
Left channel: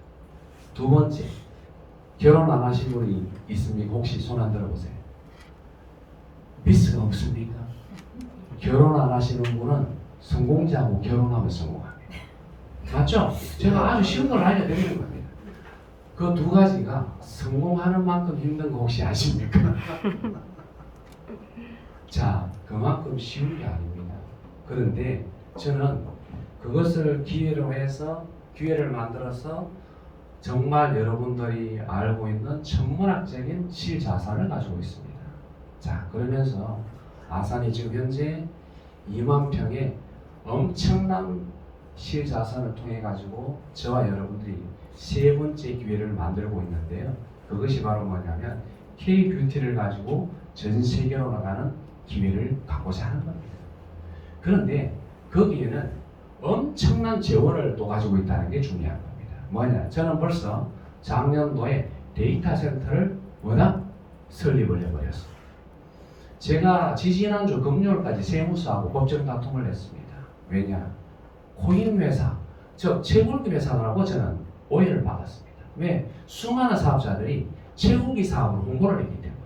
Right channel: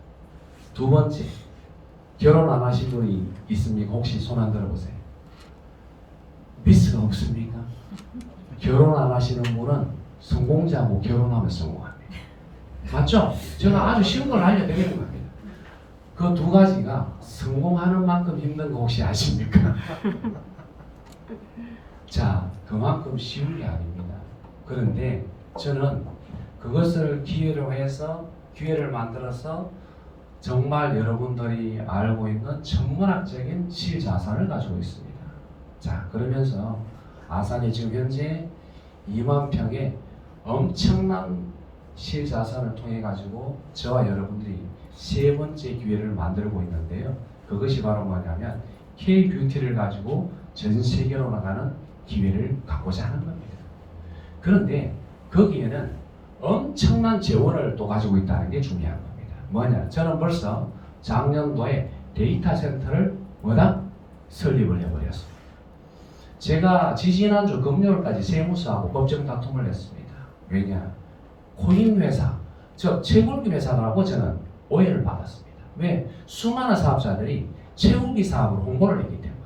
두 번째, 결혼 안 하신 분이 있습니까? 혹시 손 안 들어보세요. 미스가 없습니까? 결혼 안 하시는 분은 성공자하고 결혼하면 성공합니다. 맞죠? 제가 아주 쉬운 걸 알려드리는 겁니다. 그 두 가지가 성공하는 만큼 힘든 거 혹시 아십니까? 자, 그만큼 쉬운 게 아닙니다. 그런데 저는 그것을 기회로 해서 기회를 만들어서 정말 여러분들이 알고 있는 천문학적인 실자산을 가지고 있습니다. 자, 그러면서 아산이 지금 현재 2만 평의 엄청난 실자산을 통해 가지고 저와 여러분들이 세 번째 기회를 만들고 있는데요. 그것이 바로 뭐냐면 K-뷰티를 가지고 전 세계로 나가는 기회를 갖고자 하는 겁니다. 그런데 거기에는 엄청난 재원을 또 가지고 있다는 게 중요한 겁니다. 뭐냐? 저는 벌써 작년도에 데이터 센터를 뭐다? 설립을 해버렸습니다. 제가 지지난주 금요일까지 세무서하고 법정 다툼을 했습니다. 왜냐? 코인 회사, 즉 채굴기 회사라고 저는 오해를 받았습니다. 왜? 수많은 사업자들이 채굴기 사업을 홍보를 했기 때문에.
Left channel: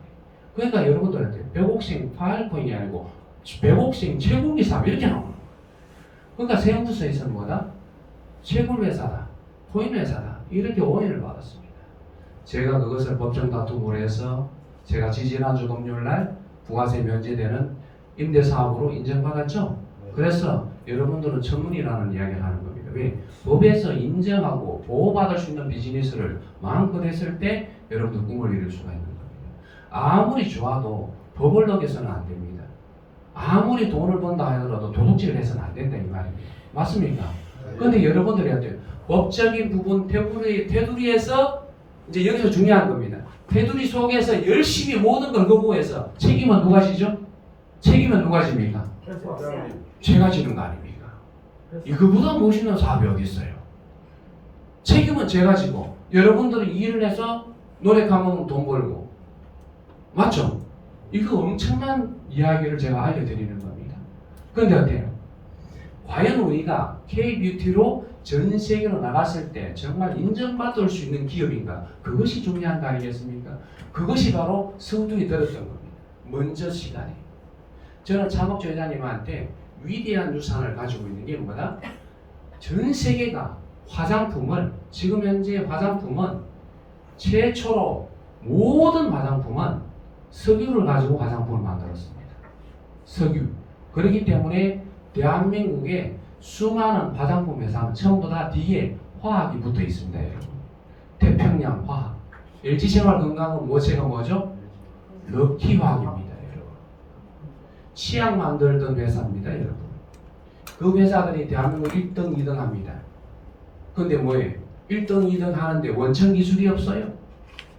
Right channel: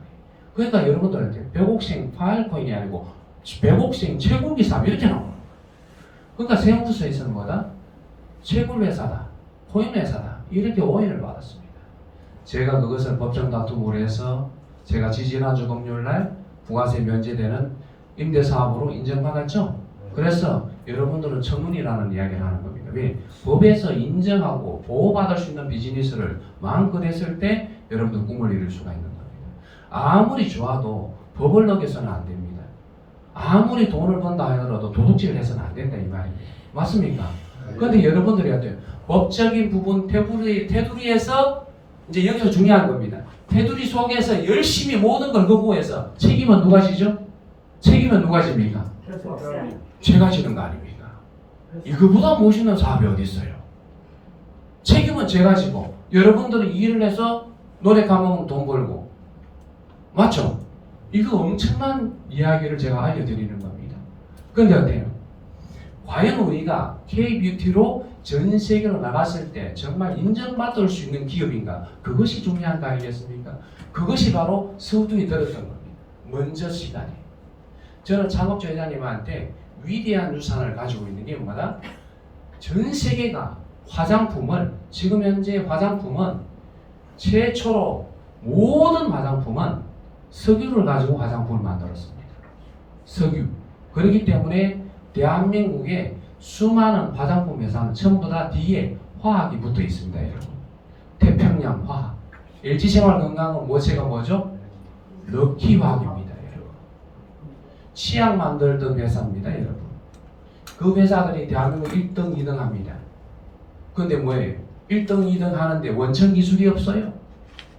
그러니까 여러분들한테 백옥생 파일코인이 아니고 백옥생 채굴기 사업 이렇게 나오는 거예요. 그러니까 세무서에서는 뭐다? 채굴 회사다, 코인 회사다 이렇게 오인을 받았습니다. 제가 그것을 법정 다툼으로 해서 제가 지지난주 금요일날 부가세 면제되는 임대사업으로 인정받았죠. 그래서 여러분들은 청문이라는 이야기를 하는 겁니다. 왜? 법에서 인정하고 보호받을 수 있는 비즈니스를 마음껏 했을 때 여러분들 꿈을 이룰 수가 있는 겁니다. 아무리 좋아도 법을 어겨서는 안 됩니다. 아무리 돈을 번다 하더라도 도둑질을 해서는 안 된다 이 말입니다. 맞습니까? 그런데 여러분들이 어때요? 법적인 부분 테두리에서 이제 여기서 중요한 겁니다. 테두리 속에서 열심히 모든 걸 거부해서 책임은 누가 지죠? 책임은 누가 집니까? 제가 지는 거 아닙니까? 이거보다 멋있는 사업이 어디 있어요? 책임은 제가 지고 여러분들이 일을 해서 노래 가면 돈 벌고 맞죠? 이거 엄청난 이야기를 제가 알려드리는 겁니다. 그런데 어때요? 과연 우리가 K-뷰티로 전 세계로 나갔을 때 정말 인정받을 수 있는 기업인가? 그것이 중요한 거 아니겠습니까? 그것이 바로 서두에 들었던 겁니다. 먼저 시간에. 저는 창업주 회장님한테 위대한 유산을 가지고 있는 게 뭐다? 전 세계가 화장품을 지금 현재 화장품은 최초로 모든 화장품은 석유를 가지고 화장품을 만들었습니다. 석유. 그렇기 때문에 대한민국의 수많은 화장품 회사는 전부 다 뒤에 화학이 붙어 있습니다, 여러분. 태평양 화학. LG생활건강은 모체가 뭐죠? 럭키화학입니다, 여러분. 치약 만들던 회사입니다, 여러분. 그 회사들이 대한민국 1등, 2등 합니다. 근데 뭐예요? 1등, 2등 하는데 원천 기술이 없어요.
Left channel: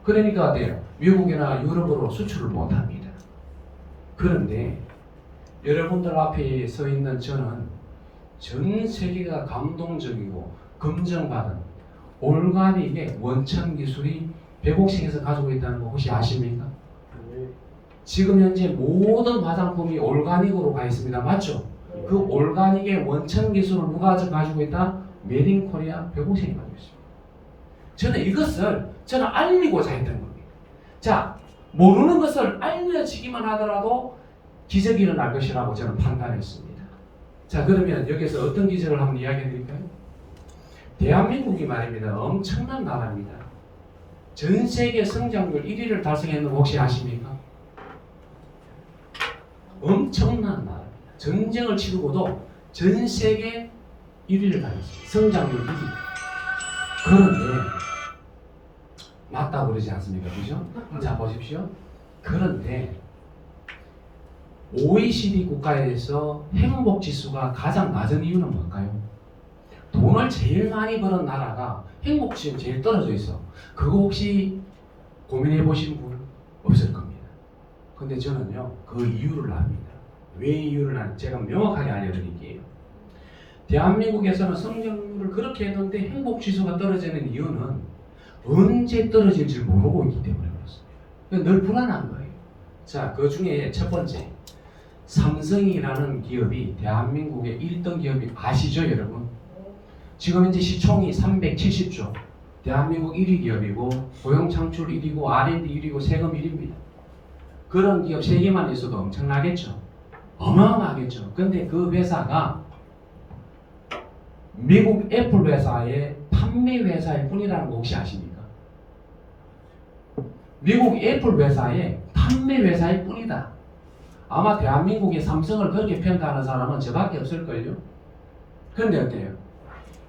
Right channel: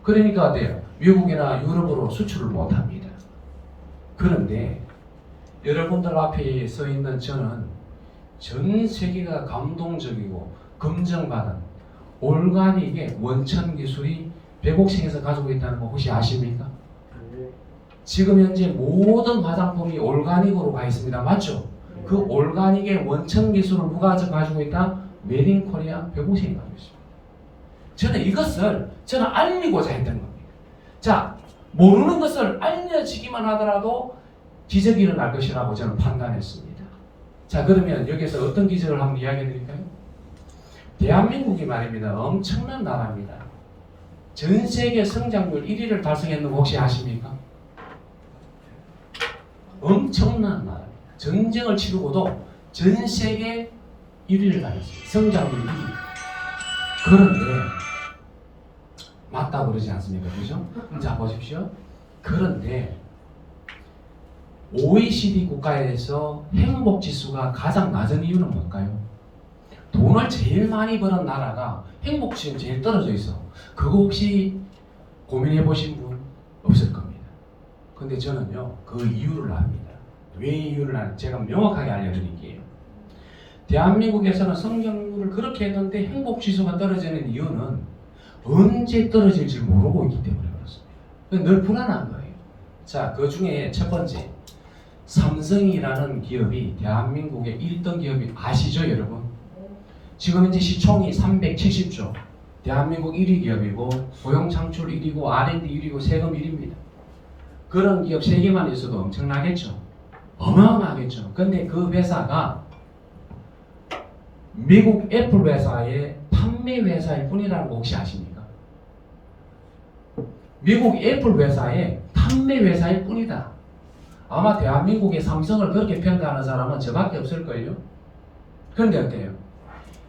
그러니까 어때요? 미국이나 유럽으로 수출을 못 합니다. 그런데 여러분들 앞에 서 있는 저는 전 세계가 감동적이고 검증받은 올가닉의 원천 기술이 백옥생에서 가지고 있다는 거 혹시 아십니까? 지금 현재 모든 화장품이 올가닉으로 가 있습니다. 맞죠? 그 올가닉의 원천 기술을 누가 가지고 있다? 메드 인 코리아 백옥생이 가지고 있습니다. 저는 이것을 알리고자 했던 겁니다. 자, 모르는 것을 알려지기만 하더라도 기적이 일어날 것이라고 저는 판단했습니다. 자, 그러면 여기서 어떤 기적을 한번 이야기해 드릴까요? 대한민국이 말입니다. 엄청난 나라입니다. 전 세계 성장률 1위를 달성했는 거 혹시 아십니까? 엄청난 나라. 전쟁을 치르고도 전 세계 1위를 달성했습니다. 성장률 1위. 그런데 맞다고 그러지 않습니까? 그죠? 자, 보십시오. 그런데 OECD 국가에서 행복 지수가 가장 낮은 이유는 뭘까요? 돈을 제일 많이 버는 나라가 행복 지수가 제일 떨어져 있어. 그거 혹시 고민해 보신 분 없을 겁니다. 근데 저는요, 그 이유를 압니다. 왜 이유를 아는지 제가 명확하게 알려드릴게요. 대한민국에서는 성장률을 그렇게 했는데 행복 지수가 떨어지는 이유는 언제 떨어질지 모르고 있기 때문에 그렇습니다. 늘 불안한 거예요. 자, 그 중에 첫 번째, 삼성이라는 기업이 대한민국의 1등 기업이 아시죠, 여러분? 지금 현재 시총이 370조, 대한민국 1위 기업이고 고용 창출 1위고 R&D 1위고 세금 1위입니다. 그런 기업 3개만 있어도 엄청나겠죠? 어마어마하겠죠? 근데 그 회사가 미국 애플 회사의 판매 회사일 뿐이라는 거 혹시 아십니까? 미국 애플 회사의 판매 회사일 뿐이다. 아마 대한민국의 삼성을 그렇게 평가하는 사람은 저밖에 없을걸요? 그런데 어때요?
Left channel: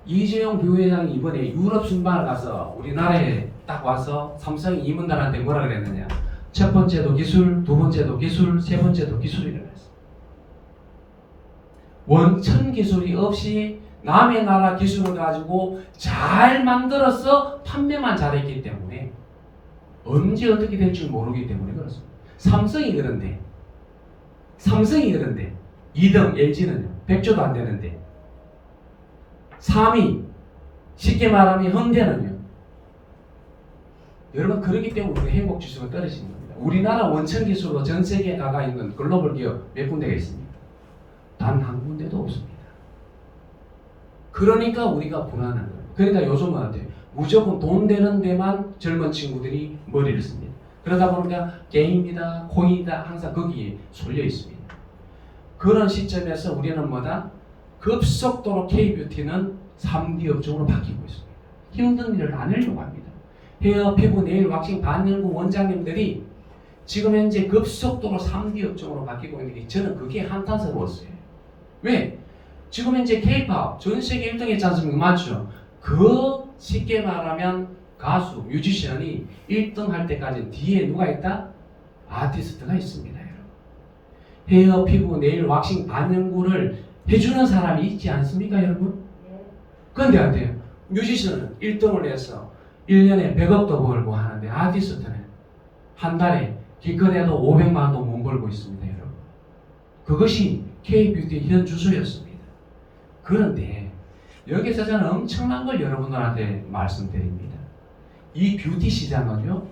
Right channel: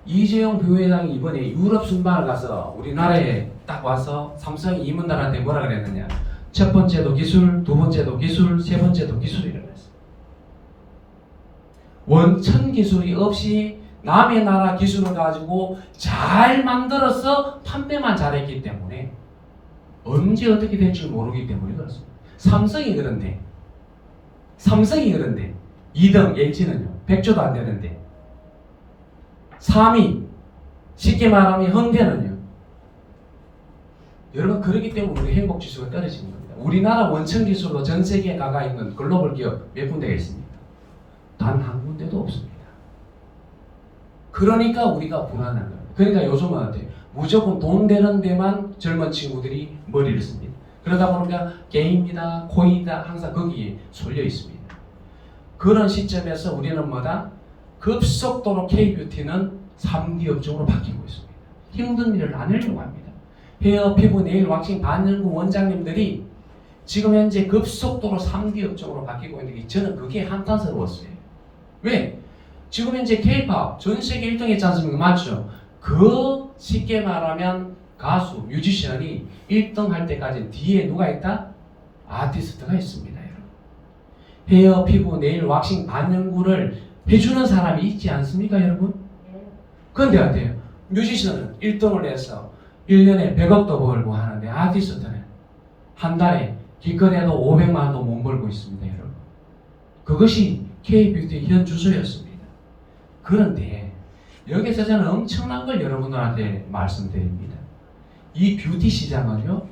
이재용 부회장이 이번에 유럽 순방을 가서 우리나라에 딱 와서 삼성 임원들한테 뭐라 그랬느냐? 첫 번째도 기술, 두 번째도 기술, 세 번째도 기술이라고 했어요. 원천 기술이 없이 남의 나라 기술을 가지고 잘 만들어서 판매만 잘했기 때문에 언제 어떻게 될지 모르기 때문에 그렇습니다. 삼성이 그런데 2등 LG는요 100조도 안 되는데 3위 쉽게 말하면 현대는요. 여러분 그렇기 때문에 우리 행복지수가 떨어지는 겁니다. 우리나라 원천 기술로 전 세계에 나가 있는 글로벌 기업 몇 군데가 있습니다. 단 한 군데도 없습니다. 그러니까 우리가 불안한 거예요. 그러니까 요즘은 어때요? 무조건 돈 되는 데만 젊은 친구들이 머리를 씁니다. 그러다 보니까 게임이다, 코인이다 항상 거기에 쏠려 있습니다. 그런 시점에서 우리는 뭐다? 급속도로 K-뷰티는 3D 업종으로 바뀌고 있습니다. 힘든 일을 안 하려고 합니다. 헤어, 피부, 네일, 왁싱, 반영구 원장님들이 지금 현재 급속도로 3D 업종으로 바뀌고 있는 게 저는 그게 한탄스러웠어요. 왜? 지금 현재 K-팝 전 세계 1등 했지 않습니까? 맞죠? 그 쉽게 말하면 가수, 뮤지션이 1등 할 때까지 뒤에 누가 있다? 아티스트가 있습니다, 여러분. 헤어, 피부, 네일, 왁싱, 반영구를 해주는 사람이 있지 않습니까, 여러분? 그런데 어때요? 뮤지션은 1등을 해서 1년에 100억도 벌고 하는데 아티스트는 한 달에 기껏해도 500만 원도 못 벌고 있습니다, 여러분. 그것이 K-뷰티의 현 주소였습니다. 그런데 여기서 저는 엄청난 걸 여러분들한테 말씀드립니다. 이 뷰티 시장은요,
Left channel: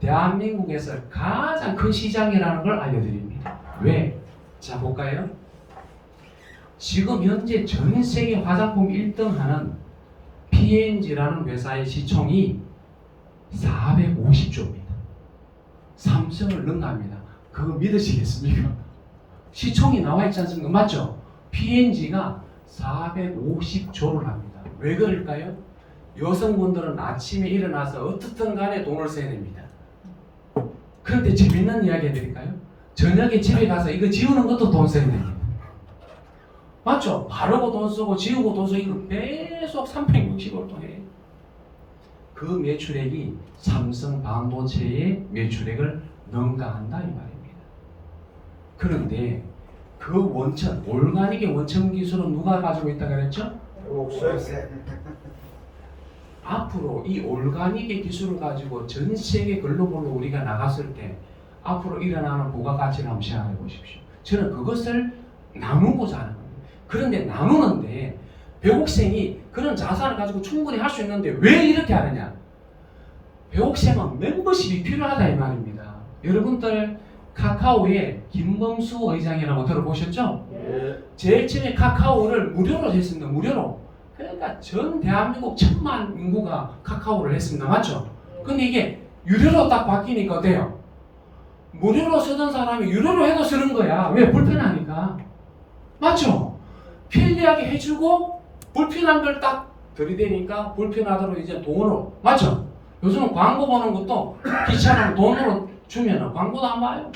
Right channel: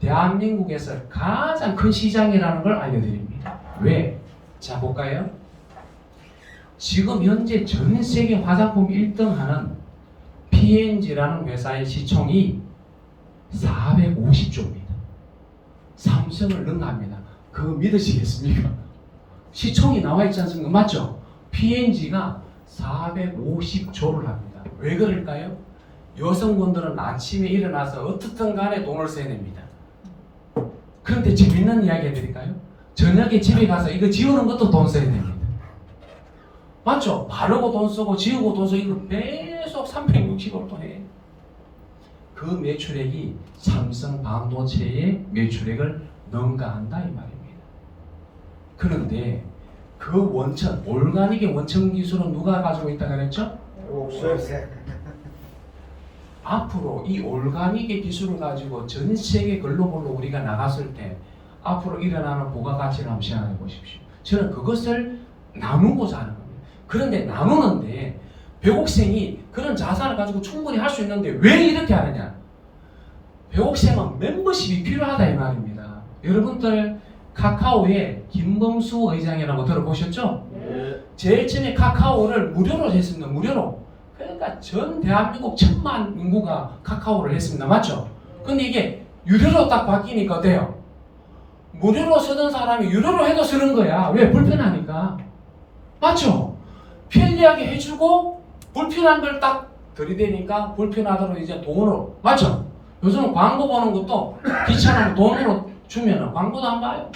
대한민국에서 가장 큰 시장이라는 걸 알려드립니다. 왜? 자, 볼까요? 지금 현재 전 세계 화장품 1등 하는 P&G라는 회사의 시총이 450조입니다. 삼성을 능가합니다. 그거 믿으시겠습니까? 시총이 나와 있지 않습니까? 맞죠? P&G가 450조를 합니다. 왜 그럴까요? 여성분들은 아침에 일어나서 어떻든 간에 돈을 써야 됩니다. 그런데 재밌는 이야기 해드릴까요? 저녁에 집에 가서 이거 지우는 것도 돈 써야 됩니다. 맞죠? 바르고 돈 쓰고 지우고 돈 쓰고 이거 계속 360을 또 해. 그 매출액이 삼성 반도체의 매출액을 능가한다 이 말입니다. 그런데 그 원천, 올가닉의 원천 기술은 누가 가지고 있다고 그랬죠? 앞으로 이 올가닉의 기술을 가지고 전 세계 글로벌로 우리가 나갔을 때 앞으로 일어나는 부가가치를 한번 생각해 보십시오. 저는 그것을 나누고자 하는 겁니다. 그런데 나누는데 백옥생이 그런 자산을 가지고 충분히 할 수 있는데 왜 이렇게 하느냐? 백옥생은 멤버십이 필요하다 이 말입니다. 여러분들 카카오의 김범수 의장이라고 들어보셨죠? 예. 제일 처음에 카카오를 무료로 했습니다. 무료로. 그러니까 전 대한민국 1000만 인구가 카카오를 했습니다. 맞죠? 근데 이게 유료로 딱 바뀌니까 어때요? 무료로 쓰던 사람이 유료로 해도 쓰는 거야. 왜? 불편하니까. 맞죠? 편리하게 해주고 불편한 걸 딱 들이대니까 불편하도록 이제 돈으로. 맞죠? 요즘은 광고 보는 것도 귀찮으면 돈으로 주면 광고도 안 봐요.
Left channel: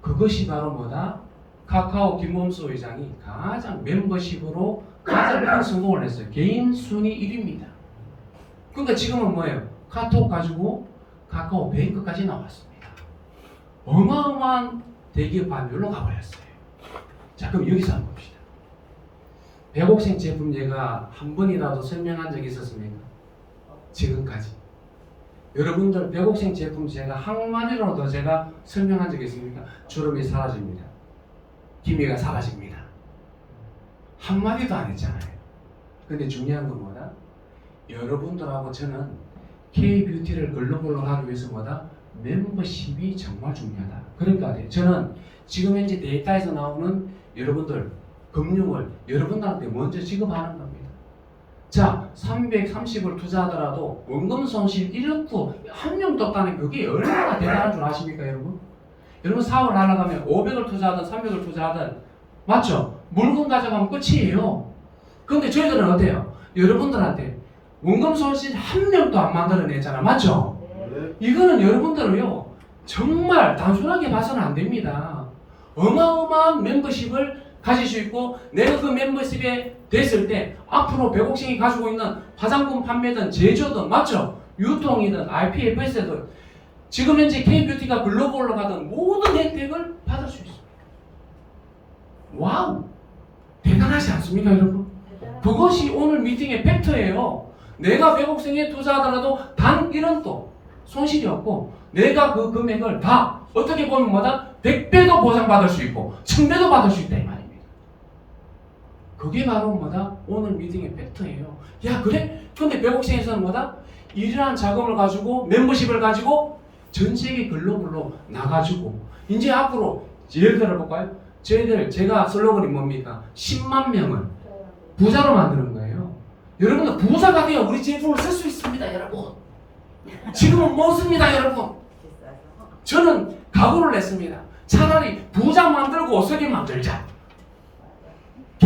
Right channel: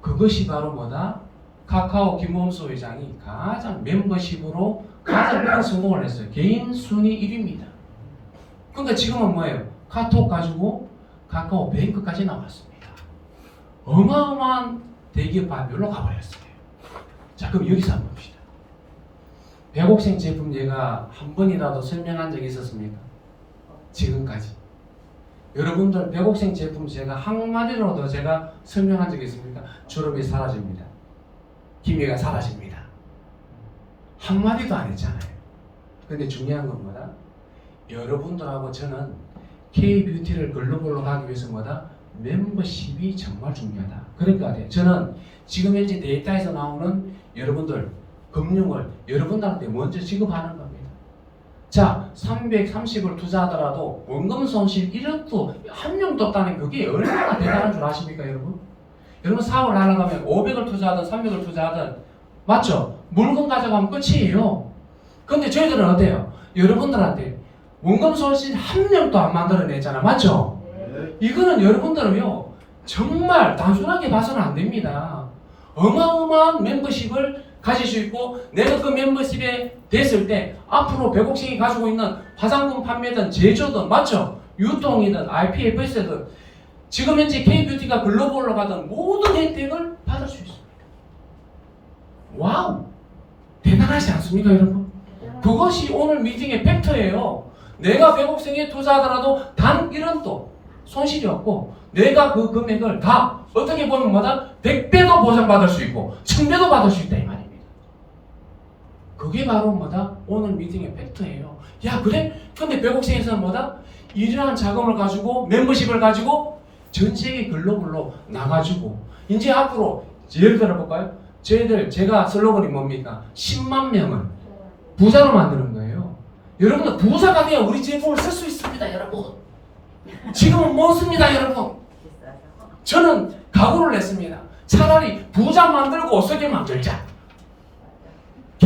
그것이 바로 뭐다? 카카오 김범수 회장이 가장 멤버십으로 가장 큰 성공을 했어요. 개인 순위 1위입니다. 그러니까 지금은 뭐예요? 카톡 가지고 카카오 뱅크까지 나왔습니다. 어마어마한 대기업 발표로 가버렸어요. 자, 그럼 여기서 한번 봅시다. 백옥생 제품 제가 한 번이라도 설명한 적이 있었습니까? 지금까지. 여러분들 백옥생 제품 제가 한마디로도 제가 설명한 적이 있습니까? 주름이 사라집니다. 기미가 사라집니다. 한마디도 안 했잖아요. 근데 중요한 건 뭐다? 여러분들하고 저는 K-뷰티를 글로벌로 가기 위해서 뭐다? 멤버십이 정말 중요하다. 그러니까 저는 지금 현재 데이터에서 나오는 여러분들 금융을 여러분들한테 먼저 지급하는 겁니다. 자, 330을 투자하더라도 원금 손실 1원도 한 명도 없다는 그게 얼마나 대단한 줄 아십니까, 여러분? 여러분 사업을 하려면 500을 투자하든 300을 투자하든 맞죠? 물건 가져가면 끝이에요. 근데 저희들은 어때요? 여러분들한테 원금 손실 한 명도 안 만들어냈잖아. 맞죠? 이거는 여러분들은요 정말 단순하게 봐서는 안 됩니다. 어마어마한 멤버십을 가질 수 있고 내가 그 멤버십에 됐을 때 앞으로 백옥생이 가지고 있는 화장품 판매든 제조든 맞죠? 유통이든 IPFS든 지금 현재 K-뷰티가 글로벌로 가든 모든 혜택을 받을 수 있습니다. 와우! 대단하지 않습니까 여러분? 그것이 오늘 미팅의 팩트예요. 내가 백옥생에 투자하더라도 단 1원도 손실이 없고 내가 그 금액을 다 어떻게 보면 뭐다? 100배도 보상받을 수 있고 1000배도 받을 수 있다 이 말입니다. 그게 바로 뭐다? 오늘 미팅의 팩트예요. 야 그래? 근데 백옥생에서는 뭐다? 이러한 자금을 가지고 멤버십을 가지고 전 세계 글로벌로 나가지고 이제 앞으로 예를 들어볼까요? 저희들 제가 슬로건이 뭡니까? 10만 명을 부자로 만드는 거예요. 여러분들 부자가 되어 우리 제품을 쓸 수 있습니다 여러분. 지금은 못 씁니다 여러분. 저는 각오를 했습니다. 차라리 부자 만들고 쓰게 만들자.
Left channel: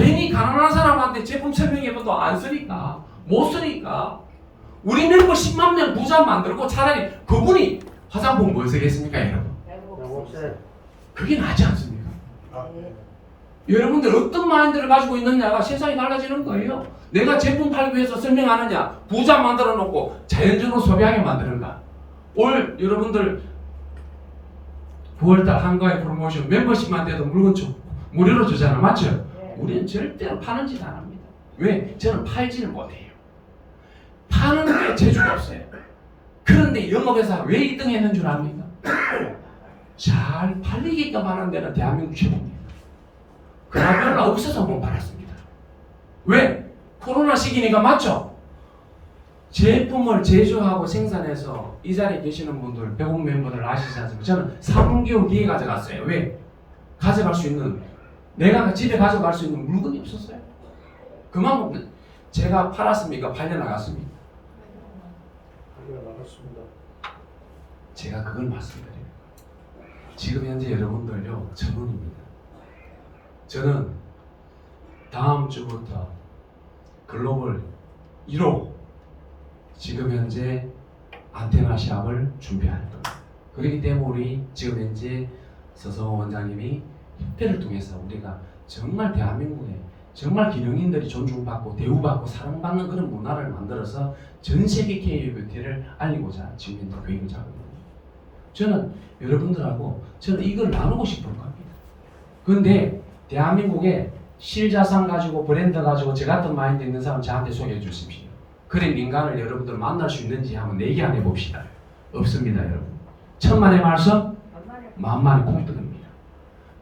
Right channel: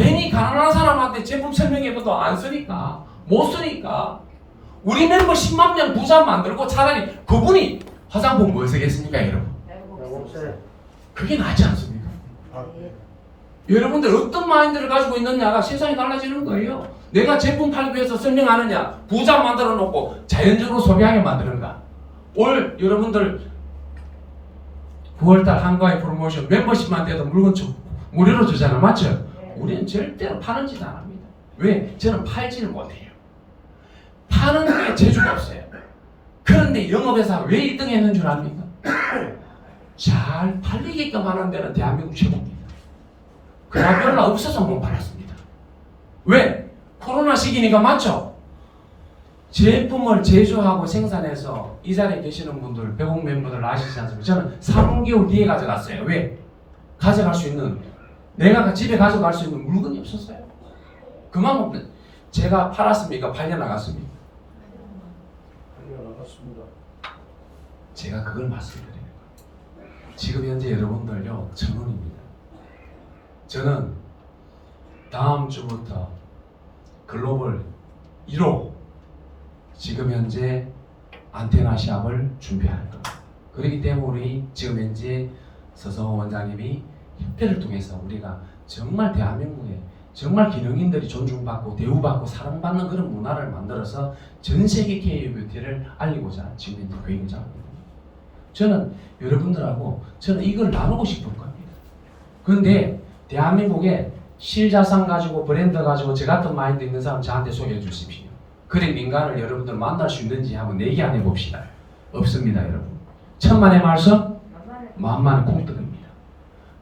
괜히 가난한 사람한테 제품 설명해봐도 안 쓰니까 못 쓰니까 우리 멤버 10만 명 부자 만들고 차라리 그분이 화장품 뭐 쓰겠습니까 여러분? 그게 낫지 않습니까? 여러분들 어떤 마인드를 가지고 있느냐가 세상이 달라지는 거예요. 내가 제품 팔기 위해서 설명하느냐, 부자 만들어 놓고 자연적으로 소비하게 만드는가. 올 여러분들 9월달 한가위 프로모션 멤버십만 돼도 물건 무료로 주잖아, 맞죠? 우리는 절대로 파는 짓 안 합니다. 왜? 저는 팔지를 못해요. 파는 게 재주가 없어요. 그런데 영업회사 왜 1등 했는 줄 압니까? 잘 팔리게끔 하는 데는 대한민국 최고입니다. 그냥 별로 없어서 못 팔았습니다. 왜? 코로나 시기니까 맞죠? 제품을 제조하고 생산해서 이 자리에 계시는 분들, 배국 멤버들 아시지 않습니까? 저는 3개월 뒤에 가져갔어요. 왜? 가져갈 수 있는, 내가 집에 가져갈 수 있는 물건이 없었어요. 그만큼 제가 팔았습니까? 팔려나갔습니까? 팔려나갔습니다. 제가 그걸 말씀드려요. 지금 현재 여러분들요, 1,000원입니다. 저는 다음 주부터 글로벌 1호 지금 현재 안테나 시합을 준비할 겁니다. 그렇기 때문에 우리 지금 현재 서성호 원장님이 협회를 통해서 우리가 정말 대한민국에 정말 기능인들이 존중받고 대우받고 사랑받는 그런 문화를 만들어서 전 세계 K-뷰티를 알리고자 지금 현재 계획을 잡고 있습니다. 저는 여러분들하고 저는 이걸 나누고 싶은 겁니다. 그런데 대한민국에 실자산 가지고 브랜드 가지고 저 같은 마인드 있는 사람 저한테 소개해 주십시오. 그런 인간을 여러분들 만날 수 있는지 한번 내기 안 해봅시다. 없습니다 여러분. 천만의 말씀 만만의 콩떡입니다.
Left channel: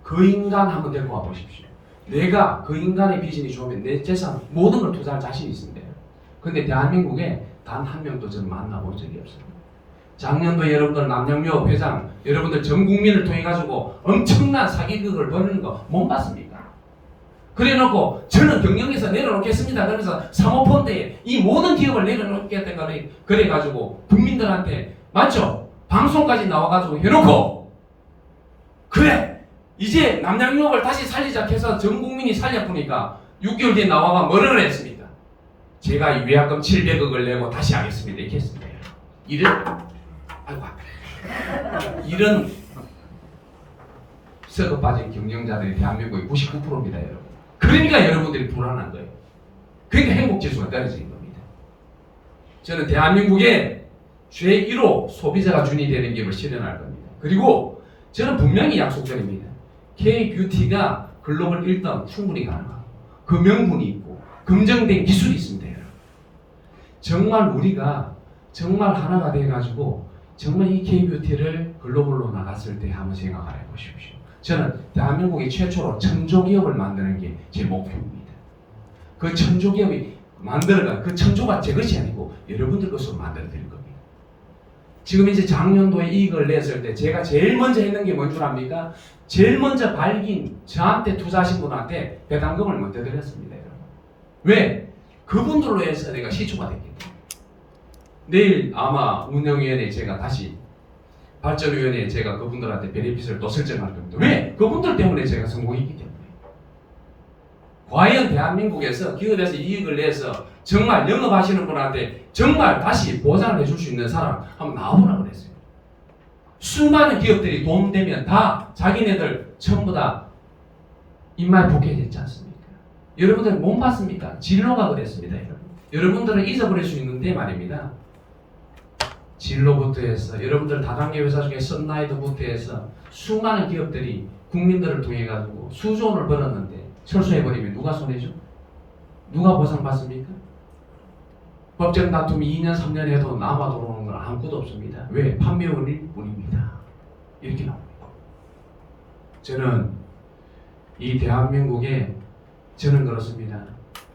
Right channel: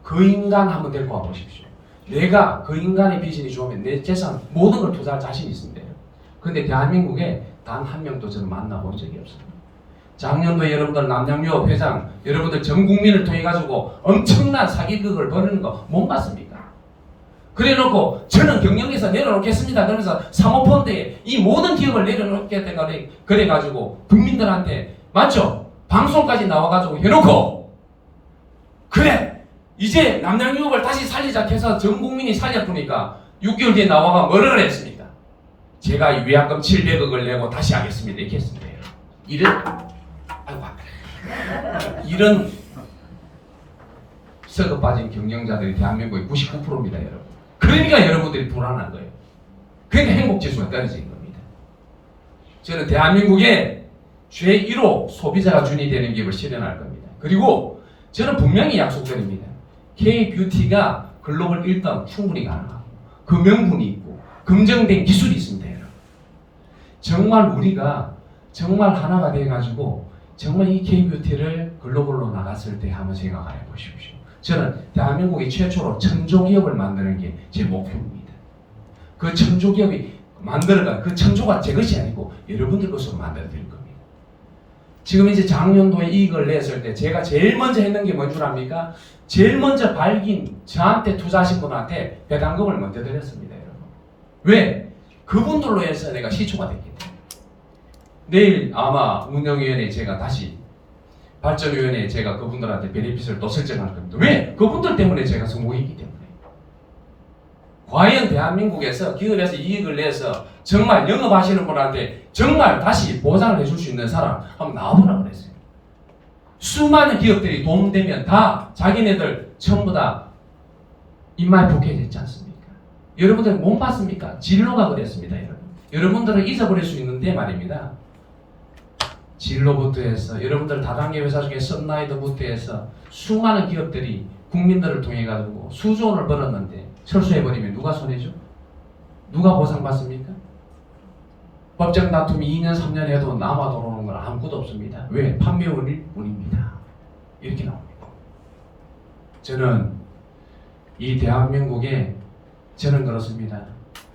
그 인간 한번 데리고 와보십시오. 내가 그 인간의 비전이 좋으면 내 재산 모든 걸 투자할 자신이 있습니다. 그런데 대한민국에 단 한 명도 저는 만나본 적이 없습니다. 작년도 여러분들 남양유업 회장 여러분들 전 국민을 통해 가지고 엄청난 사기극을 벌이는 거 못 봤습니까? 그래 놓고 저는 경영에서 내려놓겠습니다. 그러면서 사모펀드에 이 모든 기업을 내려놓겠다 그래 가지고 국민들한테 맞죠? 방송까지 나와 가지고 해놓고 그래 이제 남양유업을 다시 살리자 해서 전 국민이 살렸으니까 6개월 뒤에 나와가 뭐라 그랬습니까? 제가 위약금 700억을 내고 다시 하겠습니다. 이렇게 했습니다. 이런 썩어 빠진 경영자들이 대한민국의 99%입니다, 여러분. 그러니까 여러분들이 불안한 거예요. 그러니까 행복지수가 떨어지는 겁니다. 저는 대한민국의 제1호 소비자가 준이 되는 기업을 실현할 겁니다. 그리고 저는 분명히 약속드립니다. K-뷰티가 글로벌 1등 충분히 가능하고 그 명분이 있고 검증된 기술이 있습니다, 여러분. 정말 우리가 정말 하나가 돼가지고 정말 이 K-뷰티를 글로벌로 나갔을 때 한번 생각해 보십시오. 저는 대한민국의 최초로 천조기업을 만드는 게 제 목표입니다. 그 천조기업이 만들어가 그 천조가 제 것이 아니고 여러분들 것으로 만들어 드릴 겁니다. 지금 이제 작년도에 이익을 냈을 때 제가 제일 먼저 했는 게 뭔 줄 압니까? 제일 먼저 발긴 저한테 투자하신 분한테 배당금을 먼저 드렸습니다, 여러분. 왜? 그분들로 해서 내가 시초가 됐기 때문에. 내일 아마 운영위원회에 제가 다시 발전위원회에 제가 그분들한테 베네핏을 또 설정할 겁니다. 왜? 그분들 때문에 제가 성공했기 때문에. 과연 대한민국에서 기업에서 이익을 내서 정말 영업하시는 분한테 정말 다시 보상을 해줄 수 있는 사람 한번 나와보라고 그랬어요. 수많은 기업들이 도움되면 다 자기네들 전부 다 입맛에 복해졌지 않습니까? 여러분들 못 봤습니까? 진로가 그랬습니다, 여러분. 여러분들은 잊어버릴 수 있는데 말입니다. 진로부터 해서 여러분들 다단계 회사 중에 썬라이드부터 해서 수많은 기업들이 국민들을 통해 가지고 수조 원을 벌었는데 철수해버리면 누가 손해죠? 누가 보상받습니까? 법정 다툼이 2년 3년 해도 남아 돌아오는 건 아무것도 없습니다. 왜? 판매원일 뿐입니다. 이렇게 나옵니다. 저는 이 대한민국에 저는 그렇습니다.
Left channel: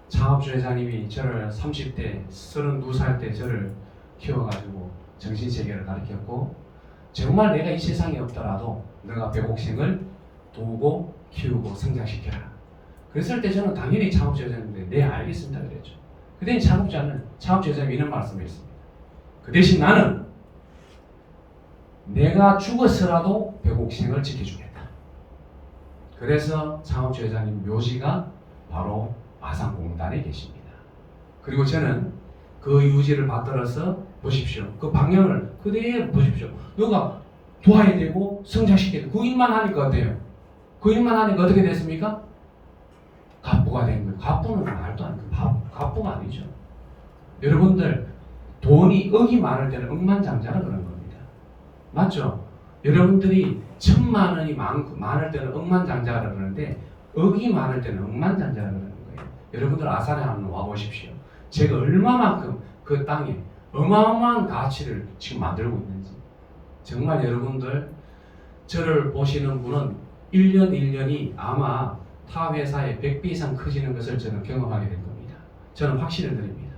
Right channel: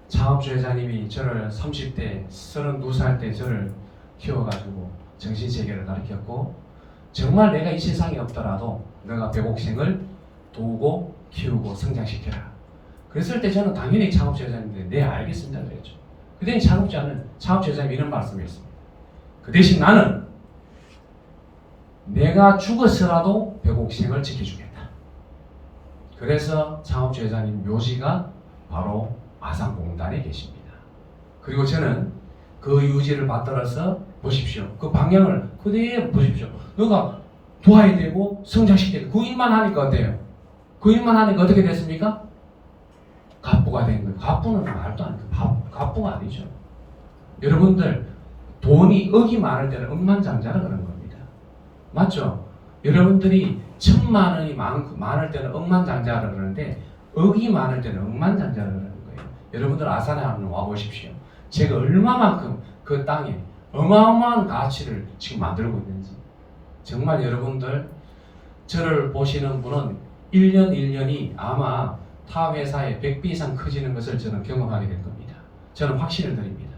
창업주 회장님이 저를 30대 32살 때 저를 키워가지고 정신세계를 가르쳤고 정말 내가 이 세상에 없더라도 너가 배곡생을 도우고 키우고 성장시켜라. 그랬을 때 저는 당연히 창업주 회장님한테 네 알겠습니다 그랬죠. 그때 창업주 회장님이 이런 말씀을 했습니다. 그 대신 나는 내가 죽어서라도 배곡생을 지켜주겠다. 그래서 창업주 회장님 묘지가 바로 아산공단에 계십니다. 그리고 저는 그 유지를 받들어서 보십시오. 그 방향을 그대로 보십시오. 너가 도와야 되고 성장시켜야 되고 그 일만 하니까 어때요? 그 일만 하니까 어떻게 됐습니까? 갑부가 된 거예요. 갑부는 말도 안 돼요. 갑부가 아니죠. 여러분들 돈이 억이 많을 때는 억만장자라 그런 겁니다. 맞죠? 여러분들이 1,000만 원이 많을 때는 억만장자라 그러는데 억이 많을 때는 억만장자라 그러는 거예요. 여러분들 아산에 한번 와보십시오. 제가 얼마만큼 그 땅에 어마어마한 가치를 지금 만들고 있는지. 정말 여러분들 저를 보시는 분은 1년 1년이 아마 타 회사의 100배 이상 커지는 것을 저는 경험하게 될 겁니다. 저는 확신을 드립니다.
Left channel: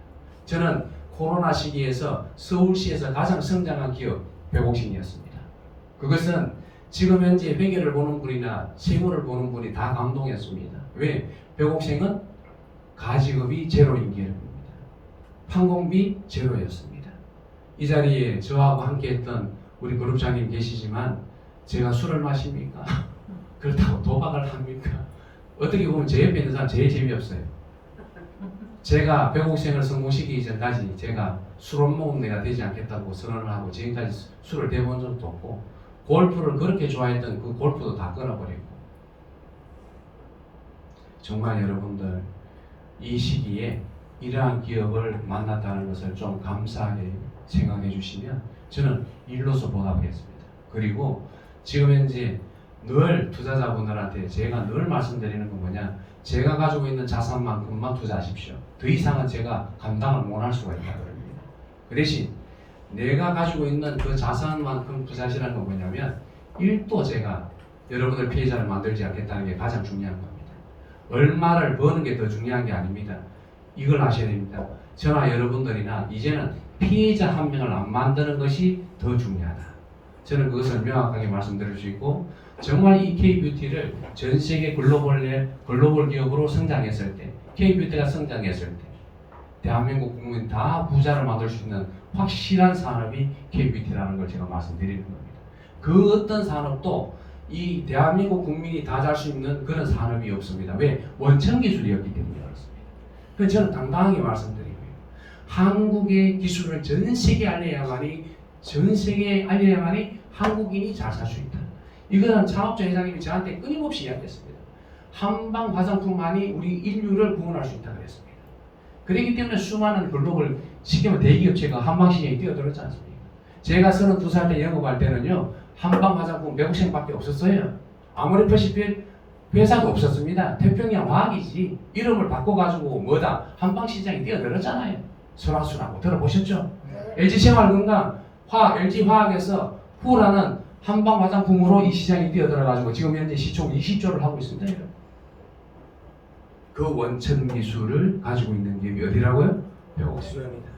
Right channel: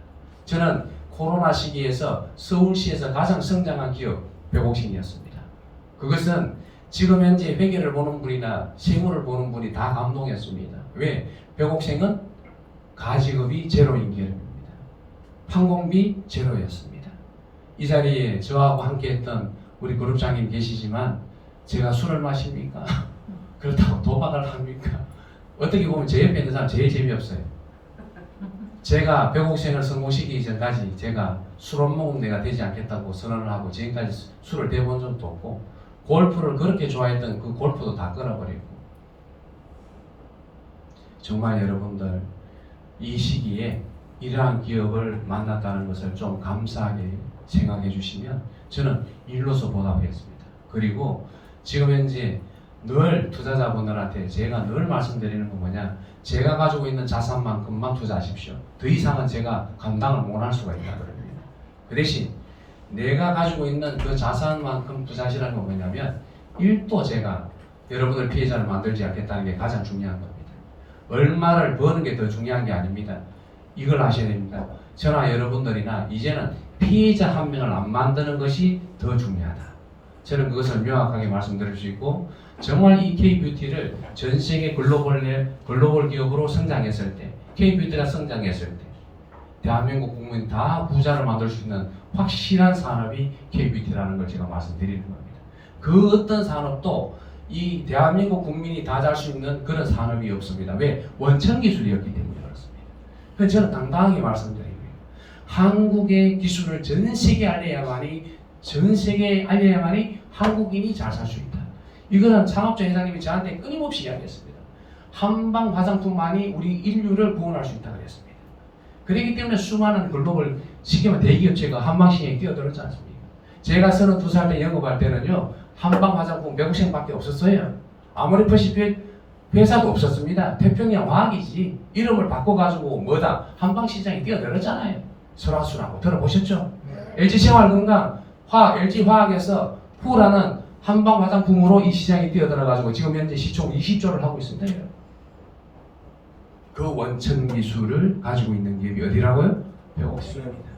저는 코로나 시기에서 서울시에서 가장 성장한 기업 백옥신이었습니다. 그것은 지금 현재 회계를 보는 분이나 세무를 보는 분이 다 감동했습니다. 왜? 백옥생은 가지급이 제로인 기업입니다. 판공비 제로였습니다. 이 자리에 저하고 함께했던 우리 그룹장님 계시지만 제가 술을 마십니까? 그렇다고 도박을 합니까? 어떻게 보면 제 옆에 있는 사람 제일 재미없어요. 제가 백옥생을 성공시키기 전까지 제가 술 안 먹으면 내가 되지 않겠다고 선언을 하고 지금까지 술을 대본 적도 없고 골프를 그렇게 좋아했던 그 골프도 다 끊어버리고 정말 여러분들 이 시기에 이러한 기업을 만났다는 것을 좀 감사하게 생각해 주시면 저는 일로서 보답하겠습니다. 그리고 지금 현재 늘 투자자분들한테 제가 늘 말씀드리는 건 뭐냐, 제가 가지고 있는 자산만큼만 투자하십시오. 더 이상은 제가 감당을 못할 수가 있다 그럽니다. 그 대신 내가 가지고 있는 그 자산만큼 투자하시라는 건 뭐냐면 1도 제가 여러분들 피해자를 만들지 않겠다는 게 가장 중요한 겁니다. 얼마를 버는 게 더 중요한 게 아닙니다. 이걸 아셔야 됩니다. 저나 여러분들이나 이제는 피해자 한 명을 안 만드는 것이 더 중요하다. 저는 그것을 명확하게 말씀드릴 수 있고 정말 이 K뷰티를 전 세계 글로벌 기업으로 성장했을 때, K뷰티가 성장했을 때 대한민국 국민 다 부자를 만들 수 있는 확실한 산업이 K뷰티라는 걸 제가 말씀드리는 겁니다. 그 어떤 산업도 이 대한민국 국민이 다 잘 수 있는 그런 산업이 없습니다. 왜? 원천 기술이었기 때문에 그렇습니다. 그래서 저는 당당하게 말씀드립니다. 한국의 기술을 전 세계에 알려야만이 한국인이 잘 살 수 있다. 이것은 창업자 회장님이 저한테 끊임없이 이야기했습니다. 한방 화장품만이 우리 인류를 구원할 수 있다 그랬습니다. 그렇기 때문에 수많은 글로벌 시키면 대기업체가 한방시장에 뛰어들었지 않습니까? 제가 32살 때 영업할 때는요 한방 화장품 백옥생밖에 없었어요. 아무리 퍼시픽 회사도 없었습니다. 태평양 화학이지 이름을 바꿔가지고 뭐다 한방시장에 뛰어들었잖아요. 설화순하고 들어보셨죠? LG생활건강 LG화학에서 후라는 한방 화장품으로 이 시장에 뛰어들어가지고 지금 현재 시총 20조를 하고 있습니다. 그 원천 기술을 가지고 있는 기업이 어디라고요? 백옥생입니다.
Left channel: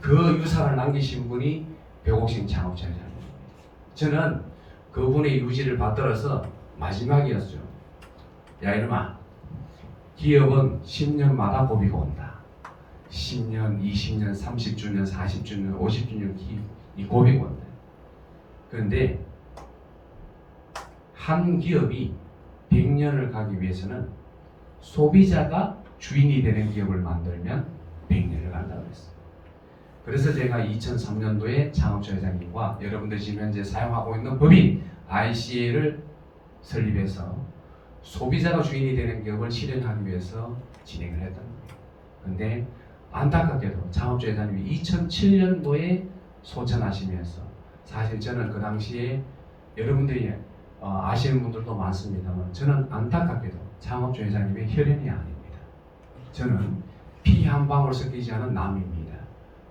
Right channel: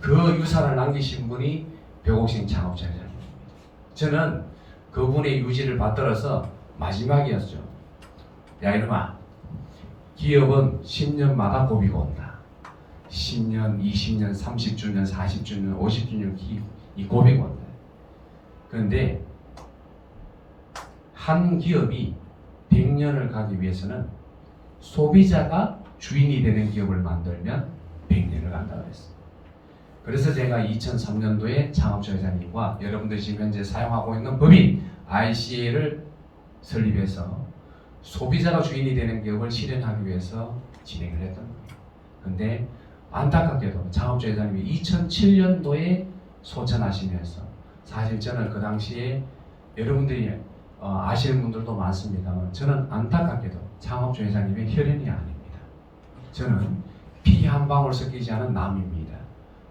그 유산을 남기신 분이 백옥생 창업자 회장입니다. 저는 그분의 유지를 받들어서 마지막이었죠. 야 이놈아, 기업은 10년마다 고비가 온다. 10년, 20년, 30주년, 40주년, 50주년 이 고비가 온다. 그런데 한 기업이 100년을 가기 위해서는 소비자가 주인이 되는 기업을 만들면 100년을 간다고 했어요. 그래서 제가 2003년도에 창업자 회장님과 여러분들 지금 현재 사용하고 있는 법인 ICA를 설립해서 소비자가 주인이 되는 기업을 실현하기 위해서 진행을 했던 겁니다. 그런데 안타깝게도 창업자 회장님이 2007년도에 소천하시면서 사실 저는 그 당시에 여러분들이 아시는 분들도 많습니다만 저는 안타깝게도 창업주 회장님의 혈연이 아닙니다. 저는 피 한 방울 섞이지 않은 남입니다.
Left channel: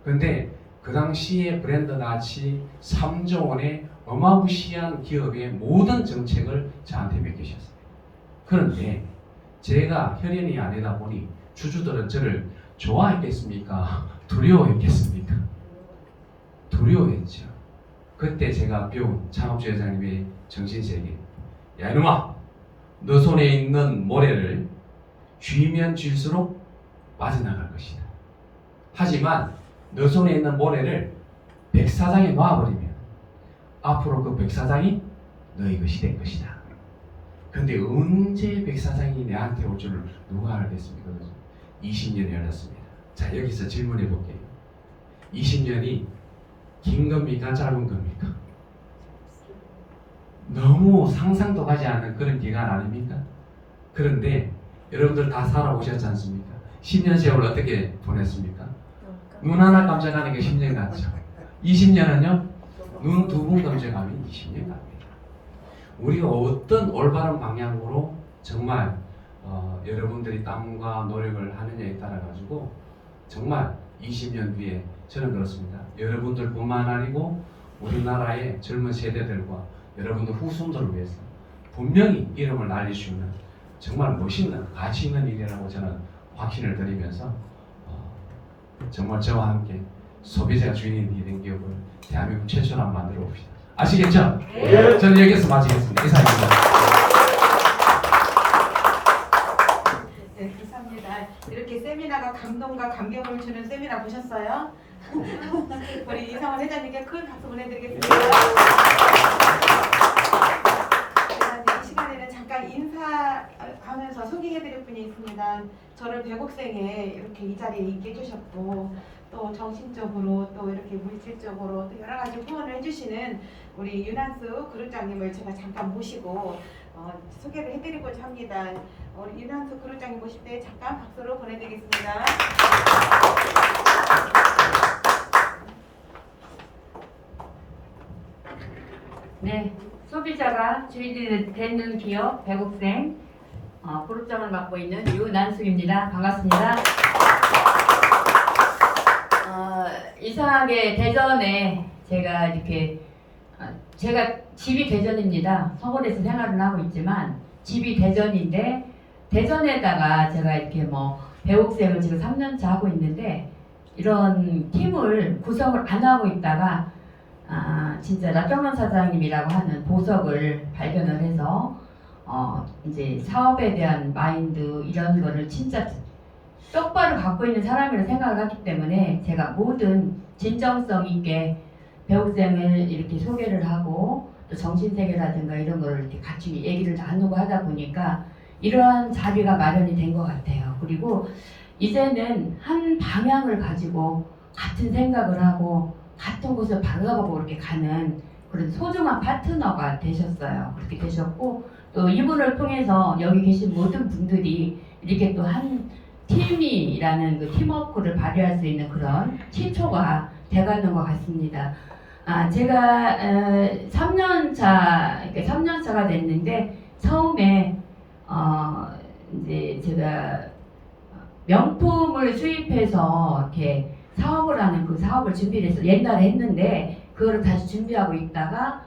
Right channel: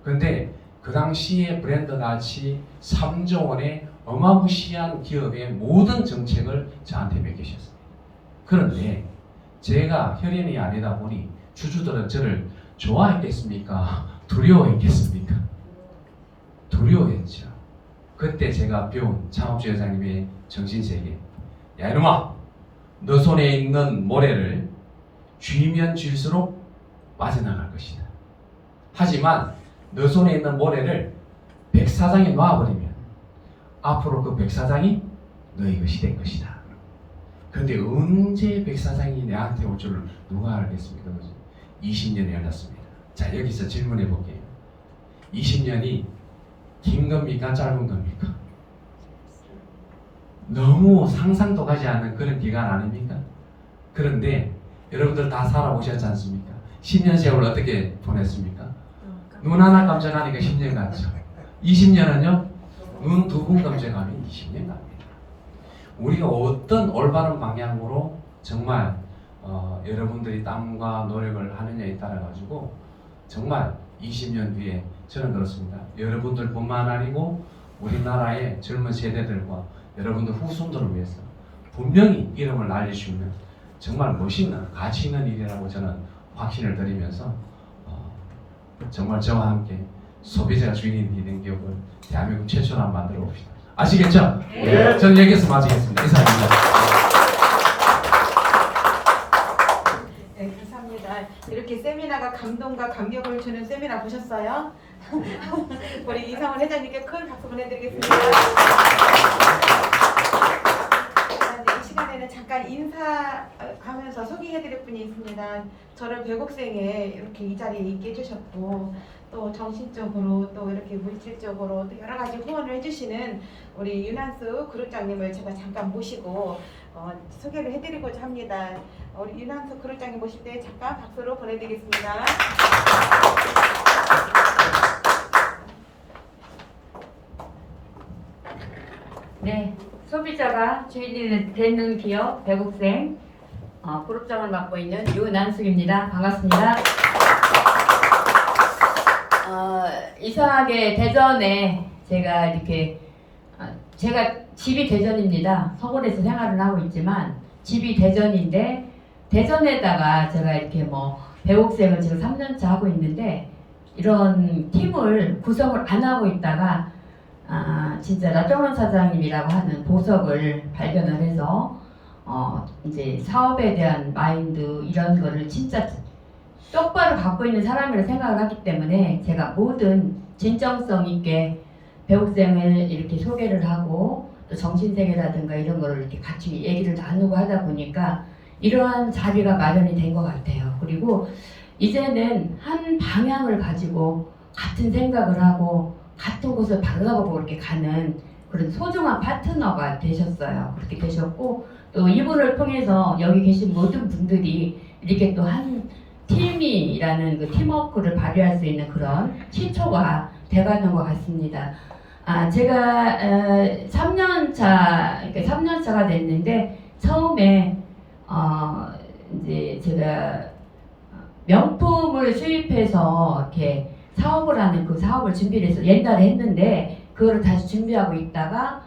그런데 그 당시에 브랜드 가치 3조 원의 어마무시한 기업의 모든 정책을 저한테 맡기셨습니다. 그런데 제가 혈연이 아니다 보니 주주들은 저를 좋아했겠습니까? 두려워했겠습니까? 두려워했죠. 그때 제가 배운 창업주 회장님의 정신세계. 야 이놈아, 너 손에 있는 모래를 쥐면 쥘수록 빠져나갈 것이다. 하지만 너 손에 있는 모래를 백사장에 놔버리면 앞으로 그 백사장이 너희 것이 될 것이다. 근데 언제 백 사장이 내한테 올 줄을 누가 알겠습니까? 그죠? 20년이 흘렀습니다. 자, 여기서 질문해 볼게요. 20년이 긴 겁니까? 짧은 겁니까? 너무 상상도 가지 않는 그런 기간 아닙니까? 그런데 여러분들 다 살아오셨지 않습니까? 10년 세월 어떻게 보냈습니까? 눈 하나 깜짝하니까 10년 같죠. 20년은요? 눈 두 번 깜짝하면 20년 갑니다. 우리가 어떤 올바른 방향으로 정말 여러분들이 땀과 노력을 하느냐에 따라 가지고 정말 20년 뒤에 저는 그렇습니다. 여러분들뿐만 아니고 우리나라의 젊은 세대들과 여러분들 후손들을 위해서 분명히 이름을 날릴 수 있는 정말 멋있는 가치 있는 일이라고 저는 확신을 드리면서 정말 저와 함께 소비자가 주인이 된 기업을 대한민국 최초로 한번 만들어 봅시다. 아시겠죠? 네. 저는 여기서 마치겠습니다. 이상입니다. 네, 감사합니다. 이렇게 세미나가 감동과 감격을 주는 세미나 보셨어요? 우리 이상원 회장님께 큰 박수 보내드리겠습니다. 이 시간에는 잠깐 인사하면서 소개해드릴 분이 있습니다. 저를 배곡생에 이렇게 이 자리에 있게 해주셨고 또 정신적으로 또 이렇게 물질적으로 또 여러 가지 후원을 해주시는 우리 윤한수 그룹장님을 제가 잠깐 모시고 소개를 해드리고자 합니다. 우리 윤한수 그룹장님 모실 때 잠깐 박수로 보내드리겠습니다. 네, 소비자가 주인이 되는 기업 배국생 그룹장을 맡고 있는 유난숙입니다. 반갑습니다. 이상하게 대전에 제가 이렇게 제가 집이 대전입니다. 서울에서 생활을 하고 있지만 집이 대전인데 대전에다가 제가 이렇게 뭐 배옥생을 지금 3년차 하고 있는데 이런 팀을 구성을 안 하고 있다가 진짜 나정원 사장님이라고 하는 보석을 발견을 해서 이제 사업에 대한 마인드 이런 거를 진짜 똑바로 갖고 있는 사람이라고 생각을 하기 때문에 제가 모든 진정성 있게 배옥생을 이렇게 소개를 하고 또 정신세계라든가 이런 거를 이렇게 같이 얘기를 나누고 하다 보니까 이러한 자리가 마련이 된 것 같아요. 그리고 이제는 한 방향을 가지고 같은 생각을 하고 같은 곳을 바라보고 이렇게 가는 그런 소중한 파트너가 되셨어요. 그렇게 되셨고 또 이분을 통해서 여기 계신 모든 분들이 이렇게 또 한 팀이라는 그 팀워크를 발휘할 수 있는 그런 시초가 돼가는 것 같습니다. 제가 3년차가 됐는데 처음에 이제 제가 명품을 수입해서 이렇게 사업을 하는 그 사업을 준비를 해서 옛날에 했는데 그거를 다시 준비하고 있다가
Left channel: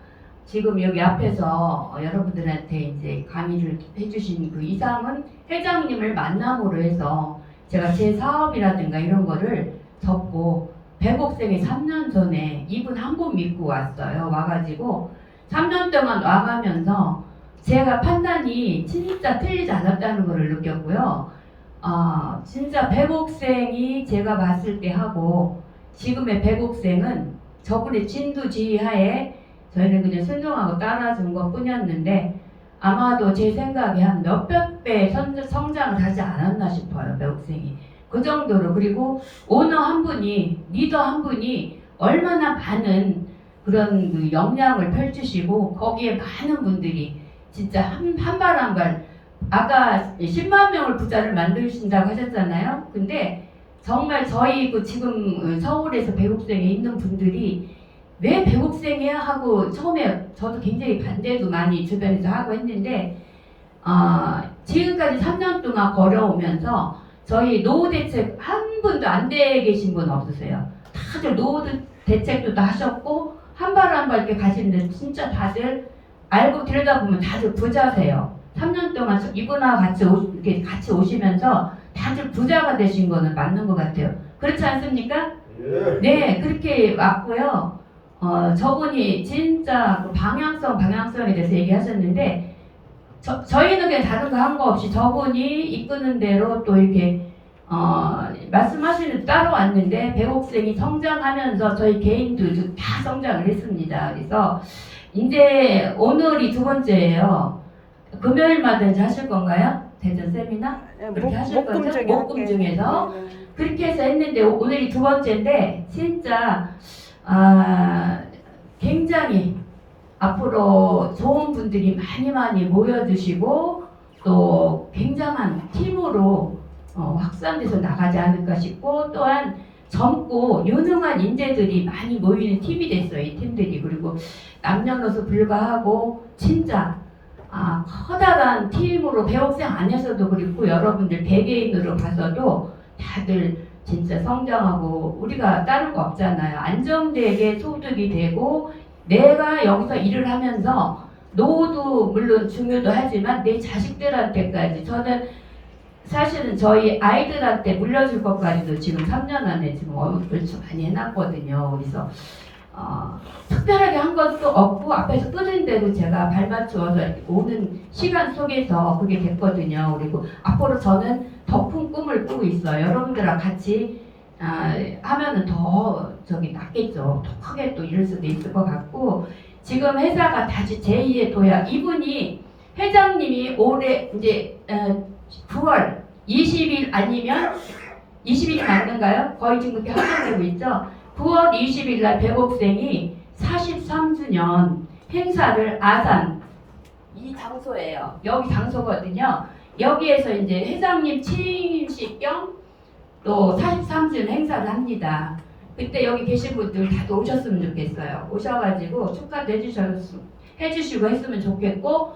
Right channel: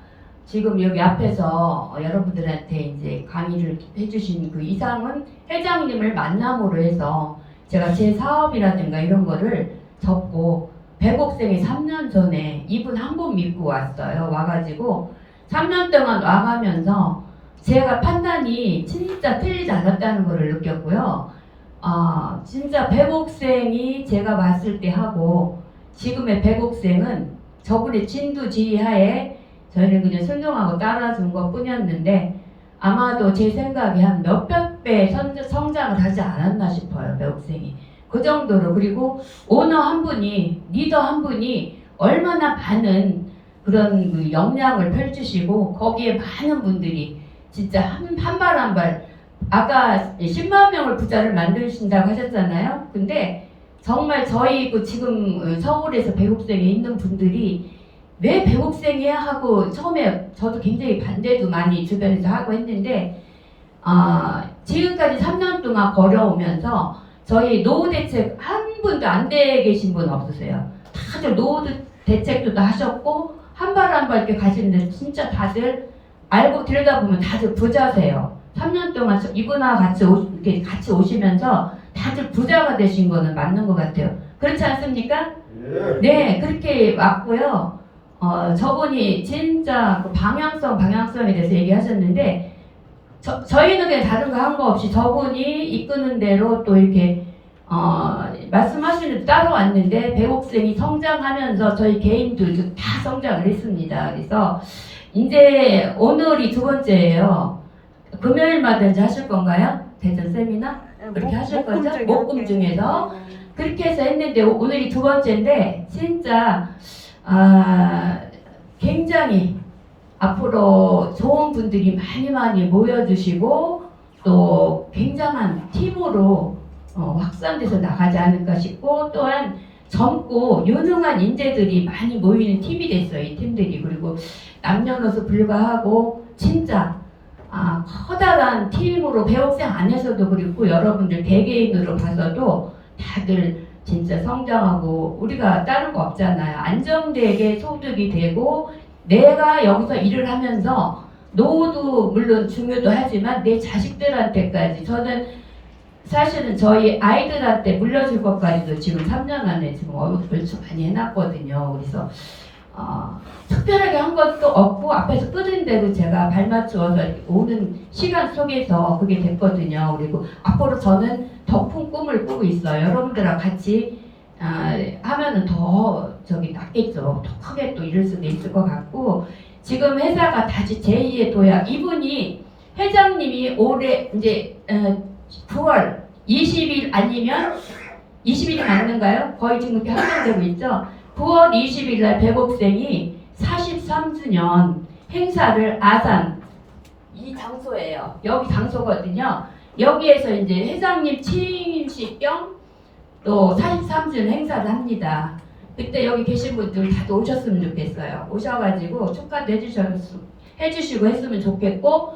지금 여기 앞에서 여러분들한테 이제 강의를 해주신 그 이상은 회장님을 만남으로 해서 제가 제 사업이라든가 이런 거를 접고 배곡생에 3년 전에 이분 한 분 믿고 왔어요. 와가지고 3년 동안 와가면서 제가 판단이 진짜 틀리지 않았다는 거를 느꼈고요. 진짜 배곡생이 제가 봤을 때 하고 지금의 배곡생은 저분의 진두지휘하에 저희는 그냥 순종하고 따라준 것 뿐이었는데 아마도 제 생각에 한 몇백 배 성장을 하지 않았나 싶어요. 배곡생이. 그 정도로. 그리고 오너 한 분이 리더 한 분이 얼마나 많은 그런 그 역량을 펼치시고 거기에 많은 분들이 진짜 한 발 한 발 아까 10만 명을 부자를 만드신다고 하셨잖아요. 근데 정말 저희 그 지금 서울에서 배곡생에 있는 분들이 왜 배곡생이야 하고 처음에 저도 굉장히 반대도 많이 주변에서 하고 했는데 지금까지 3년 동안 걸어오면서 저희 노후 대책 한 분도 안 돼 계신 분 없으세요. 다들 노후 대책도 다 하셨고 한 발 한 발 이렇게 가시는데 진짜 다들 알고 들여다보면 다들 부자세요. 3년 동안 이분하고 이렇게 같이 오시면서 다들 부자가 되신 거는 맞는 것 같아요. 그렇지 않습니까? 네, 그렇게 왔고요. 저분이 진짜 그 방향성에 대해서 얘기하셨는데 저희는 그냥 다른 거 한 거 없이 저분이 이끄는 대로 또 이렇게 말씀하시는 따로 왔는데 배곡생이 성장하면서 저희 개인들도 다 성장을 했습니다. 그래서 이제 오늘이 두 번째예요. 금요일마다 이제 하실 건가요? 대전 세미나? 그렇게 하실 거죠? 목금 중에서. 그렇게 해서 했는데 오늘이 두 번째인데 진짜 굉장히 앞으로 좋은 분들이 많이 모여주시고 또 굉장한 팀으로 확산돼서 나가지 않을까 싶고 또한 젊고 유능한 인재들이 많이 모이는 팀이 됐어요. 이 팀들이. 그리고 남녀노소 불가하고 진짜 커다란 팀으로 배옥생 안에서도 그렇고 여러분들 개개인으로 봐서도 다들 진짜 성장하고 우리가 다른 거 없잖아요. 안정되게 소득이 되고 내가 여기서 일을 하면서 노후도 물론 중요도 하지만 내 자식들한테까지 저는 사실은 저희 아이들한테 물려줄 것까지도 지금 3년 안에 지금 어렵을 많이 해놨거든요. 그래서 특별하게 한 것도 없고 앞에서 끄는 대로 제가 발 맞추어서 오는 시간 속에서 그게 됐거든요. 그리고 앞으로 저는 더 큰 꿈을 꾸고 있어요. 여러분들과 같이 하면은 더 낫겠죠. 더 크게 또 이룰 수도 있을 것 같고 지금 회사가 다시 제2의 도약 이분이 회장님이 올해 이제 9월 20일 아니면 20일이 맞는가요? 거의 지금 그렇게 확정되고 있죠. 9월 20일 날 백옥생이 43주년 행사를 아산 이 장소예요. 여기 장소거든요. 여기에서 이제 회장님 취임식 겸 또 43주년 행사를 합니다. 그때 여기 계신 분들 다들 오셨으면 좋겠어요. 오셔가지고 축하도 해주시고 했으면 좋겠고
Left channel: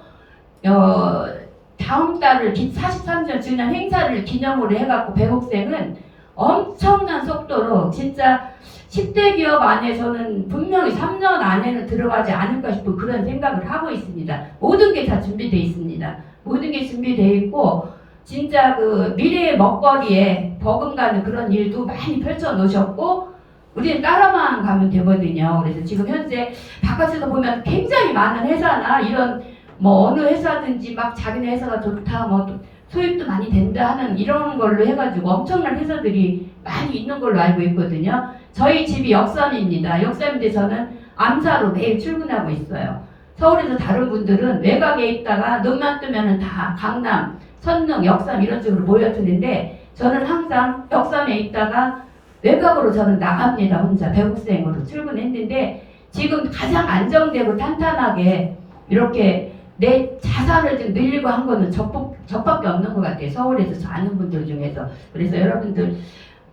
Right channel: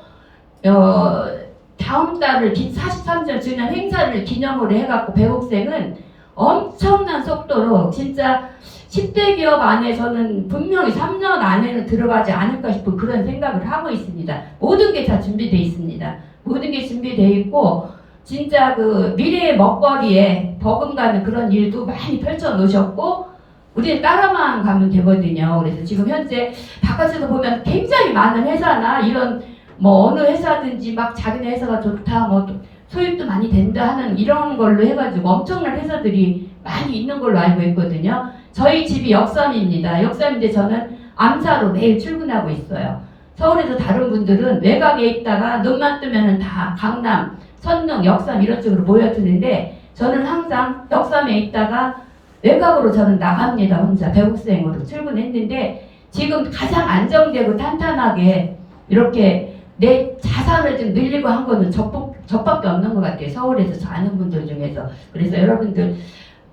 다음 달을 43주년 행사를 기념으로 해갖고 백옥생은 엄청난 속도로 진짜 10대 기업 안에서는 분명히 3년 안에는 들어가지 않을까 싶은 그런 생각을 하고 있습니다. 모든 게 다 준비되어 있습니다. 모든 게 준비되어 있고 진짜 그 미래의 먹거리에 버금가는 그런 일도 많이 펼쳐 놓으셨고 우리는 따라만 가면 되거든요. 그래서 지금 현재 바깥에서 보면 굉장히 많은 회사나 이런 뭐 어느 회사든지 막 자기네 회사가 좋다 뭐 소입도 많이 된다 하는 이런 걸로 해가지고 엄청난 회사들이 많이 있는 걸로 알고 있거든요. 저희 집이 역삼입니다. 역삼인데 저는 암사로 매일 출근하고 있어요. 서울에서 다른 분들은 외곽에 있다가 눈만 뜨면은 다 강남, 선릉, 역삼 이런 쪽으로 모여드는데 저는 항상 역삼에 있다가 외곽으로 저는 나갑니다. 혼자 백옥생으로 출근했는데 지금 가장 안정되고 탄탄하게 이렇게 내 자산을 좀 늘리고 한 거는 저밖에 없는 것 같아요. 서울에서 저 아는 분들 중에서. 그래서 여러분들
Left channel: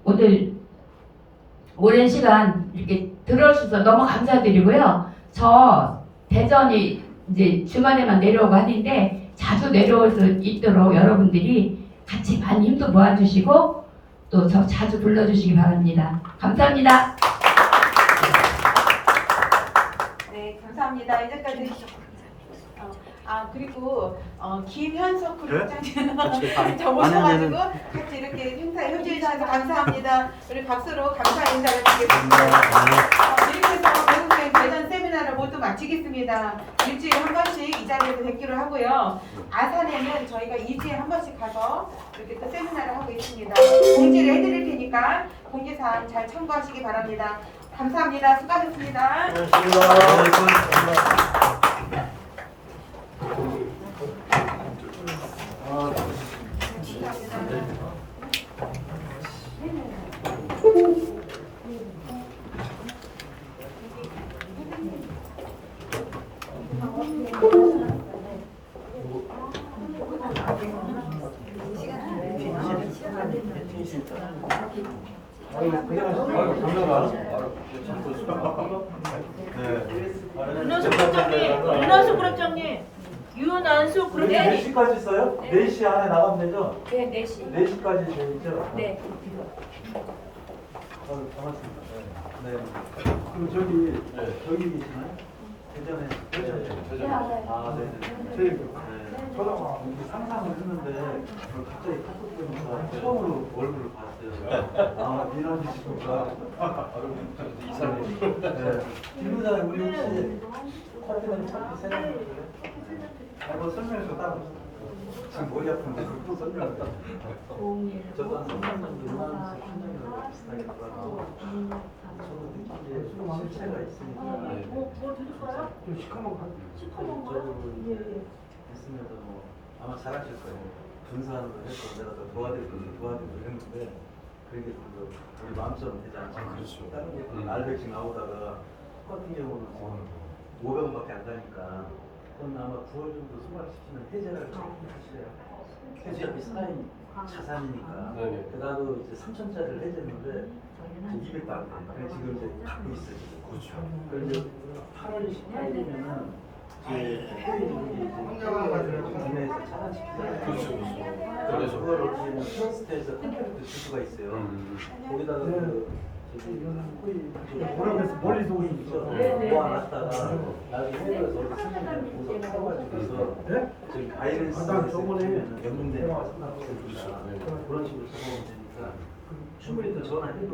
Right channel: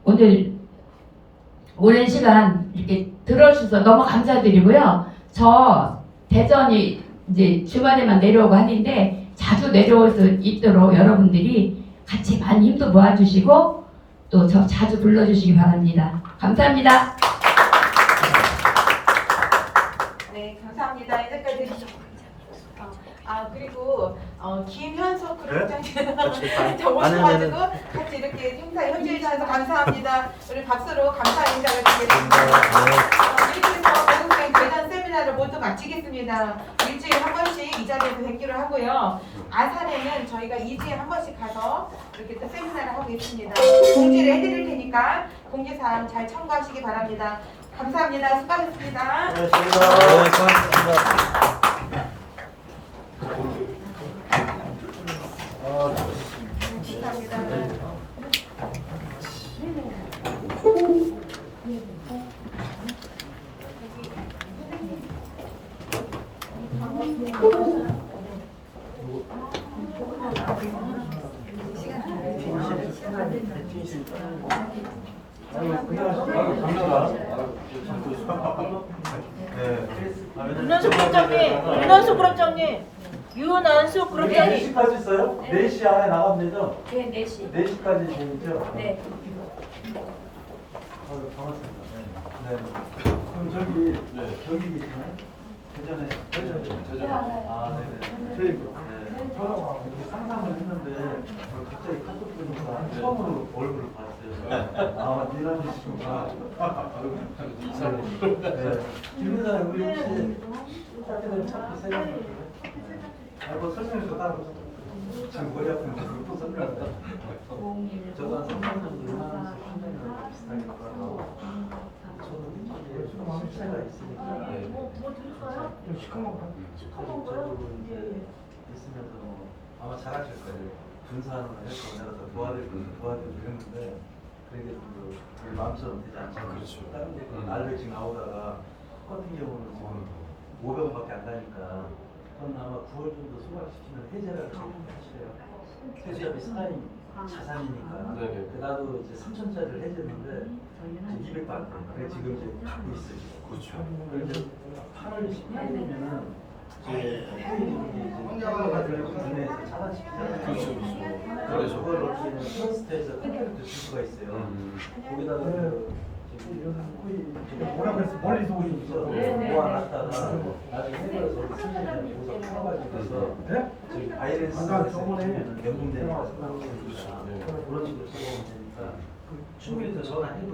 오늘 오랜 시간 이렇게 들어주셔서 너무 감사드리고요. 저 대전이 이제 주말에만 내려오고 하는데 자주 내려올 수 있도록 여러분들이 같이 많이 힘도 모아주시고 또 저 자주 불러주시기 바랍니다. 감사합니다. 네, 감사합니다. 이제까지 그리고 김현석 그룹장님 저 모셔가지고 같이 이렇게 행사에 협조해 주셔서 감사합니다. 우리 박수로 감사 인사를 드리겠습니다. 이렇게 해서 백옥생 대전 세미나를 모두 마치겠습니다. 일주일에 한 번씩 이 자리에서 뵙기로 하고요. 아산에는 저희가 2주에 한 번씩 가서 이렇게 또 세미나를 하고 있습니다. 공지를 해드릴 테니까 공지사항 잘 참고하시기 바랍니다. 감사합니다. 수고하셨습니다. 윤한수 그룹장님, 윤한수 그룹장님. 4시까지 있어요? 4시 안에 나가면 되죠? 네, 4시. 4시까지 되죠? 네. 반갑습니다. 네. 그럼 저기 계시나요? 대전에? 네, 알아요. 네네. 저랑 이렇게 상상을 했는데 갑자기 카톡 보니까 처음으로 얼굴을 봤어요. 이런 분이시구나. 이상해. 네. 김 부장님, 우리 혹시 사진을 찾기 세요? 뭐 설명해서 따로. 지금 머리 아픈데 또 설명할까? 저도 한 3년 정도 일하면서 청년이랑 비슷하게 하고 저도 느끼기에 실체가 있으니까. 뭐 드릴까요? 시커먼 거. 있으면서 뭐 아마 잘하실 거예요. 분수하는 걸 해서 내가 또 도와드릴 거예요. 도와드리고 이랬는데 그런 게 좀 우리 마음처럼 되지 않잖아요. 그렇죠. 다른 것도 알백씩 나오다가 똑같은 경우는 지금 500원밖에 안 가니까 그건 아마 9월 정도 소각시키면 해제를 하시래요. 해제가 비슷한 자산이니까. 네네. 나도 이제 3천짜리를 해제했는데 200도 안 돼. 그래서 지금 이제 갖고 있어요. 그렇죠. 그리고 이제 8월 18일이면은 이제 해외가 국내에서 차단시키잖아요. 그렇죠, 그렇죠. 그래서 그걸 어떻게 보면 트러스트에서 팬들을 줄 수가 있어요. 거기다가 뭐라고 해서 멀리서 오신 죠 모아놨다가 나중에 해외에서 쓰면 거기서 풀어가지고서 저기 바이런스에서 주면 연금되니까 상관없으니까 그런 식으로 들어오면 되니까 충분히 더 전화해도